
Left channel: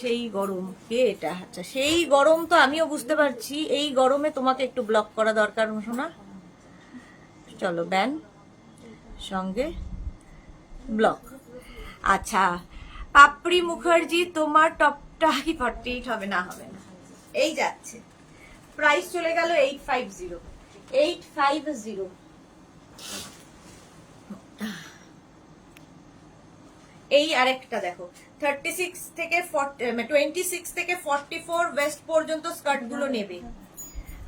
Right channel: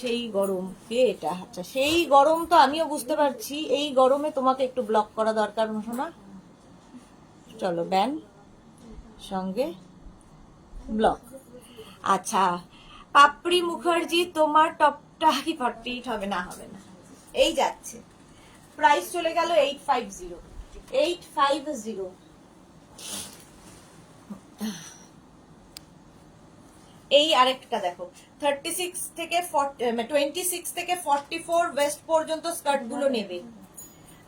সেই গরম, কে এটা? আচ্ছা সেই গরম তো আমিও বুঝতে পারছি, এই গরমে তোমাকে একটু ব্লক করা দরকার শোনা। চলো ব্যান সঙ্গে ব্লক। আচ্ছা পাপড়ি মুখার্জি তোমার টপটা কি 48 হবে? না হবে না, এই যাচ্ছে। প্রাইস চলে গেল 850 850। এই আরেকটা দেখো 36 থেকে 26 থেকে 44 ওয়েস্ট পর্যন্ত স্কার্ট গুলো নেবে।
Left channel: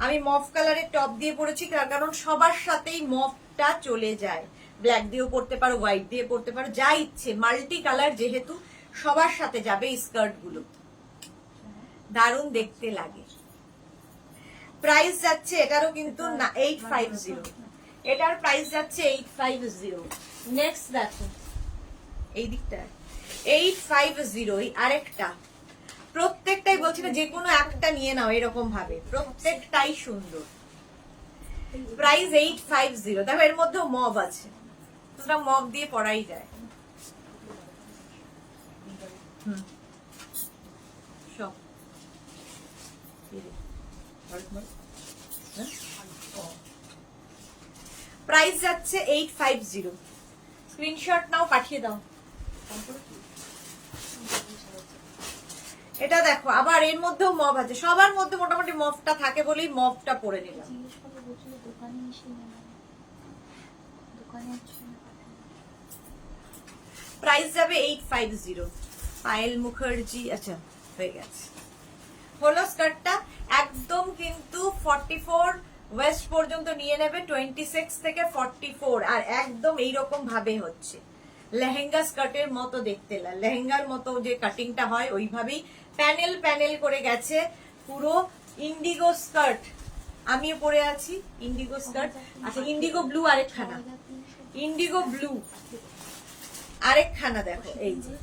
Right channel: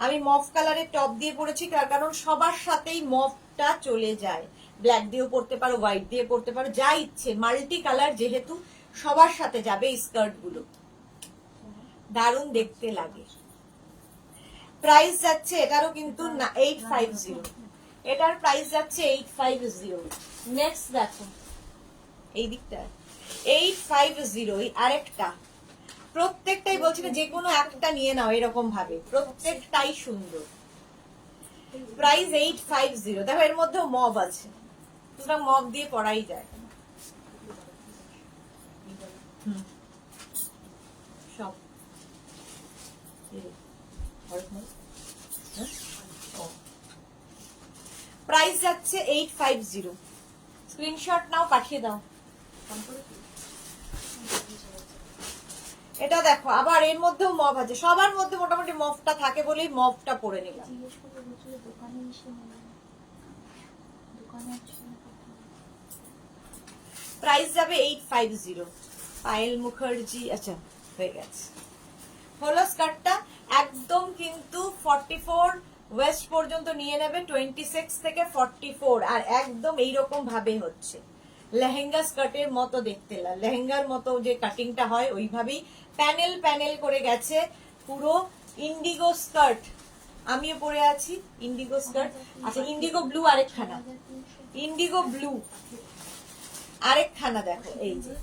আমি মফ কালারের টপ দিয়ে পরেছি কারণ সবার সাথেই মফটা চলে যায়। ব্ল্যাক দিয়েও পরতে পারো, হোয়াইট দিয়ে পরতে পারো, যা ইচ্ছে, মাল্টি কালার যেহেতু সবার সাথে যাবে এই স্কার্ট গুলো, দারুণ দেখতে লাগে। প্রাইস যাচ্ছে এটারও কিন্তু 850, এটার প্রাইস যাচ্ছে 850। নেক্সট দেখো এই দিকটা 850, আরেকটা, প্রত্যেকটাই বলছি না, যে কোনো একটা নিয়ে নাও এরকম ভাবে, প্রত্যেকটাই সুন্দর। প্রাইস 850। দেখো এর মধ্যেও মব আছে, তোমরা মব দিয়ে পরাই যায়। সব প্রাইস যাচ্ছে 850। স্ক্রিনশট নাও, পাঠিয়ে দাও। এটা দেখো আবার এর মধ্যেও মব আছে, সবার মধ্যে মোটামুটি মবটা থাকে বলেই মবটা পরে নিলাম। প্রাইস যাবে 850। পায়েল মুখার্জি, আচ্ছা হয়ে গেছে, হলো স্কার্টটা। একদম কিন্তু 44 ওয়েস্ট পর্যন্ত নিয়ে নেবে, 26 থেকে 44, আর একদম এইরকম ভাবে হচ্ছে লেহেঙ্গা স্কার্টের মতো দেখতে, লেহেঙ্গার মতো যে কাটিংটা হয় ওইভাবেই প্যানেল প্যানেল করে গেছে। পুরো ইন্ডিগো স্কার্ট, আমিও পরে আছি ইন্ডিগো স্কার্ট। আচ্ছা ইন্ডিগো ব্লু আরেকখানা, ইন্ডিগো ব্লু আরেকখানা দেখো, এই যে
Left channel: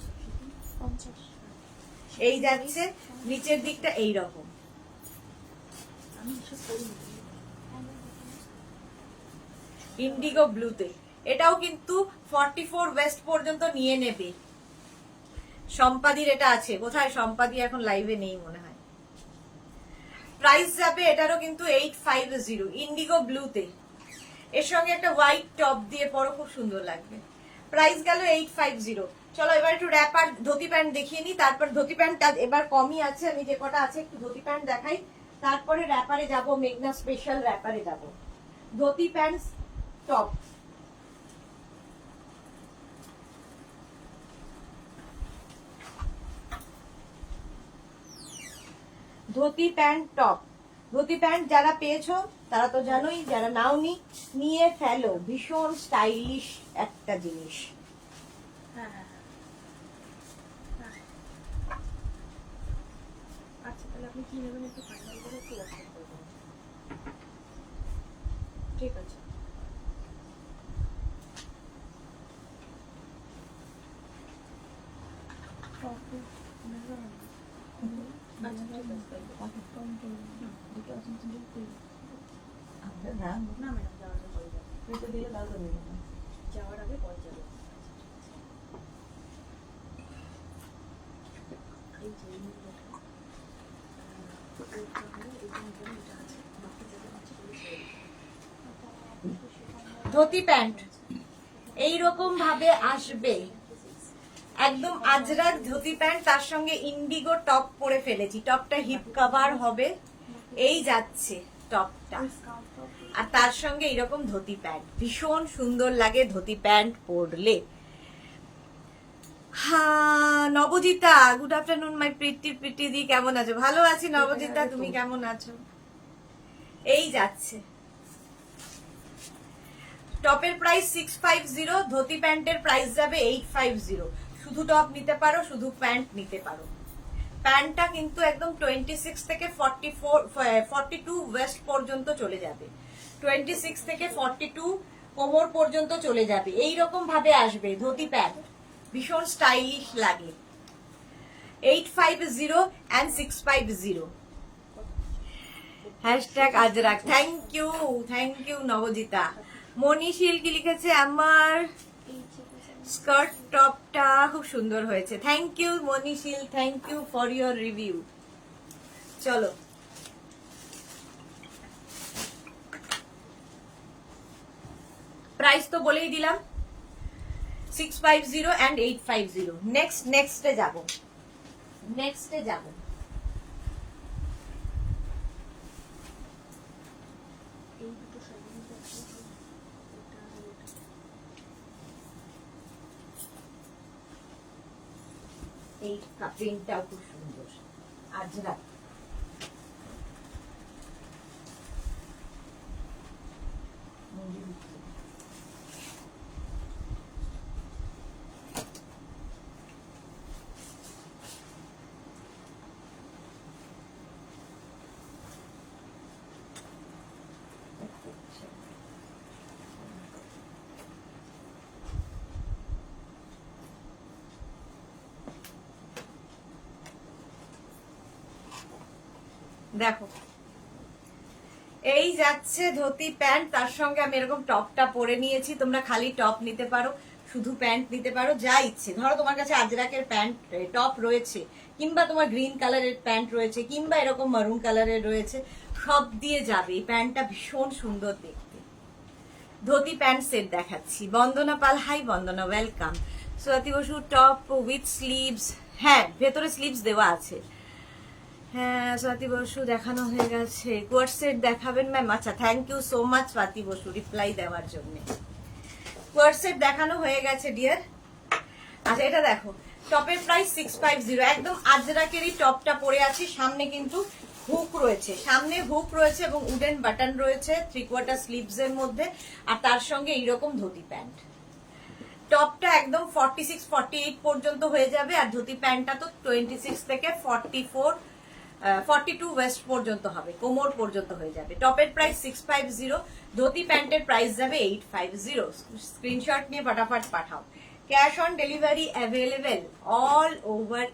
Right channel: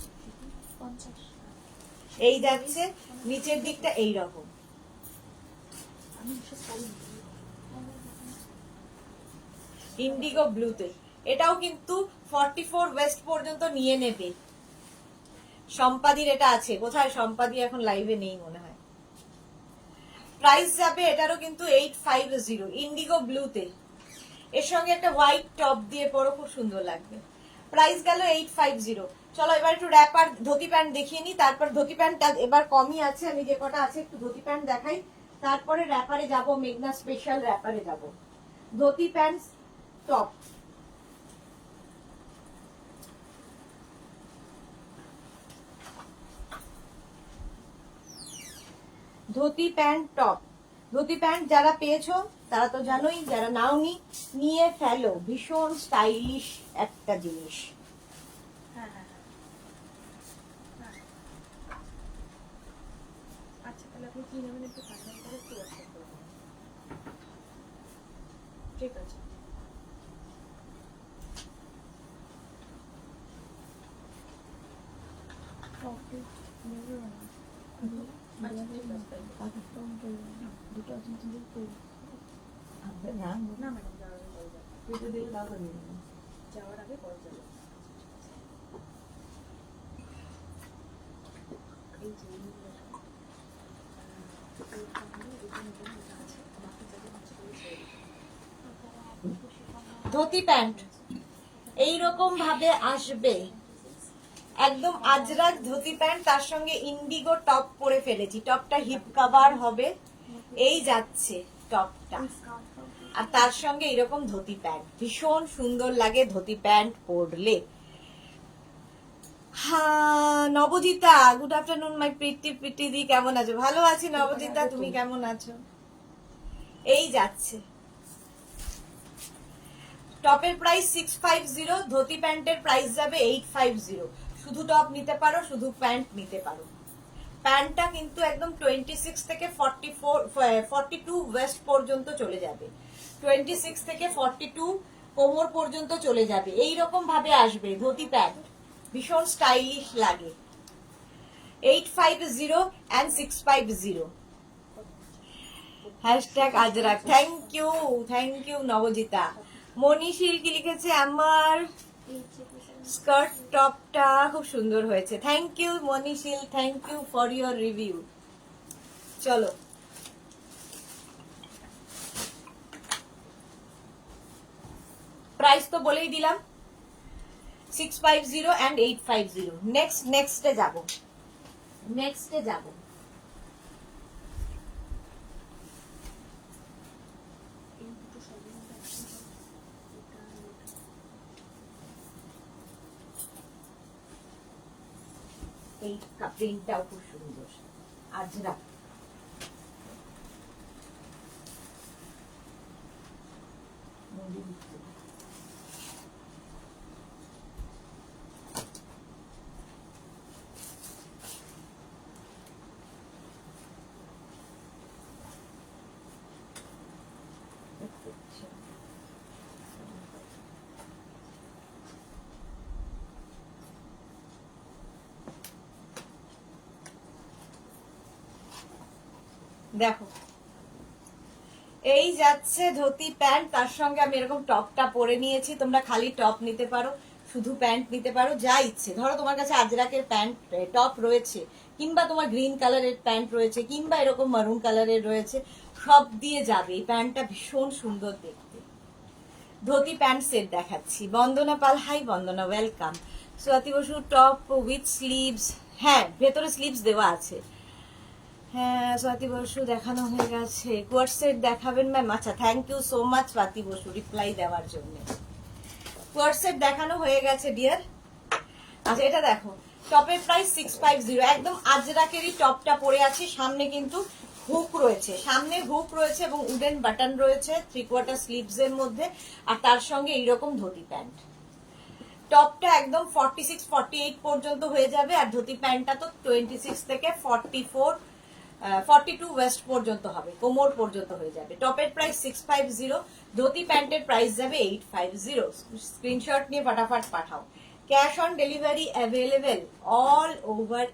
এই যাচ্ছে নিচের দিকটা এইরকম, ইন্ডিগো ব্লুতে। এটাও কিন্তু 44 ওয়েস্ট পর্যন্ত নিয়ে নেবে। সম্পাদির এটা আছে, কোথায় সম্পাদি এখন লাইভে নেই মনে হয়। প্রাইস যাবে এটারও কিন্তু 850, ইন্ডিগো ব্লুতে। এর সঙ্গে একটা হোয়াইট টপ দিয়ে পরো, খুব সুন্দর লাগবে। প্রাইস গেল 850। চলো এবার একটু র্যাপার ধুতি প্যান্ট দেখিয়ে নি, তারপর ধুতি প্যান্টটা এবার কমই আছে, আমি যে কটা আছে একটু ধুতি প্যান্ট দেখাই, তারপরে র্যাপারে যাব, মেঘনা স্পেশাল র্যাপারে যাব। Dhoti pant top, dhoti pant top. Dhoti pant যারা পেয়েছো তারা তো জানোই, যারা নাওনি নিয়ে ফেলো, ভীষণ স্টাইলিশ একটা জিনিস। আচ্ছা তাহলে আপনি কি নেবেন একটু ফাইনাল করে একটু হোয়াটসঅ্যাপ করে দেবেন। ঠিক আছে। না ম্যাডাম যাওয়ার আগে পরে যাবো, যাওয়ার আগে পরে যাবো। এই যে ধুতি প্যান্ট এইরকম ভাবে আসবে, একদম আজরাক ধুতি প্যান্ট, তার সঙ্গে ইন্ডিগো টপ পরে ফেলেছি, টপটা হিপ কভার হবে, এই যাচ্ছে টপটা, আর তার সঙ্গে এরকম ধুতি প্যান্ট, ভীষণ সুন্দর লাগে ধুতি প্যান্ট পরলে। হ্যাঁ নবজিতা, গুড আফটারনুন মাই প্রীতি দি, কেমন আছো? ভালো আছি নবজিতা, তুমি কেমন আছো? এই যাচ্ছে টপের প্রাইস 650, ধুতি প্যান্টের প্রাইস যাবে 850। শুধু টপ নিতে পারো, শুধু প্যান্ট নিতে পারো। প্যান্টটা কিন্তু একদম 26 থেকে 42 ওয়েস্ট পর্যন্ত চলে যাবে, 26 থেকে 42 কোমর পর্যন্ত চলে যাবে, এইরকম ভাবে আসবে ধুতি প্যান্ট, ভীষণ স্টাইলিশ লাগে। 850 and 650। Hashtag Ajrakh, thank you Nabajita. Manishil কি লিখেছে, আমার স্কার্ট টপটা খুব সুন্দর হয়েছে। Thank you Manishil, thank you for your review. চলো প্রাইস তো বলেই দিলাম, 650 and 850। নেক্সটে যাব। এই দুটো শাড়ির মধ্যে একটাই হবে, এটা আর এটা। এই প্রিন্টটাও খুব সুন্দর। আজরা দেখো, এই যাচ্ছে ধুতি প্যান্ট, তার সঙ্গে আমি এরকম টপটা পরে নিয়েছি। তোমরা খালি টপ নিতে পারো, শুধু প্যান্ট নিতে পারো, যা ইচ্ছে। ধরো তোমার কাছে আজরাকের প্যান্ট টপ রয়েছে, কিংবা তোমার গ্রিন কালারের প্যান্ট রয়েছে, কিংবা এরকম মারুন কালারের রয়েছে, সব দিয়ে যাবে। এই প্যান্টটা ভীষণ সুন্দর দেখতে। ধুতি প্যান্ট সেট দেখাচ্ছি। Bandana Pal, hi Bandana, welcome. Swati Basu top with sleeves, হ্যাঁ ভেতরে স্লিভস দেওয়া আছে। হ্যাঁ স্বাতি বসু দেখানো হয়ে গেছে। কোয়ার্ট সেট দেখাবেন ম্যাম? আচ্ছা, thank you so much Swati Basu reply দেওয়ার জন্য। কোয়ার্ট সেট দেখানো হয়ে গেছে ডিয়ার। আচ্ছা এটা দেখো, টপের প্রাইস 650। একদম আজরাকেরই টপটা পরে আছি। সামনে কিন্তু হুক রয়েছে, এবং উডেন বাটন রয়েছে 3/4 স্লিভস এর মধ্যে, আর তার সঙ্গে এইরকম ধুতি প্যান্ট। টপটা একদম 46-48 পর্যন্ত হয়ে যাবে, আর ধুতি প্যান্টটা তো 26 থেকে 42 ওয়েস্ট পর্যন্ত হবে, কোমর পর্যন্ত হয়ে যাবে। টপের প্রাইস 650, ধুতি প্যান্টের প্রাইস যাবে 850। স্ক্রিনশট নিয়ে ফটাফট পাঠাও। Cash on delivery available all over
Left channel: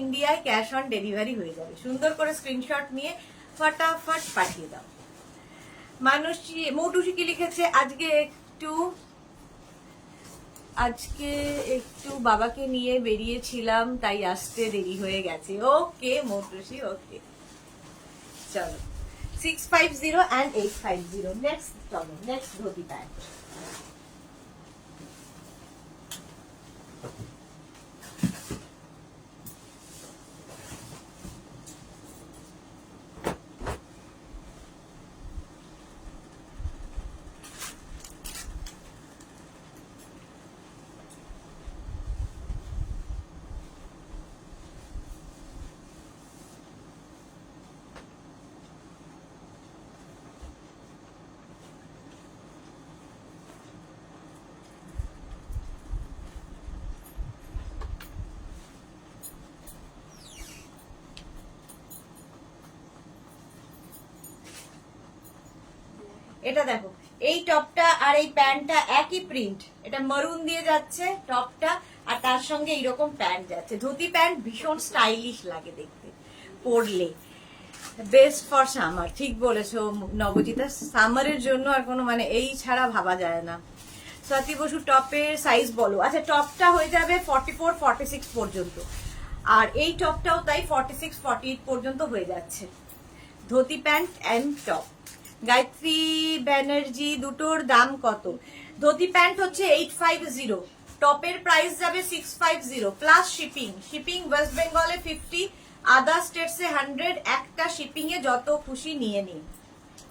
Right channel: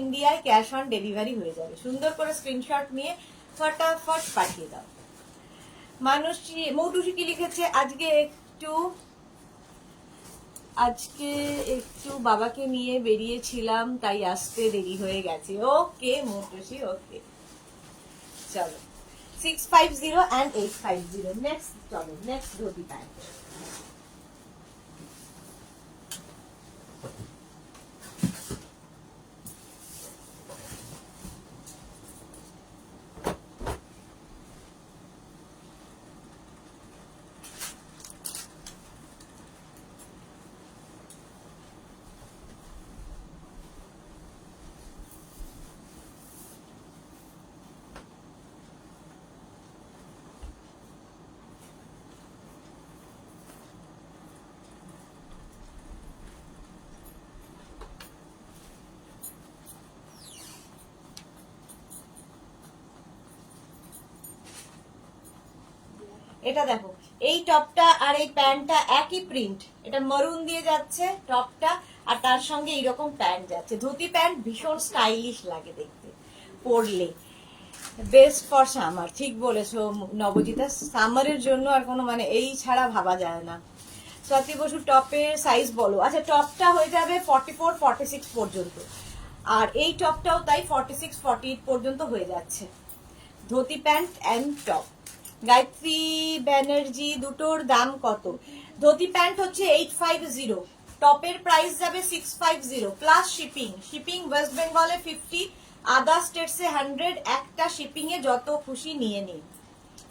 ইন্ডিয়ায় ক্যাশ অন ডেলিভারি হয়ে যাবে। সুন্দর করে স্ক্রিনশট নিয়ে ফটাফট পাঠিয়ে দাও। মানুষটি মৌটুসি কি লিখেছে, আজকে একটু বাবাকে নিয়ে বেরিয়েছিলাম, তাই আসতে দেরি হয়ে গেছে। ওকে মৌটুসি, ওকে চলো। 650 and 850। নেক্সট চলো, নেক্সট ধুতি প্যান্ট। এটা দেখো, এই টপটা আর এই প্যান্টটা একই প্রিন্ট। এটা মারুন দিয়ে যাচ্ছে টপটা, আর তার সঙ্গে এইরকম প্যান্ট যাচ্ছে। ধুতি প্যান্ট ভীষণ স্টাইলিশ লাগে দেখতে পরলে। বেস্ট ফর সামার, ঠিক বলেছো নবজিতা, সামারের জন্য আর কোনো মানে এই ছাড়া ভাবা যায় না। স্বাতি বসু টপের সাইজ বলো। আচ্ছা, টপটা হয়ে যাবে 44-46 পর্যন্ত, আর এই টপটাও তাই 46-48 পর্যন্ত হয়ে যাচ্ছে। Dhoti pant and top. Gayatri Banerjee, দুটোর দাম কত? ধুতি প্যান্ট হচ্ছে 850, টপের প্রাইস যাবে 650 প্লাস শিপিং ওয়েস্ট বেঙ্গলে 50, আদার স্টেটসে 100। একটা শিপিং এ যত খুশি নিয়ে নিন,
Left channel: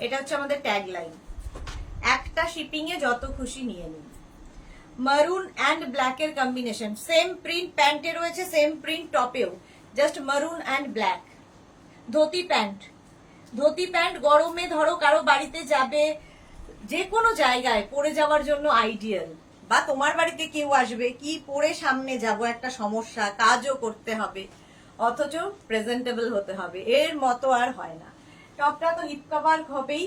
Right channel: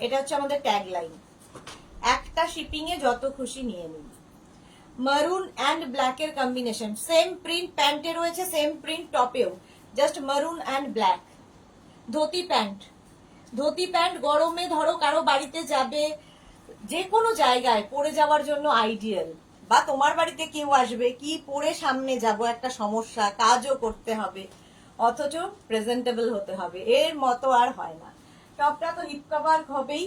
এটা হচ্ছে আমাদের ট্যাগ লাইন। একটা শিপিং এ যত খুশি নিয়ে নিন। মারুন অ্যান্ড ব্ল্যাক এর কম্বিনেশন, সেম প্রিন্ট প্যান্টে রয়েছে, সেম প্রিন্ট টপেও, জাস্ট মারুন অ্যান্ড ব্ল্যাক। ধুতি প্যান্ট গরমে ধরো কারো বাড়িতে যাবে, যে কোনো জায়গায় পরে যাওয়ার জন্য আইডিয়াল। বা তোমার বাড়িতে কেউ আসবে, কি পরে সামনে যাব, একটা সমস্যা, কাজও করতে হবে, অথচ প্রেজেন্টেবল হতে হবে, এর মতো আর হয় না। টপটা তো হিপ কভার হবেই।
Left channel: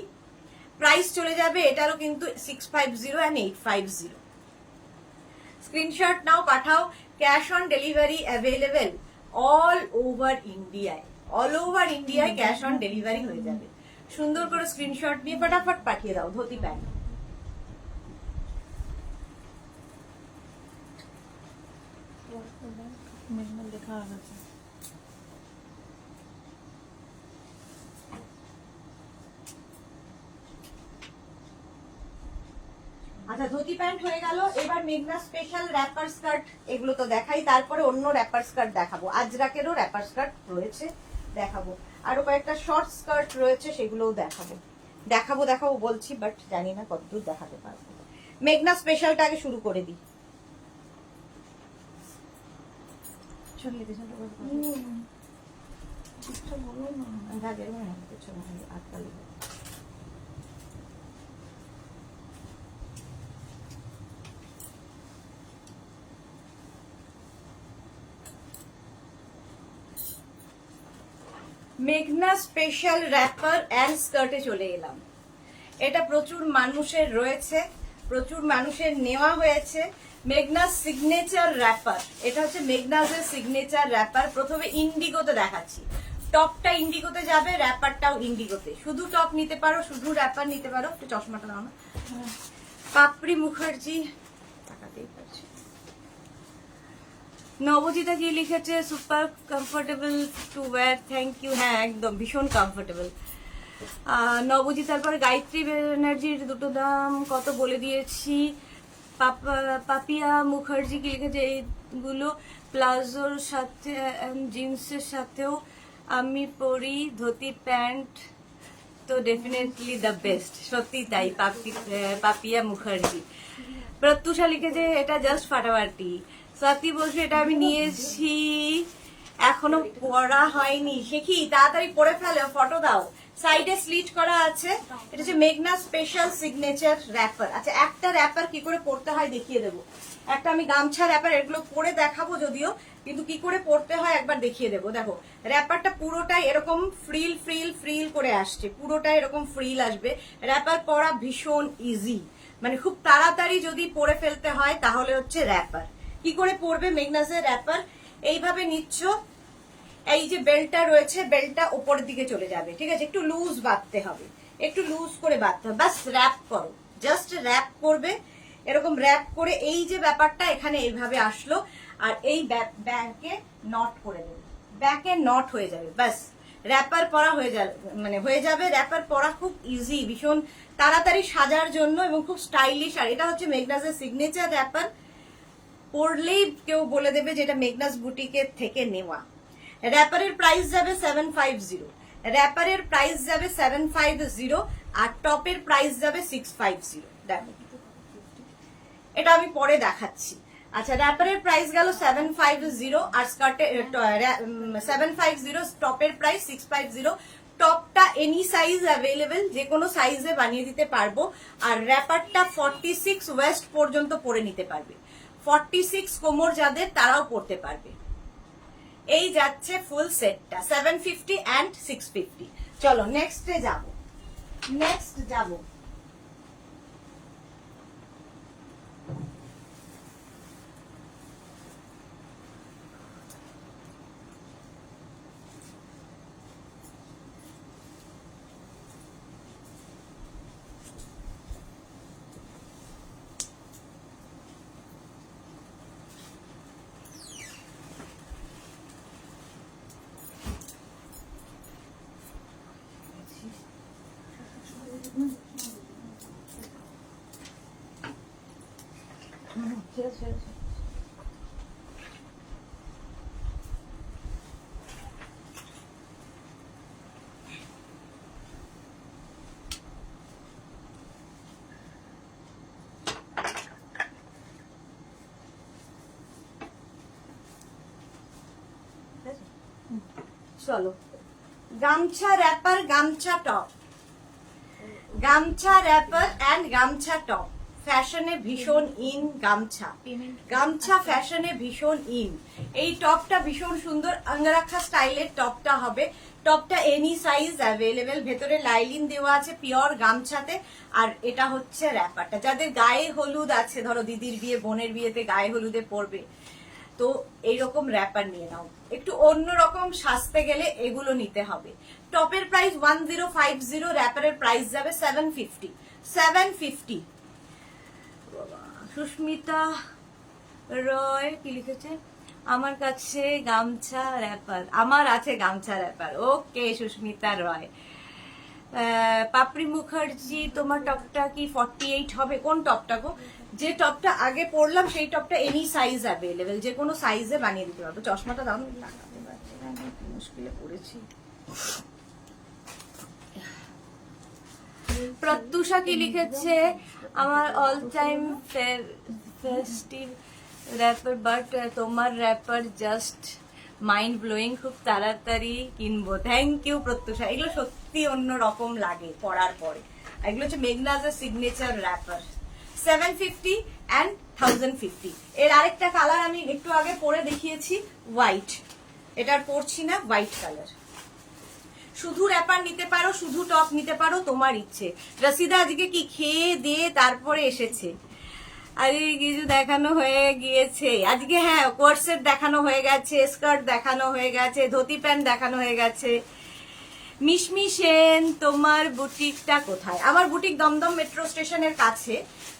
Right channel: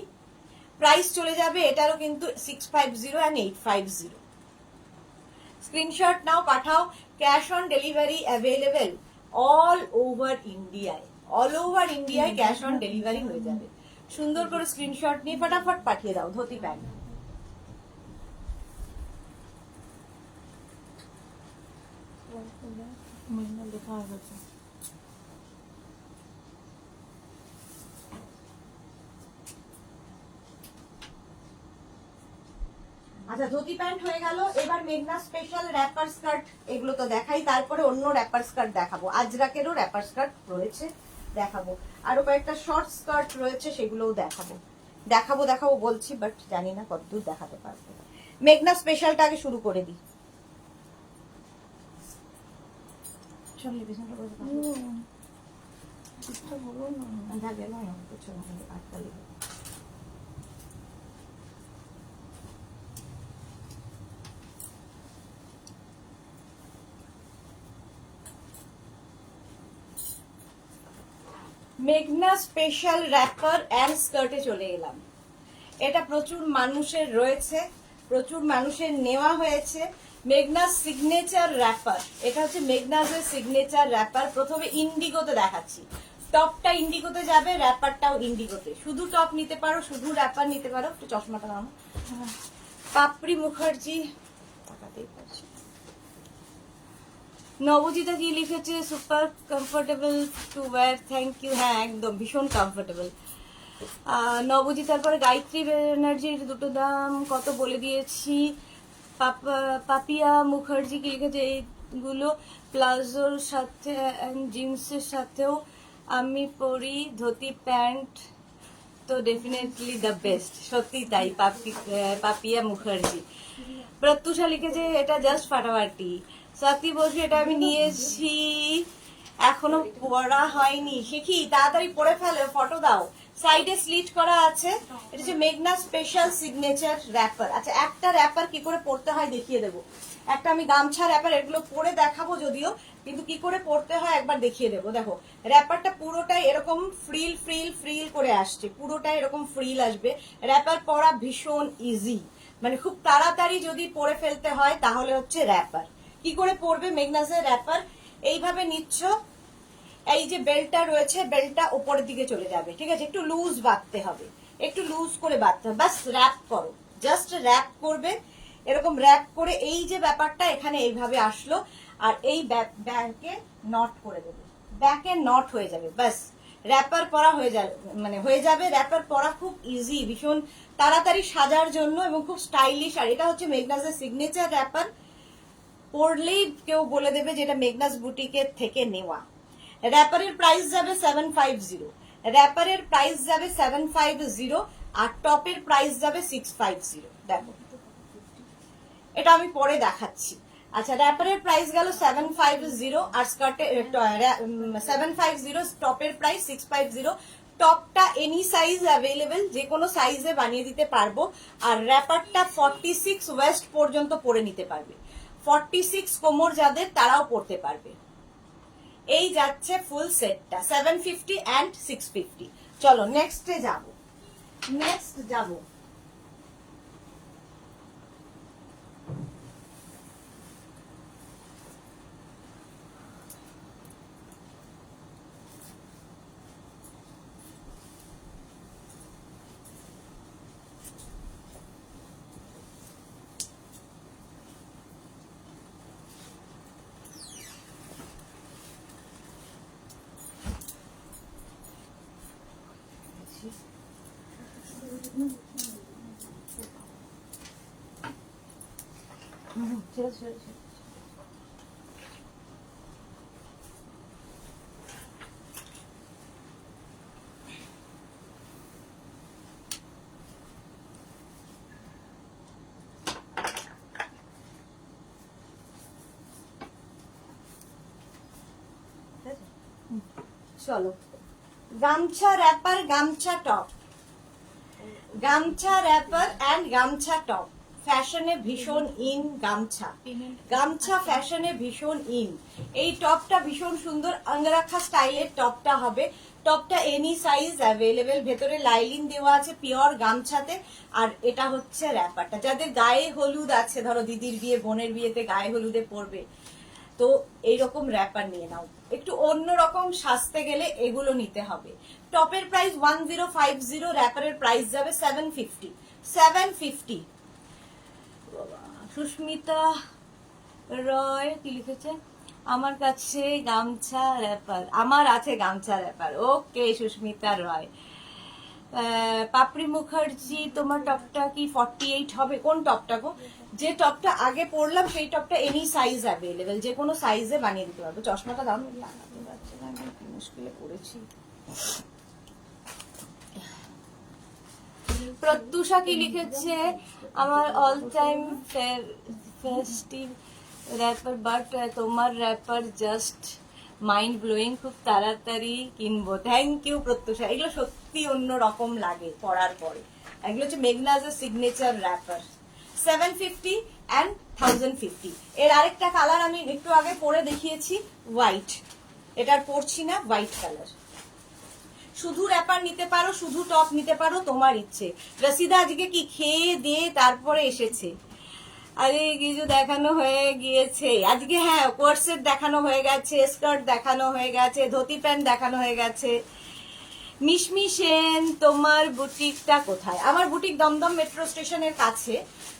প্রাইস চলে যাবে এটারও কিন্তু 650 and 850। স্ক্রিনশট নাও, পাঠাও। Cash on delivery available all over ইন্ডিয়ায় ক্যাশ অন ডেলিভারি হয়ে যাবে। সুন্দর করে স্ক্রিনশট নিয়ে ফটাফট পাঠিয়ে দাও ধুতি প্যান্ট। মেঘনা লেখা হয়ে গেছে। আচ্ছা, ধুতি প্যান্ট হয়ে গেল। এবার মেঘনা স্পেশাল র্যাপার স্কার্ট, এগুলো তো দেখাই, তারপরে অন্য র্যাপার স্কার্ট দেখাবো। আজরাকেরও র্যাপার স্কার্ট রয়েছে, দেখাবো। আরো কয়েকটা শর্ট স্কার্ট রয়েছে, সেগুলোও দেখাবো দেখাবো বলছি, বাট জানি না কতদূর দেখাতে পারবো। মেঘনা স্পেশালটা আগে শুরু করে দিই। চল লিখেশনটা করে ঠিকঠাক বলো না। ভাগে নয়, কিছু না, আটটা লিখে। মেঘনা স্পেশাল র্যাপার অ্যান্ড স্কার্টে চলে এলাম। এটা প্রচুর মানুষের রয়েছে, প্রচুর মানুষের নেওয়া হয়েছে। মেঘনা সিগনেচার র্যাপার, এটা হচ্ছে মেঘনাজের সিগনেচার র্যাপার। প্রথমে ইন্ডিগোতে দেখাচ্ছি। টপটা ইন্ডিগোতে যাবে, র্যাপারটাও ইন্ডিগোতে। শুধু টপ নিতে পারো, শুধু র্যাপার নিতে পারো। একটু চশমাটা দাও না। পাপড়ি মুখার্জি, তাকাতেই পারছি। নবজিতা কি লিখেছে, super comfortable to wear, thank you. হ্যাঁ একদম ভীষণ কমফোর্টেবল। নবজিতার পরে গায়ত্রী ব্যানার্জির দুটো দাম কত বলে দিয়েছি। পাপিয়া মুখার্জি কি লিখেছে, এইগুলো প্লাজোর সাথে জিন্সের সাথেও আমি পরি, ধুতি প্যান্ট তো ডেফিনেটলি দ্য বেস্ট। সত্যি তাই। পাপিয়া মুখার্জি। প্রত্যুষা লিখেছে এটা জাস্ট ফাটাফাটি। সাথী বলছে এটা আমি নিয়েছি, এখনো পড়া হয়নি। সে কি, তাড়াতাড়ি পড়ে ফেলে, ফটো দাও। সাইডে স্লিট করা আছে। এটা হচ্ছে মেঘনা স্পেশাল সিগনেচার র্যাপার। আচ্ছা, একটা র্যাপার কি করে পড়তে হয় দেখিয়ে দেবো। একটা আমি গামছা র্যাপার, এগুলো পরে দেখাবো যদিও, কিন্তু কি করে পড়তে হয় একবার দেখিয়ে দেবো। দেখো, র্যাপারটা পুরোটাই এরকম ফ্রিল ফ্রিল ফ্রিল করে আসছে, পুরোটাই এরকম ফ্রিল আসবে। র্যাপার পরা ভীষণ ইজি, মানে খুব তাড়াতাড়ি যদি পরে ফেলতে হয় তাহলে হচ্ছে র্যাপার। কি করে পরবে মেঘনাজের র্যাপার, এইভাবে নিচ্ছ, এই যে বেল্টটা রয়েছে, বেল্টটা উপরের দিকে চলে যাবে, ঠিক আছে। একটু লুজ বাঁধতে হবে, একটু লুজ করে বাঁধতে হবে, বাস র্যাপ করো, জাস্ট র্যাপ করবে। এরকম র্যাপ করে এই যে ব্যাপারটা এখানে এইভাবে আসলো, আর এই ব্যাকে নট করে দেবে, ব্যাকে নট হয়ে যাবে, বাস র্যাপার পরা হয়ে যাবে, মানে হয়ে যাবে। র্যাপার পরা খুব ইজি, ভীষণ তাড়াতাড়ি সাজার জন্য এবং খুব স্টাইলিশ। আর এটা হচ্ছে মেঘনাজের সিগনেচার র্যাপার। পরলেই কেউ বলে দেবে যে এটা মেঘনাস বুটিকের থেকে নেওয়া। র্যাপারের প্রাইস যাবে 750, র্যাপারের প্রাইস যাবে 750, আর টপের প্রাইস যাবে 650। দেখো, এটা আমি পরে দেখাচ্ছি। আচ্ছা, র্যাপারের প্রাইস গেল 750 আর স্কার্টে 750, টপের প্রাইস 650। টপটা এনি সাইজ অ্যাভেলেবেল, যে কোনো সাইজে বানিয়ে দিতে পারবো। আর র্যাপারটা 46 ওয়েস্ট পর্যন্ত পরে নিতে পারবে, 46 কোমর যাদের তারাও পড়তে পারবে। এই যাচ্ছে ফুল সেটটা 750 অ্যান্ড 650। চলো নেক্সটে যাব, নেক্সট যাব। চলো, গামছা র্যাপার, গামছা টপ, গামছা র্যাপার অ্যান্ড গামছা টপ ফ্যাশনে ভীষণ ইন। গামছা, গামছা ফ্যাশনে ভীষণ ইন। এই টপটা ভীষণ সুন্দর, আঙ্গারাখা স্টাইলের টপটা হবে। টপটা এনি সাইজ অ্যাভেলেবেল, ভেতরে লাইলিন দেওয়া আছে পিওর গামছাতে। আর এটা হচ্ছে র্যাপারটা, যাদের গায়ে হলুদ আছে, ধরো দিদির বিয়ে, বোনের বিয়েতে গায়ে হলুদে পরবে, তো এইরকম র্যাপার নিয়ে নাও। একটু অন্যরকম সাজতে গেলে এগুলো নিতে হবে। টপের প্রাইস 1050, র্যাপারের প্রাইস যাবে 750। 750। সুস্মিতা রয় কি লিখেছে, আমার কাছে গামছা র্যাপার, আমার আছে গামছা র্যাপার। ওকে সুস্মিতা রয়। পাপড়ি মুখার্জি, তোমার টপটা কি 48 হবে? কোন টপটা গো? যে টপটা আগে পরলাম সেই টপটা এনি সাইজ অ্যাভেলেবেল, যে কোনো সাইজে বানিয়ে দিতে পারবো। চশমাটা দাম লাগাতে যাচ্ছে না, আমি কি মুশকিলে পড়েছি। প্রত্যুষা কি লিখেছে? আমার all time festive wrapper, but তোমার র্যাপার জাস্ট মাইন্ড ব্লোয়িং, খুব তাড়াতাড়ি কিনবো। থ্যাংক ইউ প্রত্যুষা, এগুলো সত্যি অন্য রকম লাগে পরার পরে। এগুলো হচ্ছে মেঘনাজের সিগনেচার র্যাপার, 750 অ্যান্ড 1050। এর আরেকটা কালার আমি একটু আগে পরে দেখিয়েছি, হোয়াইট। এটার পরছি না, হোয়াইট কালার। শুধু র্যাপার নিতে পারো, শুধু টপ নিতে পারো, তোমার ইচ্ছে। রসিদা আজকে কি খেয়ে দিয়ে তারপরে এসেছে? আজকে কিছু দেখানো হয়ে গিয়েছে আজকে? হ্যাঁ, কোর্সেট দেখানো হয়ে গেছে, স্কার্ট দেখানো হয়ে গেছে, ধুতি প্যান্ট দেখানো হয়ে গেছে। মিশমি সেন, তোমার বুটিকটা কোথায়? আমার বুটিক দমদম মেট্রো স্টেশনের কাছে।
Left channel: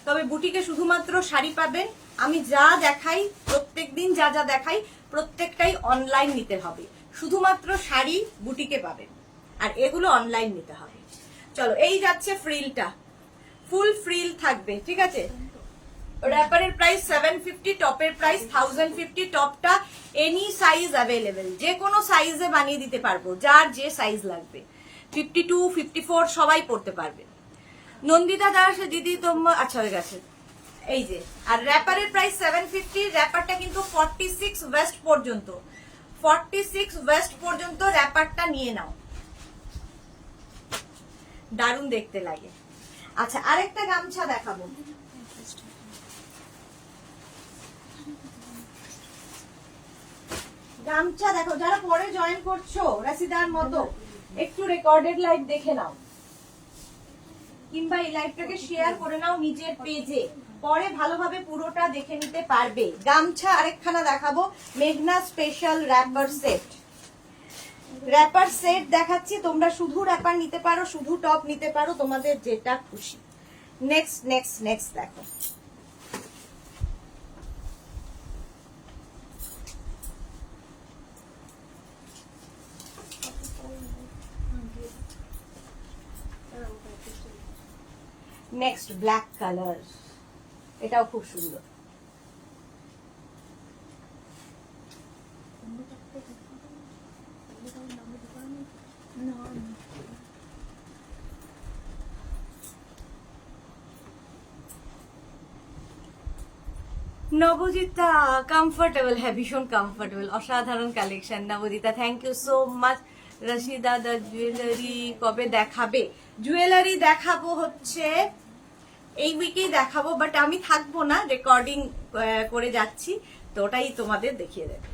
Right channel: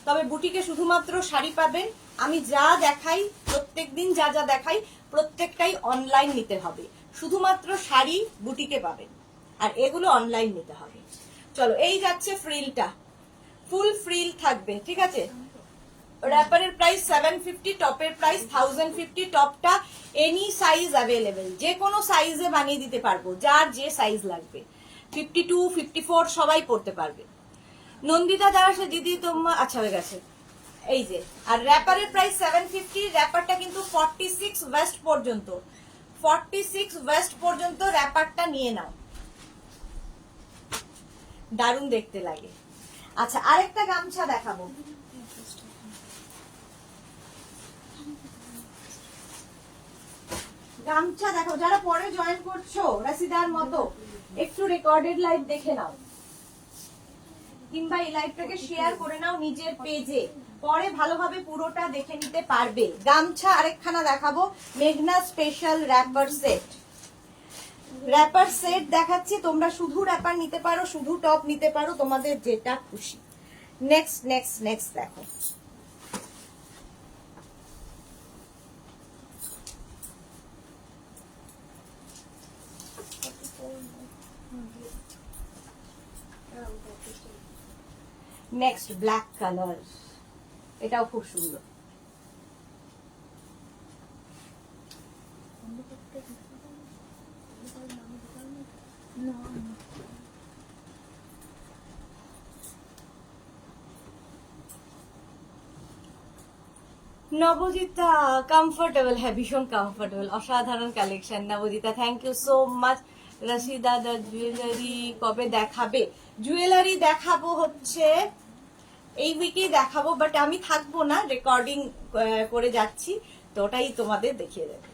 তবে বুটিকে শুধুমাত্র শাড়ি পাবেন। আমি যা দেখাই, প্রত্যেকদিন যা যা দেখাই, প্রত্যেকটাই অনলাইন নিতে হবে। শুধুমাত্র শাড়ি বুটিকে পাবেন, আর এগুলো অনলাইন নিতে হবে। চলো, এই যাচ্ছে ফ্রিলটা, ফুল ফ্রিল থাকবে, ঠিক আছে? র্যাপারের প্রাইস 750, টপের প্রাইস 1050। টপটা এনি সাইজ অ্যাভেলেবেল, যে কোনো সাইজে বানিয়ে দিতে পারবো, যার যে সাইজ লাগবে। 52, 54 সবাই পড়তে পারবে। নন্দিতা দাস, দিদি তোমার আচ্ছা হয়ে গেছে। এই যে, আর র্যাপারের প্রাইস 750। র্যাপারটা কিন্তু 46 ওয়েস্ট পর্যন্ত, 46 ওয়েস্ট পর্যন্ত র্যাপারটা নিয়ে নাও, দারুণ দেখতে লাগে। আচ্ছা, আরেকটা গামছা দেখাবো। গামছা দেখো, যারা পরে জয়েন করছো রাশিদার মতো, একটু রেকর্ডেড লাইভ দেখে নাও, কিংবা এই লাইভটাকে শেয়ার করে নাও নিজের পেজে, পরে ভালোভাবে পুরোটা দেখে নিতে পারবে। গামছা আরেকখানা দেখাবো, মেঘনা special wrapper set. Wrapper set দেখাচ্ছি, তোমরা শুধু র্যাপার নিতে পারো, শুধু টপ নিতে পারো, তোমাদের যেটা খুশি। নেক্সট নেক্সট নেক্সট দেখো, নেক্সট ব্ল্যাক কালার, এটাও খুব সুন্দর। নবজিতা কমফোর্টেবল, হ্যাঁ ভীষণ কমফোর্টেবল, অসাধারণ collection Nabajita, thank you so much. Rashida দা জুয়েলারি কবে দেখাবে? জুয়েলারি দেখাবো হচ্ছে এই উইকেই দেখাবো, বাট আমি থাকবো না, রেকর্ডিং করে যাচ্ছি, তো ওটাই তোমাদের দেখিয়ে দেবে।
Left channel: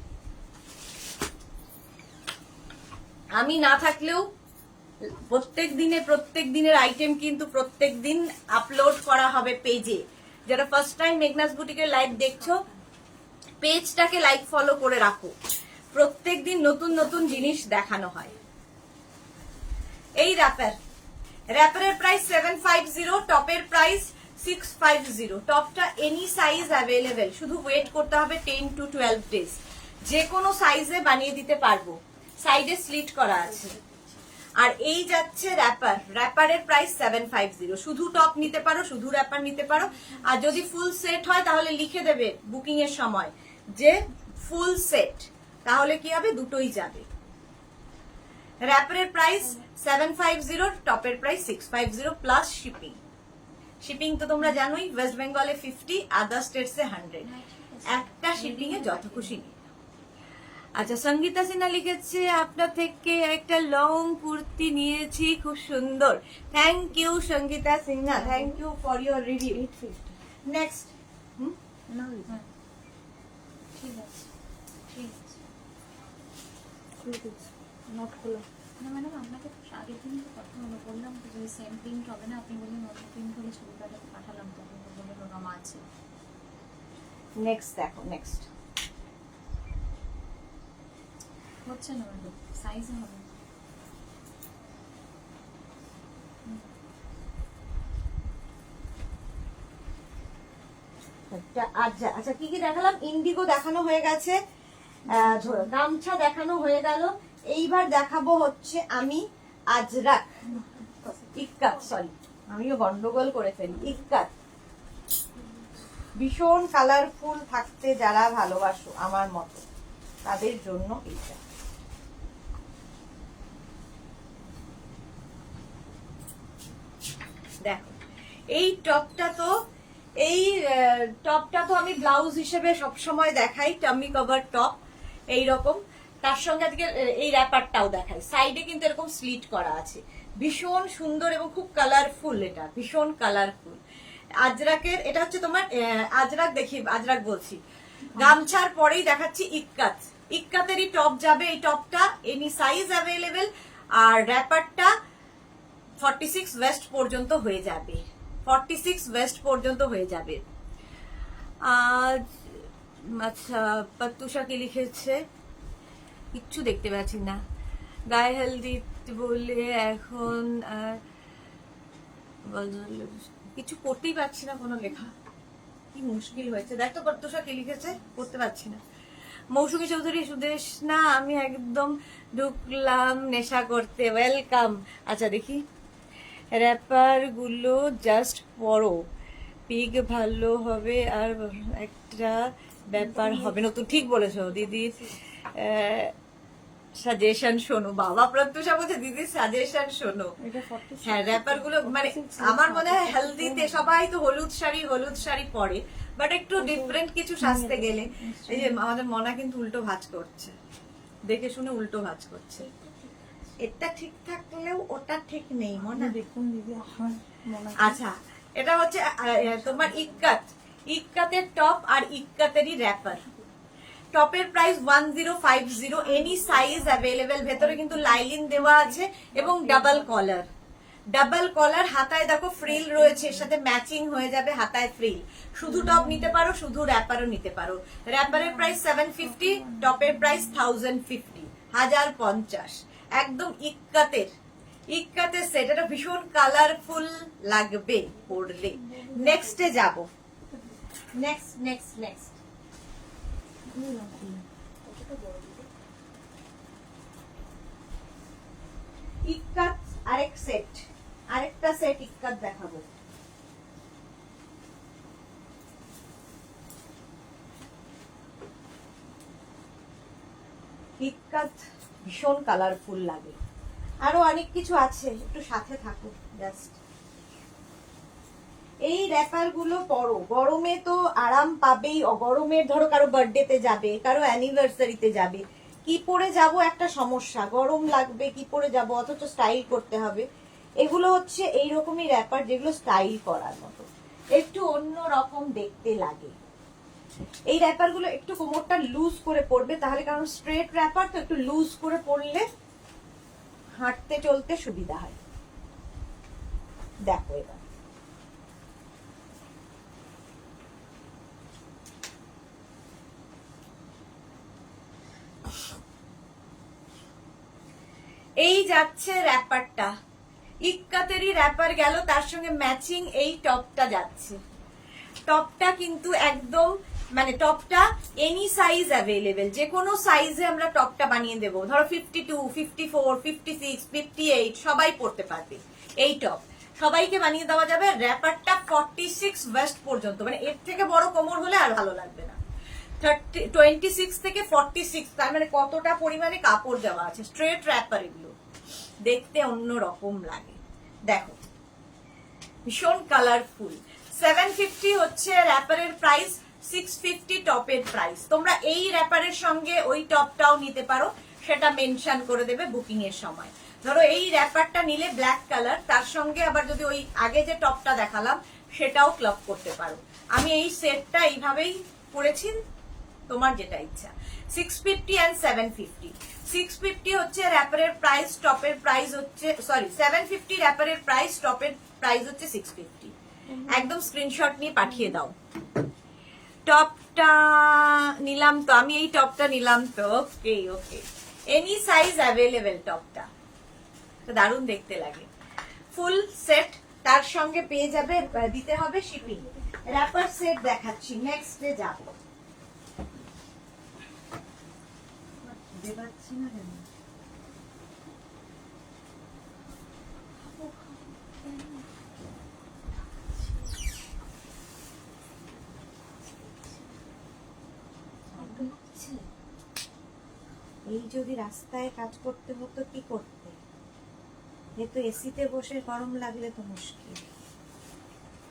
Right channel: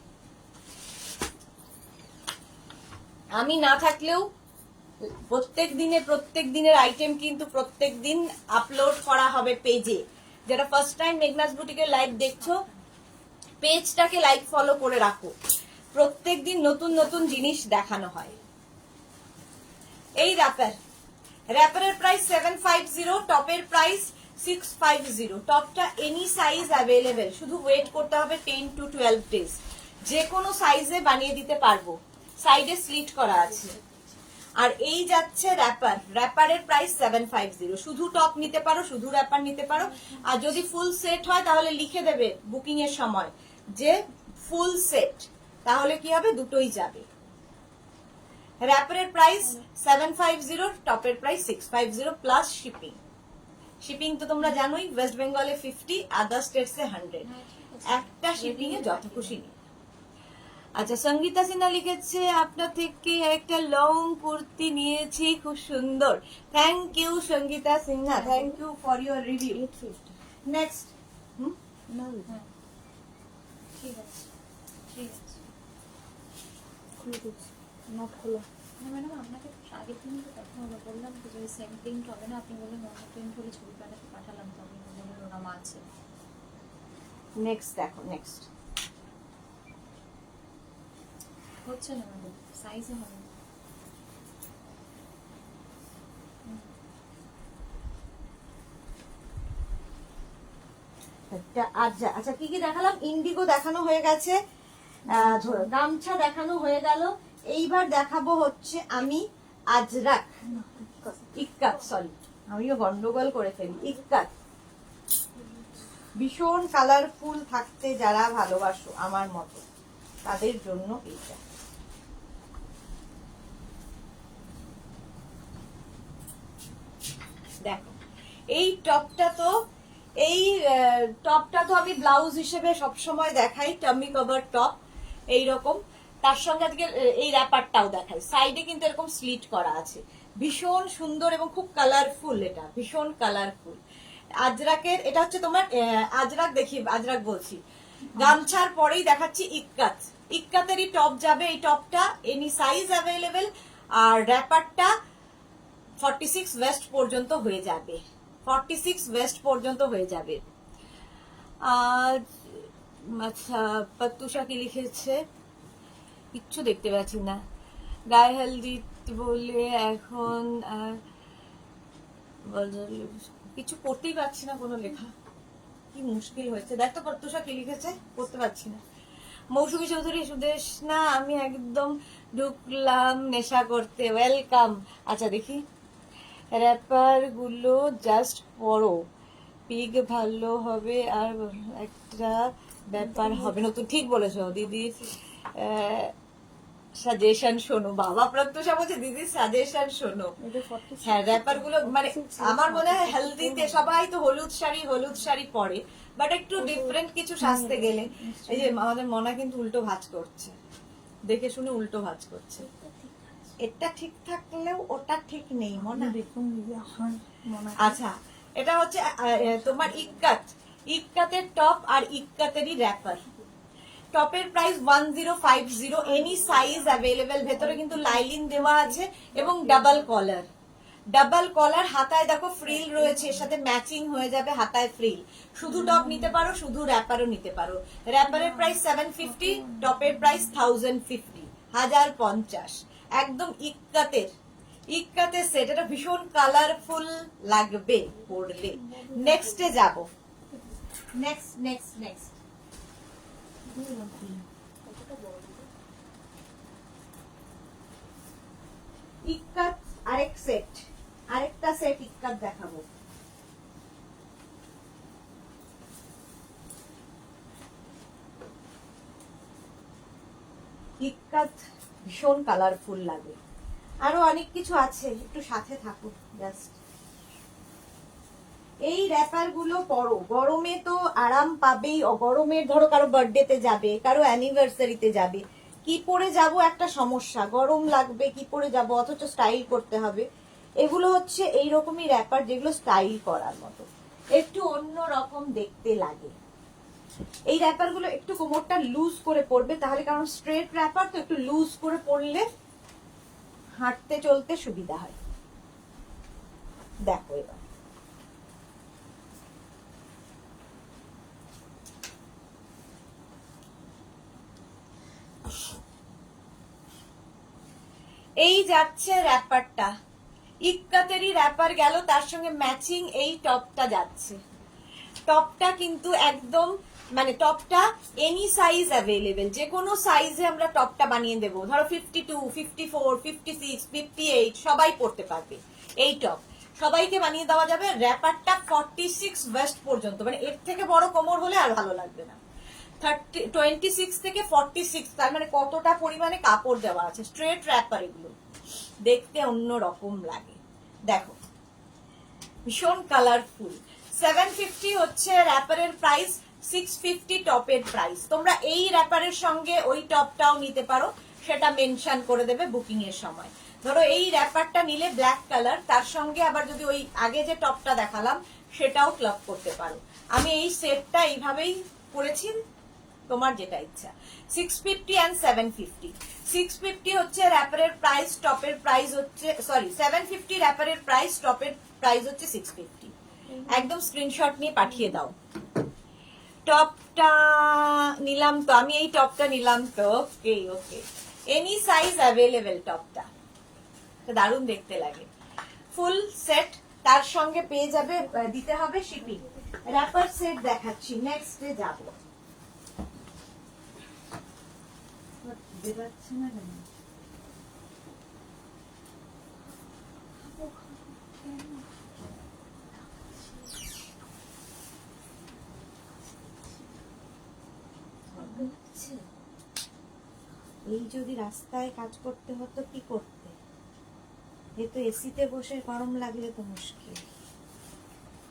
আমি না থাকলেও প্রত্যেক দিনের আইটেম কিন্তু প্রত্যেক দিন আপলোড করা হবে পেজে। যারা ফার্স্ট টাইম মেঘনাস বুটিকের লাইভ দেখছো, পেজটাকে লাইক ফলো করে রাখো, প্রত্যেকদিন নতুন নতুন জিনিস দেখানো হয়। এই র্যাপারের প্রাইস 750, টপের প্রাইস 650। টপটা এনি সাইজ অ্যাভেলেবেল, শুধু ওয়েট করতে হবে 10 to 12 ডেজ, যে কোনো সাইজে বানিয়ে দিতে পারবো, সাইডে স্লিট করা আছে। আর এই যাচ্ছে র্যাপারের প্রাইস 750। শুধু টপ নিতে পারো, শুধু র্যাপার নিতে পারো, আর যদি ফুল সেট হয় তাহলে লিখে দেবে বুকিং এর সময় যে ফুল সেট, তাহলে কি হবে, দুটোই যাবে। র্যাপারের প্রাইস 750, টপের প্রাইস 650 প্লাস শিপিং। শিপিং তো তোমরা জানোই, ওয়েস্ট বেঙ্গলে 50, আদার স্টেটসে 100। একটা শিপিং এ যত খুশি। আচ্ছা, সঙ্গীতা সিনহা লিখেছে আপনার থেকে একটা লং কুর্তি নিয়েছি, খুব সুন্দর। Thank you Sangeeta Sinha, thank you for your review. Next, ঠিক আছে, ঠিক আছে, নট খোলা না ম্যাডাম, আপনাকে আগের দিনই তো কথা হলো, বললাম তো যদি সেম প্রিন্ট হবে না, আপনি বললেন অন্য প্রিন্ট হলে ছবি পাঠালাম, তো আপনি বললেন ওরম আছে। নেক্সট দেখো, নেক্সট হচ্ছে না ম্যাডাম, সাইজে হবে না। আচ্ছা আচ্ছা, কি কি দেখালাম? ইন্ডিগো দেখানো হয়ে গেছে, গামছা দেখানো হয়ে গেল। এইবার দেখাবো হচ্ছে আমি আজরাক ইক্কাত, সরি আমিও গন্ডগোল করে ফেলি, ইক্কাত। ভীষণ কালারফুল থাকতে যারা ভালোবাসো আমার মতো তাদের জন্য এইটা। দেখো এই টপটা তো আমি ব্লাউজ হিসেবে সবসময় দেখাই, টামি কভার টপ এইরকম। তার সঙ্গে আজকে এই র্যাপারটাও দেখাই, সাইডে কিন্তু এরকম স্লিট করা আছে, ভীষণ সুন্দর এবং খুব কালারফুল, এটা ভীষণ কালারফুল। আজরাকের এটা হচ্ছে তোমার আজরাক বলছি। গামছার পরেই দেখাচ্ছি ইক্কাত, ইক্কাতেরই টপ যাবে। এই টপটা এনি সাইজ অ্যাভেলেবেল, আর র্যাপারটা 46 ওয়েস্ট পর্যন্ত হয়ে যাবে, 46 ওয়েস্ট পর্যন্ত হয়ে যাবে। আচ্ছা পাত্তুষা কি লিখেছে কিচ্ছু দেখতে পাচ্ছি না। গায়ে হলদি বলে এখন কিছু পড়তেই পারছি না, কোনো লেখা কি মুশকিল হয়েছে। দেখ তো পাত্তুষা কি লিখেছে, পড়তে পারছি না। মৌসুমী চৌধুরী সুদেশ না, আমি একদম ঢুকলাম নেশা করতে, ওয়েলকাম। আচ্ছা দেখি, র্যাপার গুলো জাস্ট পড়ো, পিক ভালো হবে আর একটা ব্যাপার হবে নতুন। ঠিক বলেছো দিদি, সাজেশন শোনো। বাবা প্রত্যুষা বলছে দিদি সাজেশন শোনো। হ্যাঁ র্যাপার গুলো মানে আমার মনে হয় হেলদিতে সবাই তো হলুদ শাড়ি পরে, বাট একটু ডিফারেন্ট কিছু সাজতে গেলে। এই যে আমাদের মনা কিন্তু উল্টো ভাঁজ করছে, দেখে শুনে উল্টো ভাঁজ করছে। এটা ঠিক থাকলেও ওটা ঠিক নেই মনে দেখুন দিদি আপনার মনে। আচ্ছা এটা হচ্ছে তোমার ইক্কাতের টপ আর ইক্কাতেরই র্যাপার। টপের প্রাইস 1050, এনি সাইজ অ্যাভেলেবেল। ভেতরে কিন্তু লাইলিং দেওয়া আছে এবং ডাবল কলার। হাতায় দেখো ফ্রিল রয়েছে, এর সাথে ম্যাচিং হয়ে যাবে হাতায় ফ্রিল। শুধু টপ নিতে পারো, শুধু র্যাপারও নিতে পারো। র্যাপারের প্রাইস 750, টপের প্রাইস 1050, 1050। একদম ইক্কাতের সেট, এটা ভীষণ কালারফুল লাগবে পরলে। নেক্সটে যাব, নেক্সট ইক্কাত আরেকটা সেট ইক্কাত দেখাবো। ইক্কাত ভীষণ কালারফুল লাগে, আরো অনেক কিছু আছে, একটু সাথে থাকুন জাস্ট। এই র্যাপার গুলো পরো, গরমে তো আরাম পাবেই। গরমের ধরো কারো বার্থডেতে যাবে, কারো অ্যানিভার্সারিতে যাবে, কি পরে যাব একটা সমস্যা, গরম লাগবে কি পরে যাব, অথচ স্টাইল করতে হবে। এগুলো হচ্ছে এইরকমই র্যাপার যেগুলো স্টাইল করার মতো, একটু অন্য রকম দেখতে লাগে। এই র্যাপার গুলো একটু কোমরটা লুজ করে পরবে তাহলে, কারণ স্ট্রেট র্যাপার তো একটু লুজ করে পরলে হাঁটতে চলতে সুবিধা হয়। দেখো এবার এই যাচ্ছে র্যাপারটা, ইক্কাতেরই র্যাপার গেল, তার সঙ্গে ম্যাচিং এই টপটা যাচ্ছে। টপটা কিন্তু একদম মানে টপটা এনি সাইজ অ্যাভেলেবেল, যে কোনো সাইজে আমরা টপটা বানিয়ে দেবো। ধরো 52, 54, 56, 58 সবাই পরতে পারবে। এই টপ সবাইকে বানিয়ে দেওয়া যাবে। র্যাপারটা 46 ওয়েস্ট পর্যন্ত, মানে এর থেকে বড় কোমর হলে আর ভালো লাগবে না। 26 থেকে 46, তার মানে কতটা পরিমাণে কাপড় দেওয়া আছে। স্ট্রেট র্যাপার, এগুলো দেখতে অন্য রকম লাগে। দেখো ভীষণ কালারফুল। 750 হচ্ছে র্যাপারের প্রাইস, 650 টপের প্রাইস। তোমরা এই র্যাপারের সঙ্গে ওই টপটাও নিতে পারো, সেটা মেনশন করে দেবে বুকিং এর সময়। ধরো এই র্যাপারটা নিলে ব্ল্যাক কালার, তার সঙ্গে আবার যদি ওই আগে যে টপটা দেখালাম সেটাও ক্লাব করতে পারো। আমি এই সেটটা এইভাবেই পরেছি, তোমার যেটা ইচ্ছা। 650 and 750। 650 হচ্ছে র্যাপারের প্রাইস, টপের প্রাইস হচ্ছে 750 র্যাপারের প্রাইস, টপের প্রাইস হচ্ছে 650। একদম স্ক্রিনশট নিয়ে পাঠিয়ে দাও। টপটা নিলাম তো আমি, এই টপটা নিলাম তো, ওকে ওকে। এনি সাইজ অ্যাভেলেবেল, টপটা দারুণ দেখতে লাগে। ফুল সেট তার সঙ্গে পেয়ে যাবে, দিতে হবে শিপিং। র্যাপার সেট দেখাচ্ছি, নেক্সটে যাব। বুঝতে পারছি না কেন। এই যদি রাস্তায় কাজ করতে হতো কি করতে? এ তো এসিতে বসে গরম লাগলে তো মুশকিল।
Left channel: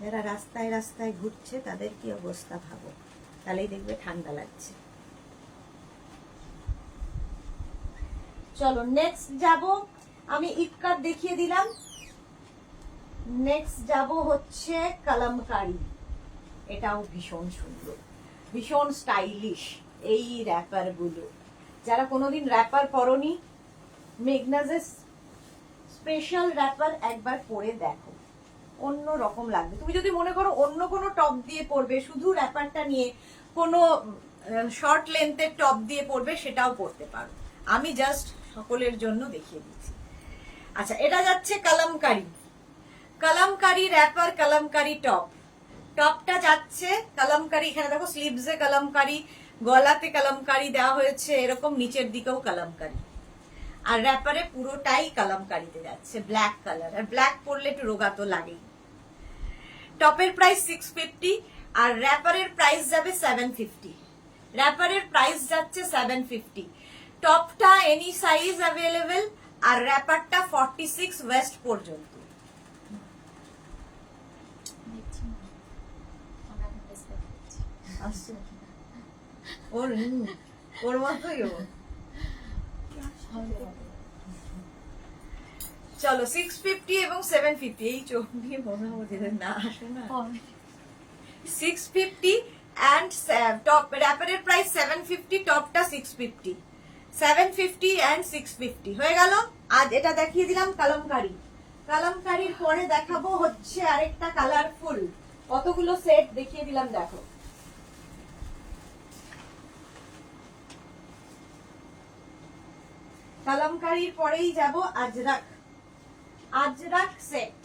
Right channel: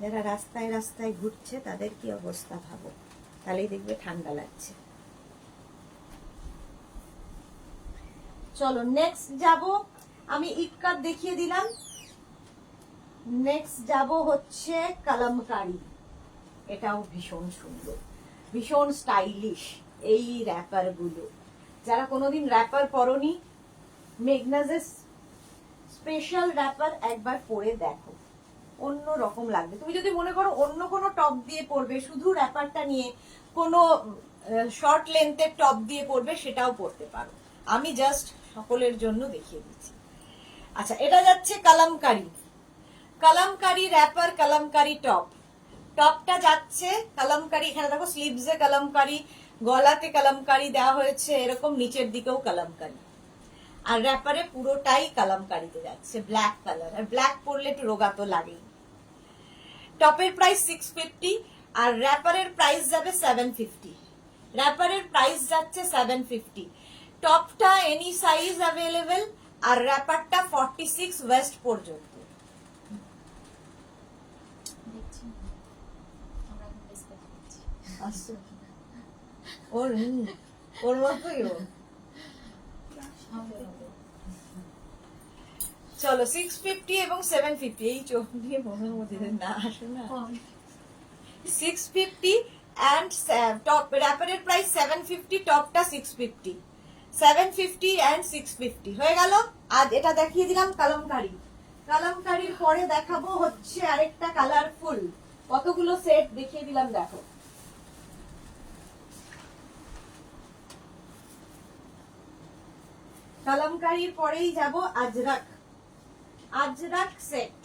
যারা রাস্তায় রাস্তায় ঘুরছে তাদের কি অবস্থা ভাবো, তাহলেই দেখবে ঠান্ডা লাগছে। চলো নেক্সট যাব, আমি ইক্কাত দেখিয়ে দিলাম। নেক্সট যাব হচ্ছে কালামকারী। এটাও ভীষণ সুন্দর, ভীষণ স্টাইলিশ। এই র্যাপার গুলো যারা কোনোদিন র্যাপার পরনি, মেগনাসের স্পেশাল র্যাপার একবার পরে দেখো, অন্য রকম লাগবে। তুমি যদি মনে করো অন্য কোনো টপ দিয়ে পরবে, শুধু র্যাপারটা নিয়ে কোনো শর্ট লেন্থের টপ দিয়ে পরবে, সেটাও পরতে পারো। আমি জাস্ট সকলের জন্য দেখিয়ে দিচ্ছি। আচ্ছা, এটা যাচ্ছে কালামকারী। Kalamkari wrapper, Kalamkari top. টপটা যাচ্ছে কালামকারী, এখানে দেখো স্লিভসে কালামকারী, গলাতে কালামকারী দেওয়া হয়েছে, এরকম নিচের দিকেও কালামকারী। আর র্যাপারে পুরোটাই কালামকারীতে যাচ্ছে, ব্ল্যাক কালার। আর ব্ল্যাক পরলে একটু রোগা তো লাগেই। টপের প্রাইস 650 আর র্যাপারের প্রাইস যাবে 750। র্যাপারের প্রাইস যাচ্ছে 750। টপটা এনি সাইজ অ্যাভেলেবেল আর র্যাপারটা 46 ওয়েস্ট পর্যন্ত। ওর মতোই ও। চলো 650 এবং 750, এই চোখ দিয়ে মনে হচ্ছে না আসো না। 650 and টপ র্যাপারের প্রাইস 750, টপটা 650। 750 and 650 হয়ে গেল। আজ এটা দেখিয়ে দিলাম কালামকারী। কালামকারীর পরে দেখাবো হচ্ছে আরেকটা কালারফুল। কতগুলো সেট দেখিয়ে দিলাম দেখো। কালামকারীর পরেই যাব Ajrak. Ajrak set.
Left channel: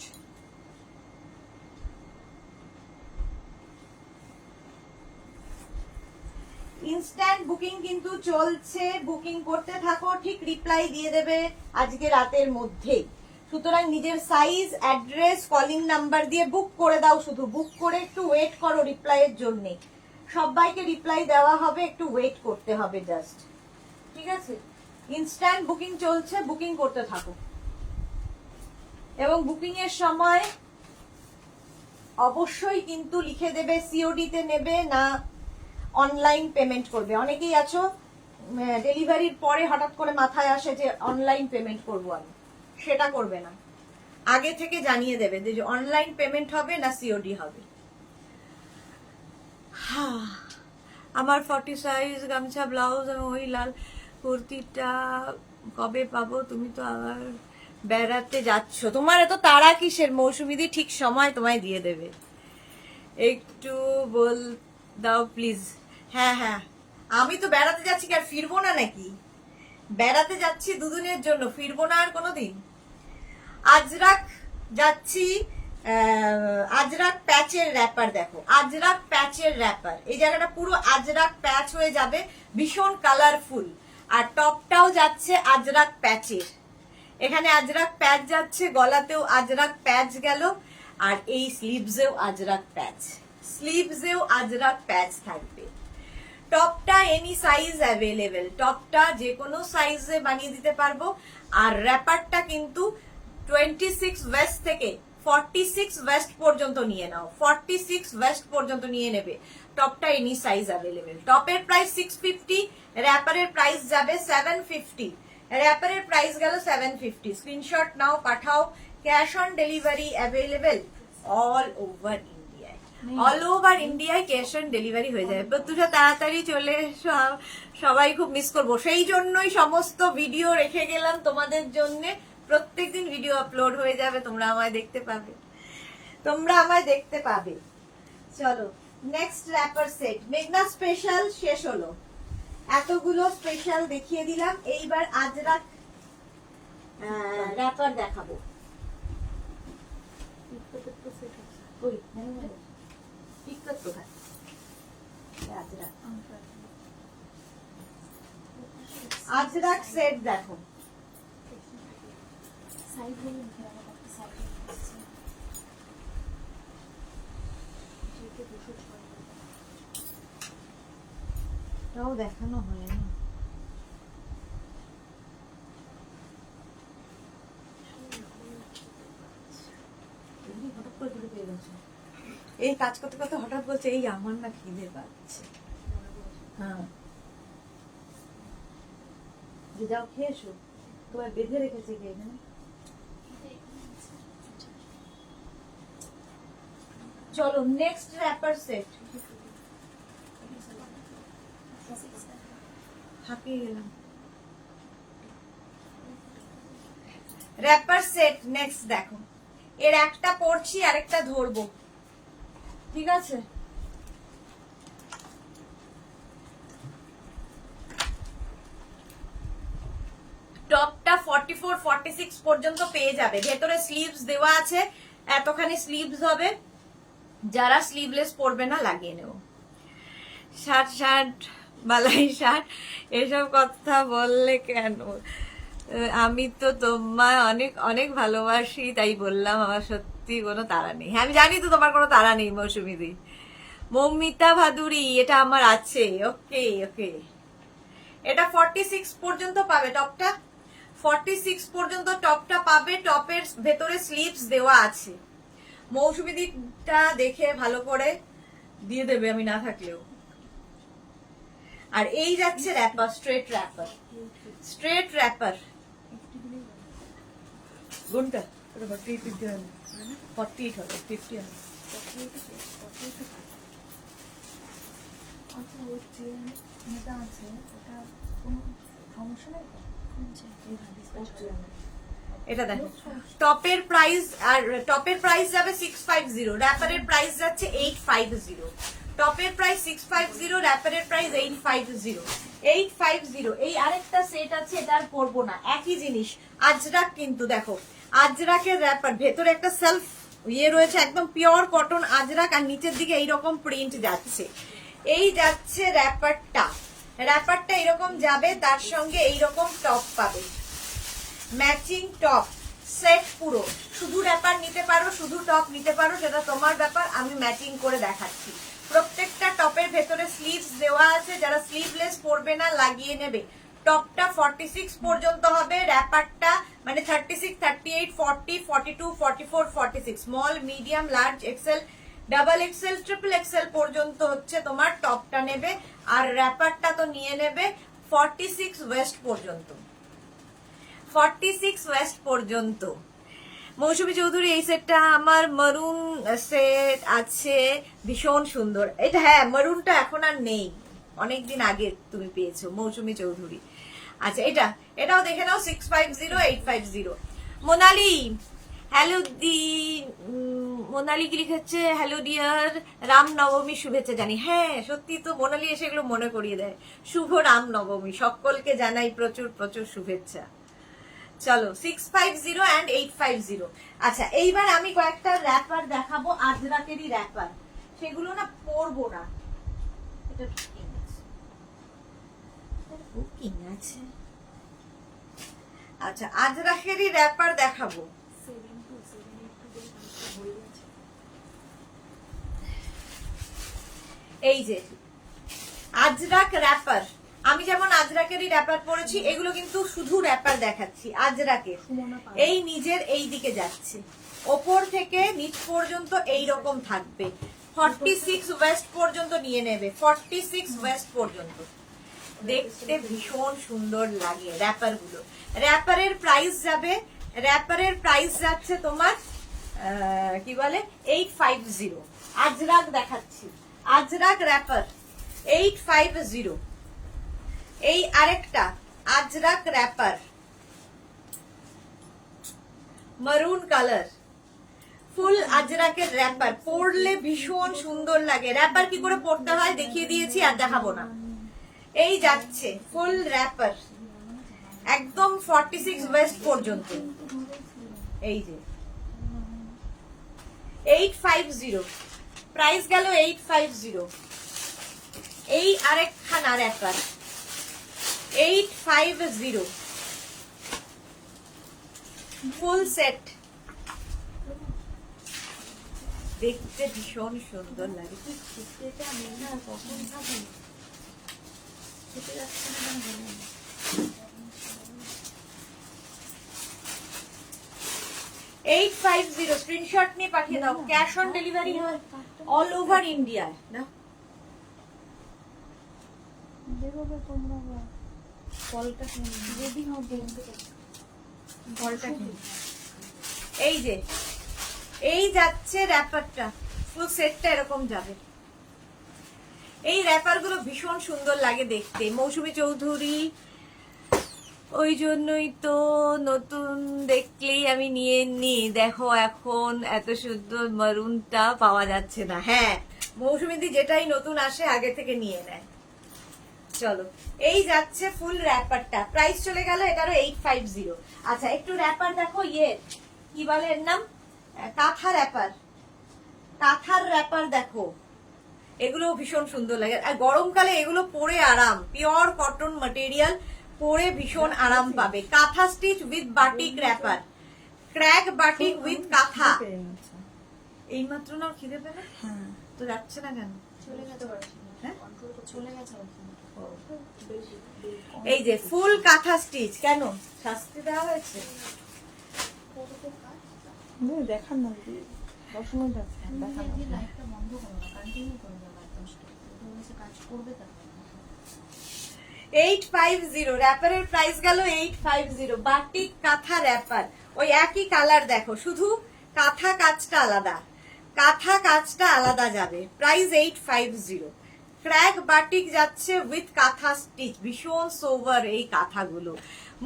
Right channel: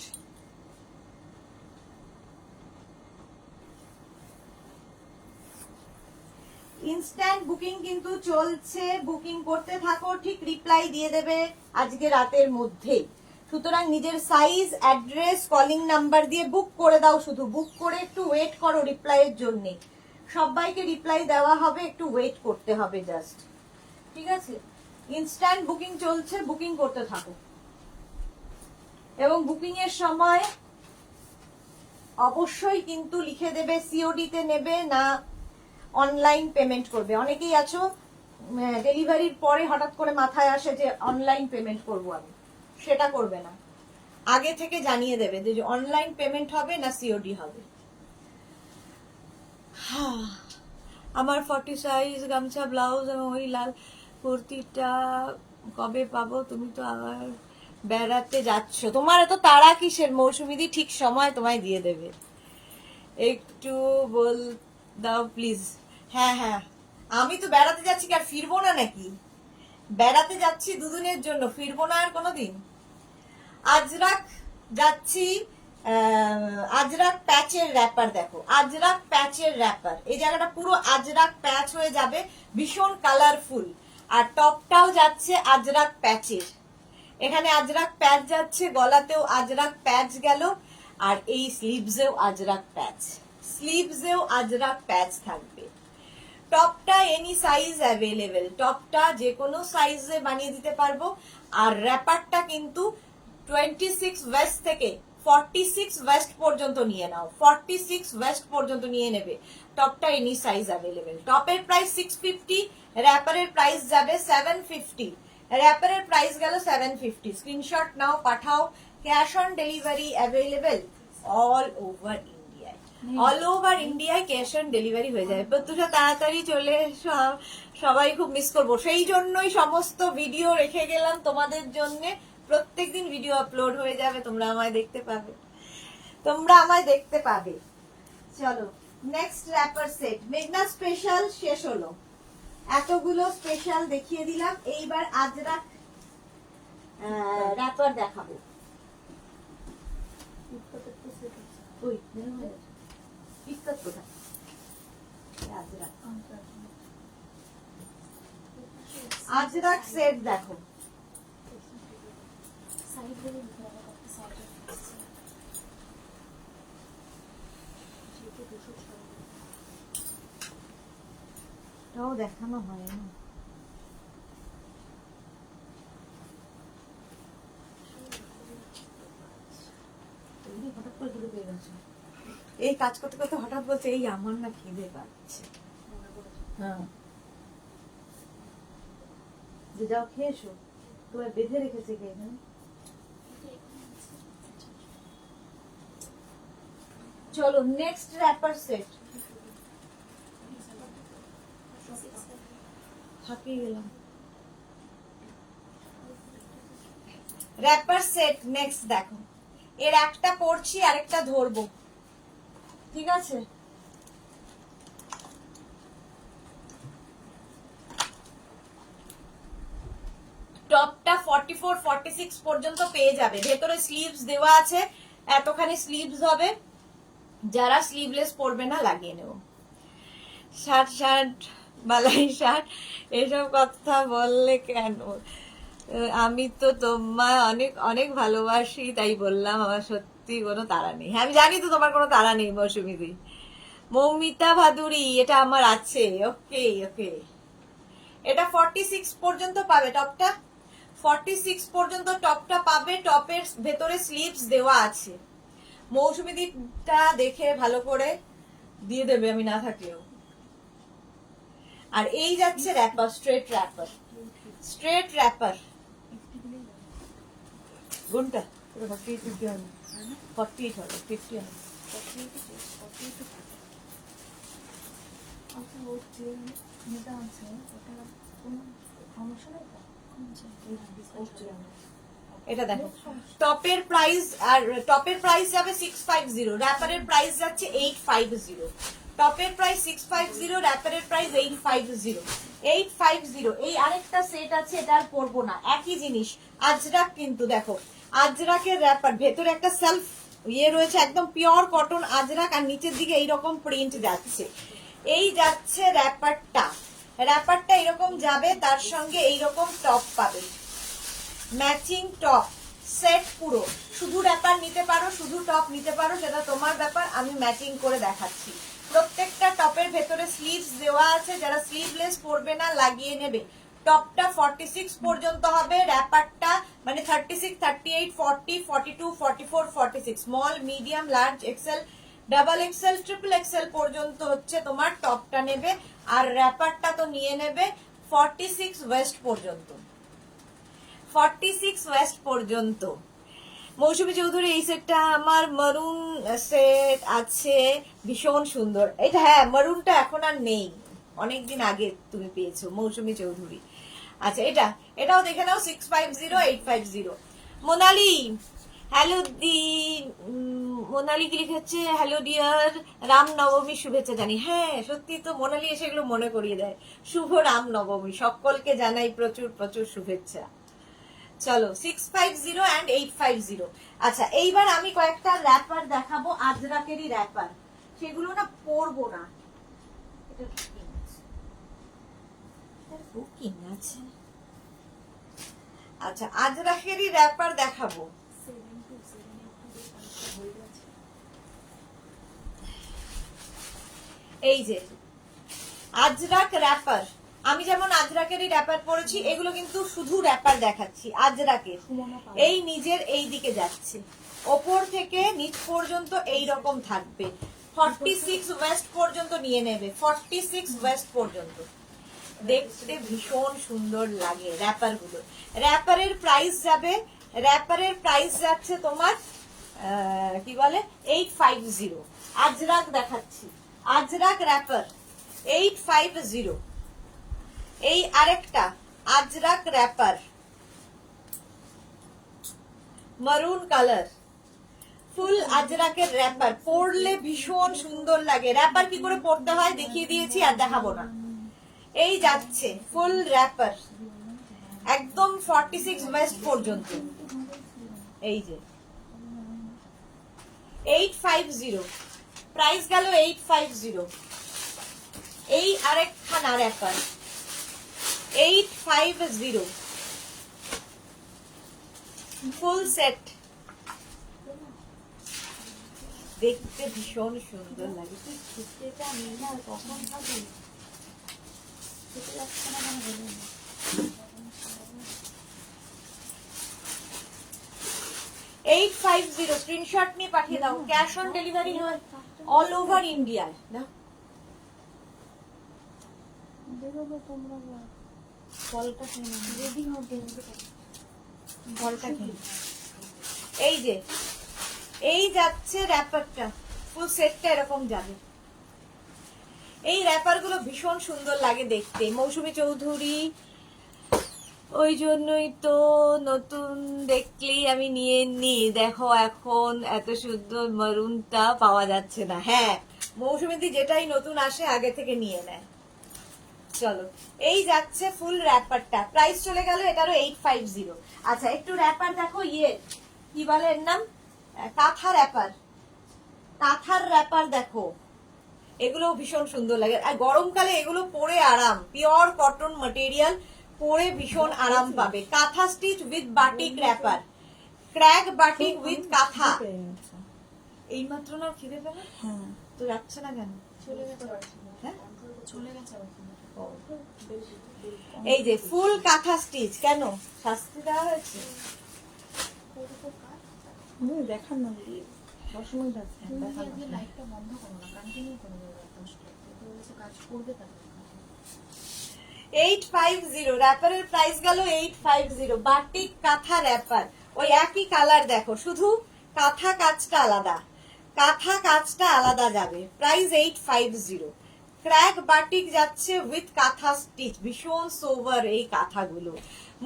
Instant booking কিন্তু চলছে, বুকিং করতে থাকো, ঠিক রিপ্লাই দিয়ে দেবে আজকে রাতের মধ্যেই। সুতরাং নিজের সাইজ, অ্যাড্রেস, কলিং নাম্বার দিয়ে বুক করে দাও। শুধু বুক করে একটু ওয়েট করো রিপ্লাইয়ের জন্য। সবাইকে রিপ্লাই দেওয়া হবে, একটু ওয়েট করতে হবে জাস্ট, ঠিক আছে? ইনস্ট্যান্ট বুকিং চলছে, বুকিং করতে থাকো। এবং বুকিং এর সময় অবশ্যই কিন্তু লিখে দেবে সিওডি তে নেবে না অনলাইন পেমেন্ট করবে। অনেকেই আছো ডেলিভারির পরে হঠাৎ করে মাথায় আসে যে অনলাইন পেমেন্ট করবো, আমি সেটা করবে না। আগে থেকে জানিয়ে দেবে যে অনলাইন পেমেন্ট হবে না সিওডি হবে। আমার 40 সাইজ গামছা, ব্লাউজ এবং ওই লাল কুর্তিটা কবে পাবো? তুমি তো আবার বেড়াতে যাচ্ছ, তোমার এত তাড়া কিসের? মৌসুমিদি ঠিক সময় তোমায় দিয়ে দেবে, একটু বল দাও প্লিজ। হ্যাঁ হ্যাঁ, আমি তো বেড়াতে যাচ্ছি, আর ফিরবো না নাকি? বেড়াতে যাচ্ছি দুদিনের জন্য, ফিরবো না আর কোনোদিন। আজরাক যাচ্ছি, আজরাক প্যাচের র্যাপার দেখো, আজরাক প্যাচের র্যাপার। এই জায়গাটা পুরো আজরাক প্যাচ হয়ে যাবে, ভীষণ কালারফুল। আর টপটাও যাচ্ছে আজরাক প্যাচের, এখানে আজরাক প্যাচ যাচ্ছে, গলাতেও আজরাক প্যাচ গেল, আর এই স্লিভসেও আজরাক প্যাচ, স্লিভসেও আজরাক প্যাচ থাকবে। টপটা এনি সাইজ অ্যাভেলেবেল, টপটা যে কোনো সাইজে বানিয়ে দিতে পারবো। আর র্যাপারটা কিন্তু 26 ওয়েস্ট থেকে 46 ওয়েস্ট পর্যন্ত নিয়ে নাও, 46 ওয়েস্ট পর্যন্ত নিয়ে নেবে। টপটা এনি সাইজ অ্যাভেলেবেল। টপের প্রাইস 650, র্যাপারের প্রাইস যাবে 750। র্যাপারের প্রাইস গেল 750। স্ক্রিনশট নাও, পাঠাও। Cash on delivery available all over ইন্ডিয়ায়। অল ওভার ইন্ডিয়ায় ক্যাশ অন ডেলিভারি হয়ে যাবে। প্রত্যুষা তাড়াতাড়ি চলে এসো, সবাই খুব মিস করবো। সেই জন্যই সমস্ত ভিডিও রেখে গেলাম তোমাদের জন্য। প্রত্যেকদিন ভিডিও আপলোড হয়ে যাবে, তোমরা আমায় দেখতে পাবে, তোমরা আমায় দেখতে পাবে। চলো নেক্সট র্যাপার সেট। মেঘনা স্পেশাল শেষ হলো, এতগুলো স্পেশাল দেখিয়ে দিলাম। এইবার আজরাক র্যাপার দেখাবো। আজরাক আজরাক সেট দেখো, সাইড বলে লিখে রাখো, একটা সাইডে আসছে। যেটা 206 এটাও দেখানো হয় না। হঠাৎ করে দুটো পেয়ে গেছে। এই কাজ করতে করতে হঠাৎ বলছে এই আমার না খিদে পাচ্ছে। হ্যাঁ, যে যাও খেয়ে এসো, তোমায় বেঁধে রেখেছে কে এখানে? চলো নেক্সট র্যাপার সেট। হাঁপিয়ে গেলাম। র্যাপার সেট নেক্সট দেখো, এর একটা পড়ছি আরেকটা ধরবো, ঠিক আছে? টপটা 44 46 পর্যন্ত পেয়ে যাবে, ভেতরে স্লিভস দেওয়া আছে, এতখানি স্লিভস হবে, যারা স্লিভলেস পরবে না লাগিয়ে নেব। শার্ট শার্ট বালাই শার্ট এসব কথা বললে কেন? আমি তো তোমায় অনেক অনেক ভালোবাসি তাই বললাম, আমার সত্যি কোনো তাড়া নেই। হ্যাঁ আমি জানি তো তোমার কোনো তাড়া নেই মৌসুমীদি। মৌমিতা ভাদুরী, এটা আমার আছে। ওকে ওকে, এটা 46 পর্যন্ত পাবে টপটা, 46 পর্যন্ত টপটা পাবে। টপের ভেতরে স্লিভস দেওয়া আছে। মৌসুমীদিটা দেখে ভালো করে দিয়ে দেবে আমি না থাকলেও। আর এই যাচ্ছে wrapper, straight wrapper, straight wrapper. কোনটা? ওটা 48 50 হবে, 48 হবে, 50 হবে। আচ্ছা, ওই যে মেয়েটা আছে ওটা কোনো সমস্যা নেই তো? এটা দেখো, টপের প্রাইস, আর টপের প্রাইস যাবে 650, র্যাপারের প্রাইস যাচ্ছে 850। টপের প্রাইস 650, র্যাপারের প্রাইস 850। 850। এই আরেকটা সেট আছে, এটা আর পরবো না, একই জিনিস আজরাক, কিন্তু দেখো আজরাকের র্যাপার, ভেতরে একটা সেলফ ইয়ে রয়েছে, একদম পিওর কটন আজরাক, আর নিচের দিকে এইরকম প্রিন্ট যাচ্ছে। এই যাচ্ছে র্যাপারটা, র্যাপারটা এরকম যাবে, তার সঙ্গে এইরকম টপ পাবে, ম্যাচিং টপ সেট পুরো। শুধু র্যাপার নিতে পারো, শুধু টপ নিতে পারো, সেটা তোমার ব্যাপার, আমি ম্যাচিং করে দেখাচ্ছি। প্রত্যেকটা টপের ভেতরে স্লিভস দেওয়া আছে, যারা স্লিভলেস পরবে না লাগিয়ে নেবে। টপটা 46 পর্যন্ত হবে, র্যাপারটা মানে 36 38 40 42 44 46, small medium large XL double XL triple XL পর্যন্ত হচ্ছে তোমার টপটা নেবে। আর র্যাপারটা তো নিয়ে নেবে 46 ওয়েস্ট পর্যন্ত, 46 ওয়েস্ট পর্যন্ত। মৌসুমী চৌধুরী, এই সেটটা আমার মারুন সেট আছে, ভীষণ সুন্দর। এটা হ্যাঁ, মারুনটা এখন আর নেই, অনেকদিন আগে তুমি পেয়েছো মৌসুমী চৌধুরী। আচ্ছা এটাও দেখে নাও, 650 850। মোনালি, হ্যালো দি, মোনালি কি লিখেছে? হ্যালো ডিয়ার, রাম নবমী শুভেচ্ছা জানি। হ্যাঁ সত্যি তো, মোনালি এসে এগুলো মনে করিয়ে দেয়। শুভ রাম নবমী, সকলকে জানাই প্রচুর প্রচুর শুভেচ্ছা। চলো 650 and 850। আচ্ছা এইবার আমি কয়েকটা র্যাপার দেখাবো, আজরাকেরই র্যাপার, সেগুলো না পরবো না। এটা বুকিং আছে, বুকিং আছে। আচ্ছা আজরাকেরই র্যাপার দেখাবো। 72782 বলে আছে। এই যে আজরাক র্যাপার, আমি যেমন আজরাকেরই র্যাপার পরেছি, এগুলো কিন্তু শুধু র্যাপার দেখাচ্ছি আজরাকের। এই নিজের এই দিকে যাচ্ছে, ওপর থেকে নিচ পর্যন্ত এই রকম থাকবে। 46 ওয়েস্ট পর্যন্ত নিয়ে নেবে, 46 ওয়েস্ট পর্যন্ত। দেখতে ভীষণ সুন্দর লাগে র্যাপার গুলো। র্যাপারের প্রাইস যাবে, র্যাপারের প্রাইস যাচ্ছে তোমার কি বলে 850। আজরাক দেখাচ্ছি, আজরাক র্যাপার 850। এই আরেকটা আজরাক র্যাপার, মারুন কালার, ফুল আজরাকের র্যাপার, পরলে ভীষণ সুন্দর লাগে। র্যাপার কি করে পরতে হয় দেখিয়ে দিয়েছি, আর দেখাবো না। এই যাচ্ছে ফুল র্যাপার, একদম 46 ওয়েস্ট পর্যন্ত। এই যে 850, প্রাইস গেল 850। এই আরেকখানা র্যাপার, 850 ফুল সেট, দেখতে ভীষণ সুন্দর লাগে। তুই খেতেটা নেই না, কখন খাবি? খেতে যাচ্ছে না কেন বলুন? 850 স্ক্রিনশট নিয়ে পাঠিয়ে দাও। ক্যাশ অন ডেলিভারি হয় অল ওভার ইন্ডিয়া। না বেরোবে তোমরা ফলটা কিনে রেডি হবে। ফলটা কিনে। এই যে এই যাচ্ছে র্যাপারটা, ফুল সেটটা এরকম যাবে। এই র্যাপার গুলো ভীষণ সুন্দর লাগে দেখতে। মৌসুমী চৌধুরী, ওই জন্যই তো নতুন দেখলেই আমি নিয়ে নি। দেখো এখন এত সুন্দর মারুনটা পাওয়া যাচ্ছে না। হ্যাঁ, মৌসুমীদি যেটাই নতুন আসে আগে থেকে নিয়ে নেয়। চলো, এই যাচ্ছে ফুল র্যাপারটা, প্রাইস চলে গেল এটারও 850। আচ্ছা, একটু র্যাপার দেখো, ইয়ে কি বলে এর নাম, কাঁথা র্যাপার। কাঁথার র্যাপার দেখো, এগুলো ভীষণ সুন্দর লাগে। আর গরমকালে এগুলো পরে আরাম, পিওর কটন ম্যাটেরিয়াল, পরে ভীষণ আরাম পাবে। Kantha stitch with batik wrapper, crack batik with kantha. এইমাত্র না খিদে পেলে? হ্যাঁ, তো যাচ্ছে না কেন? চলে গেছে। হ্যাঁ, চলে গেছে। এই যে ফুল কাঁথা স্টিচ। কেন শাস্তি দেওয়া হয়েছে? দেখার না 10 মিনিট আছে। লাইটটা বন্ধ করো না, কন্টিনিউ করে দাও। 10 কাজ করবে তারপর। 850 র্যাপারের প্রাইস গেল 850। বাটিক কাঁথা র্যাপার, ওই একই কালার দেখো, শুধু কাঁথা কাজটা আলাদা, কাঁথা কাজটা আলাদা যাবে। প্রাইস 850। ক্র্যাক বাটিক যাচ্ছে উইথ কাঁথা স্টিচ, ভীষণ সোভার এই কাঁথাগুলো।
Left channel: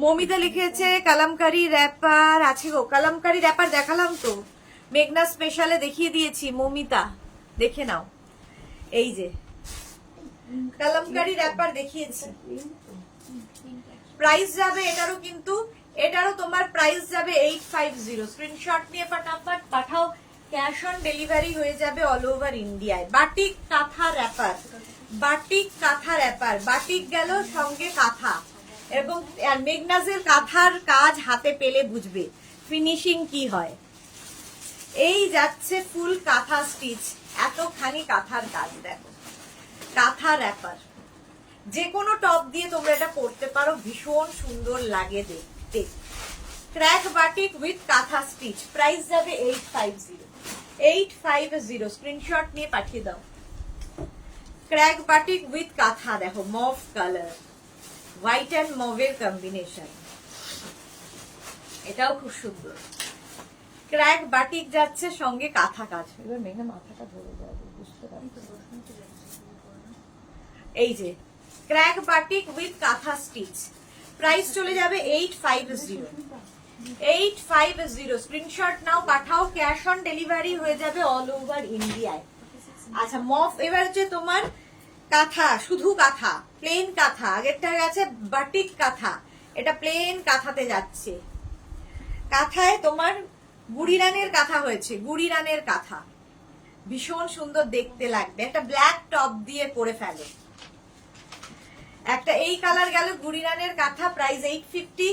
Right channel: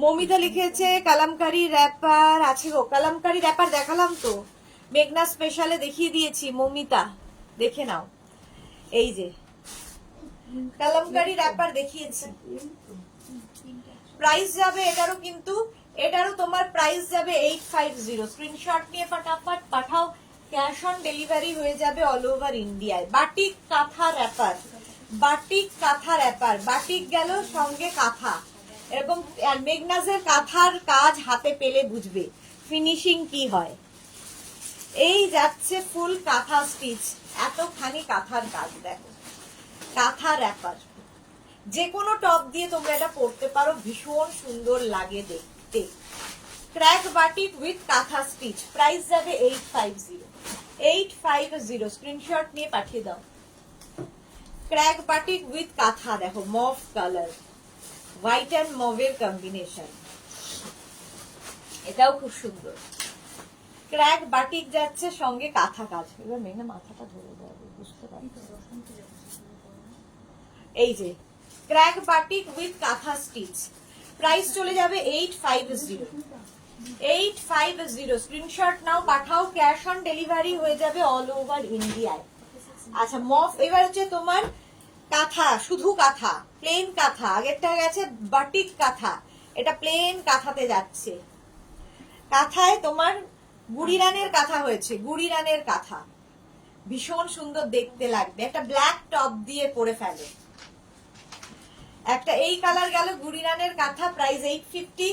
মমিতা লিখেছে কালামকারী র্যাপার আছে গো। কালামকারী র্যাপার দেখালাম তো, মেঘনা স্পেশালে দেখিয়ে দিয়েছি। মমিতা দেখে নাও, এই যে কালামকারী র্যাপার দেখিয়েছি। প্রাইস যাবে এটারও, কিন্তু এটারও তোমার প্রাইস যাবে 850। স্ক্রিনশট নিয়ে ফটাফট পাঠাও, ক্যাশ অন ডেলিভারি হয়ে যাবে অল ওভার ইন্ডিয়ায়। বাটিক কাঁথা র্যাপার, বাটিক কাঁথা র্যাপার, বাটিক গেল সঙ্গে কাঁথা এরকম। মেঘনাজের কাঁথার কাজ হাতে পেলে বুঝবে ফিনিশিং কি হয়। এই যাচ্ছে ফুল কাঁথা স্টিচ, এতখানি কাঁথার কাজ দেখো। কাঁথা র্যাপার, যে কোনো টপ দিয়ে তোমরা এটা পরতে পারো, ভীষণ সুন্দর লাগে দেখতে। ক্র্যাক বাটিক উইথ কাঁথা স্টিচ, প্রাইস যাবে 850। 850 স্ক্রিনশট নিয়ে পাঠিয়ে দাও। ক্র্যাক বাটিক উইথ কাঁথা দেখো, মভ কালার, হোয়াইট অ্যান্ড মভের কম্বিনেশন, এটাও খুব সুন্দর। ক্র্যাক বাটিক যাচ্ছে সঙ্গে কাঁথা কাজ। এবার মেঘনা মাথাটা ধরে যাবে, বুঝতে পারছি। এই যে ক্র্যাক বাটিক উইথ কাঁথা স্টিচ, প্রাইস চলে যাবে 850। 850 স্ক্রিনশট নাও, পাঠাও, ক্যাশ অন ডেলিভারি হয়ে যাবে অল ওভার ইন্ডিয়ায়। আচ্ছা, মফ এবার হচ্ছে তোমার কাঁথা, শুধু কাঁথা, প্লেন কাঁথা। আগেরটা গেছে বাটিক কাঁথা, এটা প্লেন কাঁথাতে যাচ্ছে। কাঁথায় তোমার গুড়িরানের কাঁথা হয়েছে, গুড়িরানের কাঁথা, ভীষণ সুন্দর দেখতে লাগবে। একটা ব্ল্যাক টপ দিয়ে পরে ফেলো। একটা এই কালার গেল গুড়িরানের কাঁথা, প্রাইস 850।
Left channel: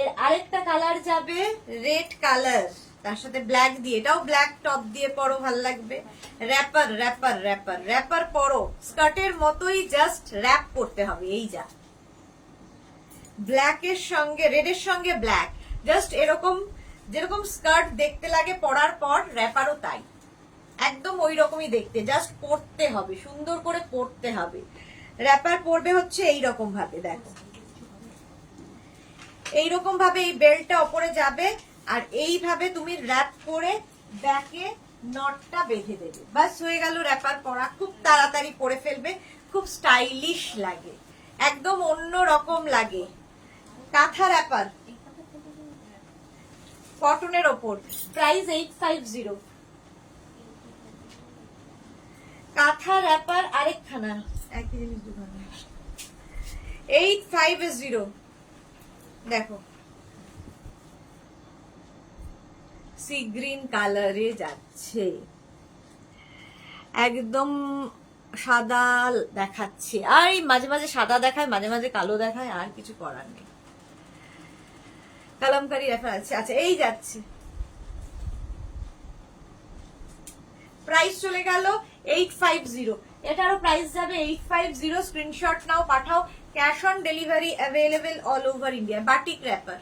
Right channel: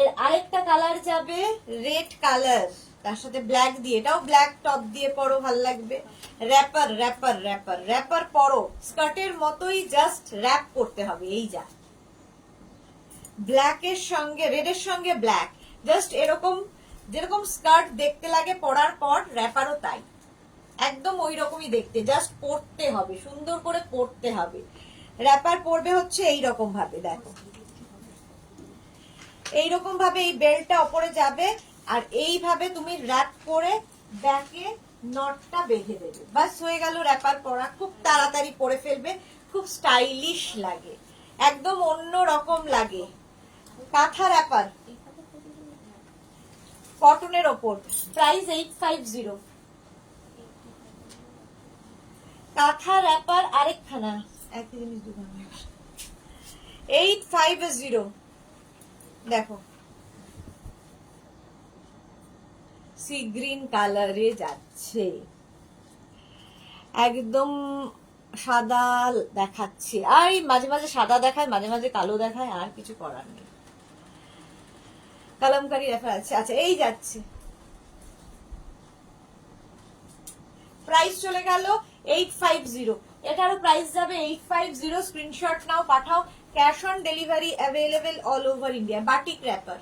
এর আরেকটা কালার যাবে রেড কালার, তার সাথে ব্ল্যাক দিয়ে, এটাও ব্ল্যাক টপ দিয়ে পরো, ভাল লাগবে। র্যাপার র্যাপার র্যাপার র্যাপার পরো, স্কার্টের মতোই জাস্ট র্যাপ করতে হবে। এই যা ব্ল্যাকের সঙ্গে রেডের সঙ্গে ব্ল্যাক, জাস্ট এরকম যেরকম স্কার্ট দেখতে লাগে পরার পর, র্যাপারও তাই, একদম ওই রকমই দেখতে, জাস্ট পরতে হবে, সুন্দর করে পরতে হবে। র্যাপার পরবে হচ্ছে এইরকম ভাবে, দেখো এইরকম ভাবে এই বেল্টটা ওপরে যাবে, আর এইভাবে তুমি র্যাপ করে ব্যাকে নটটা বেঁধে দেবে, বাস হয়ে গেল র্যাপার পরা। খুব তাড়াতাড়ি পরে ফেলবে, খুব স্টাইলিশ লাগে, একদম অন্য রকম লাগে। কাঁথা র্যাপার কটনের ওপর, প্রাইস 850। কাঁথা র্যাপার আরেকখানা, একই জিনিস দুখানা, 850। দেখো সি গ্রিন কালারে যাচ্ছে, একদম সাদা দেখাচ্ছি, আর এই মাঝে মাঝে সাদা দেখায়, মাঝে মাঝে কালো দেখায়, আর কিছু করার নেই। কালামকারী রেফার আছে। আচ্ছা এই যাচ্ছে, প্রাইস চলে গেল 850, এটারও প্রাইস যাবে 850। স্ক্রিনশট নাও, পাঠাও। Cash on delivery available all over India. Batik wrapper,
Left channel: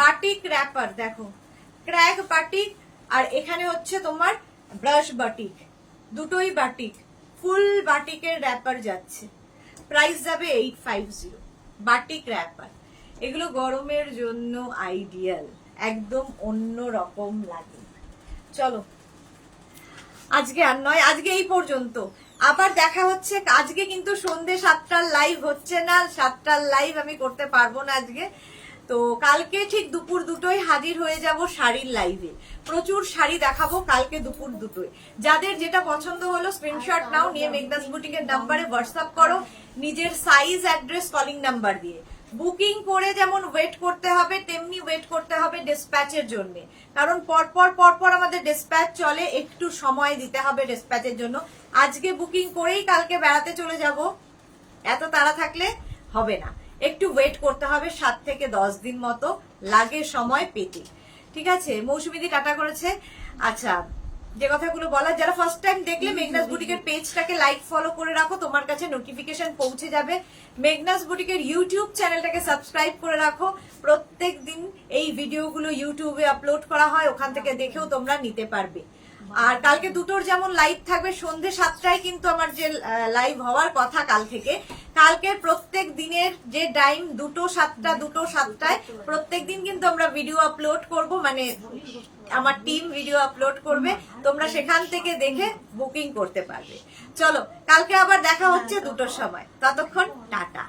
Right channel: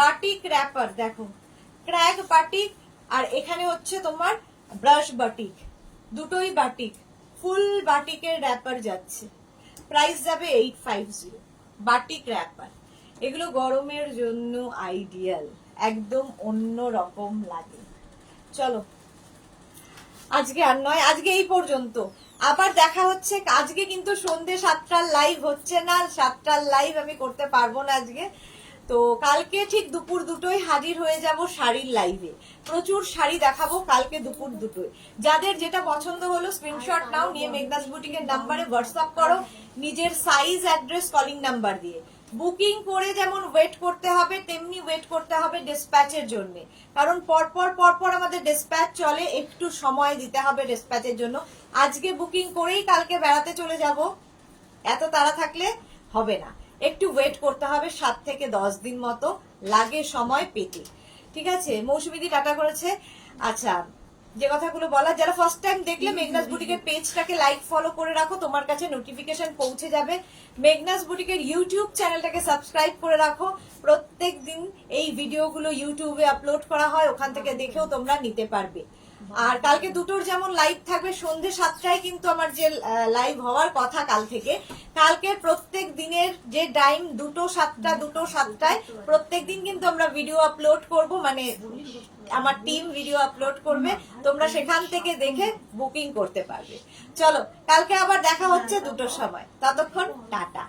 batik wrapper দেখো, ক্র্যাগ বাটিক, আর এখানে হচ্ছে তোমার ব্রাশ বাটিক, দুটোই বাটিক, ফুল বাটিকের র্যাপার যাচ্ছে। প্রাইস যাবে 850, বাটিক র্যাপার। এগুলো গরমের জন্য আইডিয়াল, একদম অন্য রকম লাগে। চলো আজকে আর নয়, আজকে এই পর্যন্ত। আবার দেখা হচ্ছে আজকে, কিন্তু সন্ধ্যে 7টার লাইভ হচ্ছে না, 7টার লাইভ আমি করতে পারবো না আজকে। তো কালকে ঠিক দুপুর 2টোয় হাজির হয়ে যাব শাড়ির লাইভে। প্রচুর শাড়ি দেখাবো কালকে দুপুর 2টোয়। যাদের যেটা পছন্দ হলো স্ক্রিনশট নাও, নিয়ে মেঘনাস বুটিকের নাম্বারে হোয়াটসঅ্যাপ করো, নিজের সাইজ, অ্যাড্রেস, কলিং নাম্বার দিয়ে। বুকিং করে যেমন ওয়েট করতে হবে, তেমনি ওয়েট করতে হবে ডিসপ্যাচের জন্য, কারণ পরপর আমাদের ডিসপ্যাচ চলে, একটু সময় দিতে হবে ডিসপ্যাচের জন্য। আজকে বুকিং করেই কালকে বেড়াতে চলে যাব, এত তাড়া থাকলে হবে না, একটু ওয়েট করতে হবে, 7 থেকে 10 দিন মতো লাগে সময় পেতে। ঠিক আছে, মৌসুমীদি কাটা করেছে। আচ্ছা, যে কথাগুলো বলার, যারা ফার্স্ট টাইম দেখলে মেঘনাস বুটিকের পেজটাকে লাইক ফলো করে রাখো, তোমার কাছে নোটিফিকেশন পৌঁছে যাবে। মেঘনাস বুটিকের ইউটিউব চ্যানেলটাকে সাবস্ক্রাইব করে রাখো, প্রত্যেক দিন এই ভিডিওগুলো ইউটিউবে আপলোড করা হয়, ওখান থেকে দেখেও তোমরা নিতে পারবে। আর কালকে 2টোর যেমন লাইভ থাকবে, সন্ধ্যে 7টায় কিন্তু আমার যে লাইভ হওয়ার কথা কাল থেকে, কালকের প্রত্যেক দিনের যে টাইম 2টো 7টা, 2টো 7টায় প্রত্যেক দিন কিন্তু আমরা ভিডিও আপলোড করব, মানে আমার টিম ভিডিও আপলোড করবে, তোমরা সেখান থেকে দেখে বুকিং করতে পারবে। চলো কালকে আবার দেখা হচ্ছে 2টোর সময়, ততক্ষণ টাটা।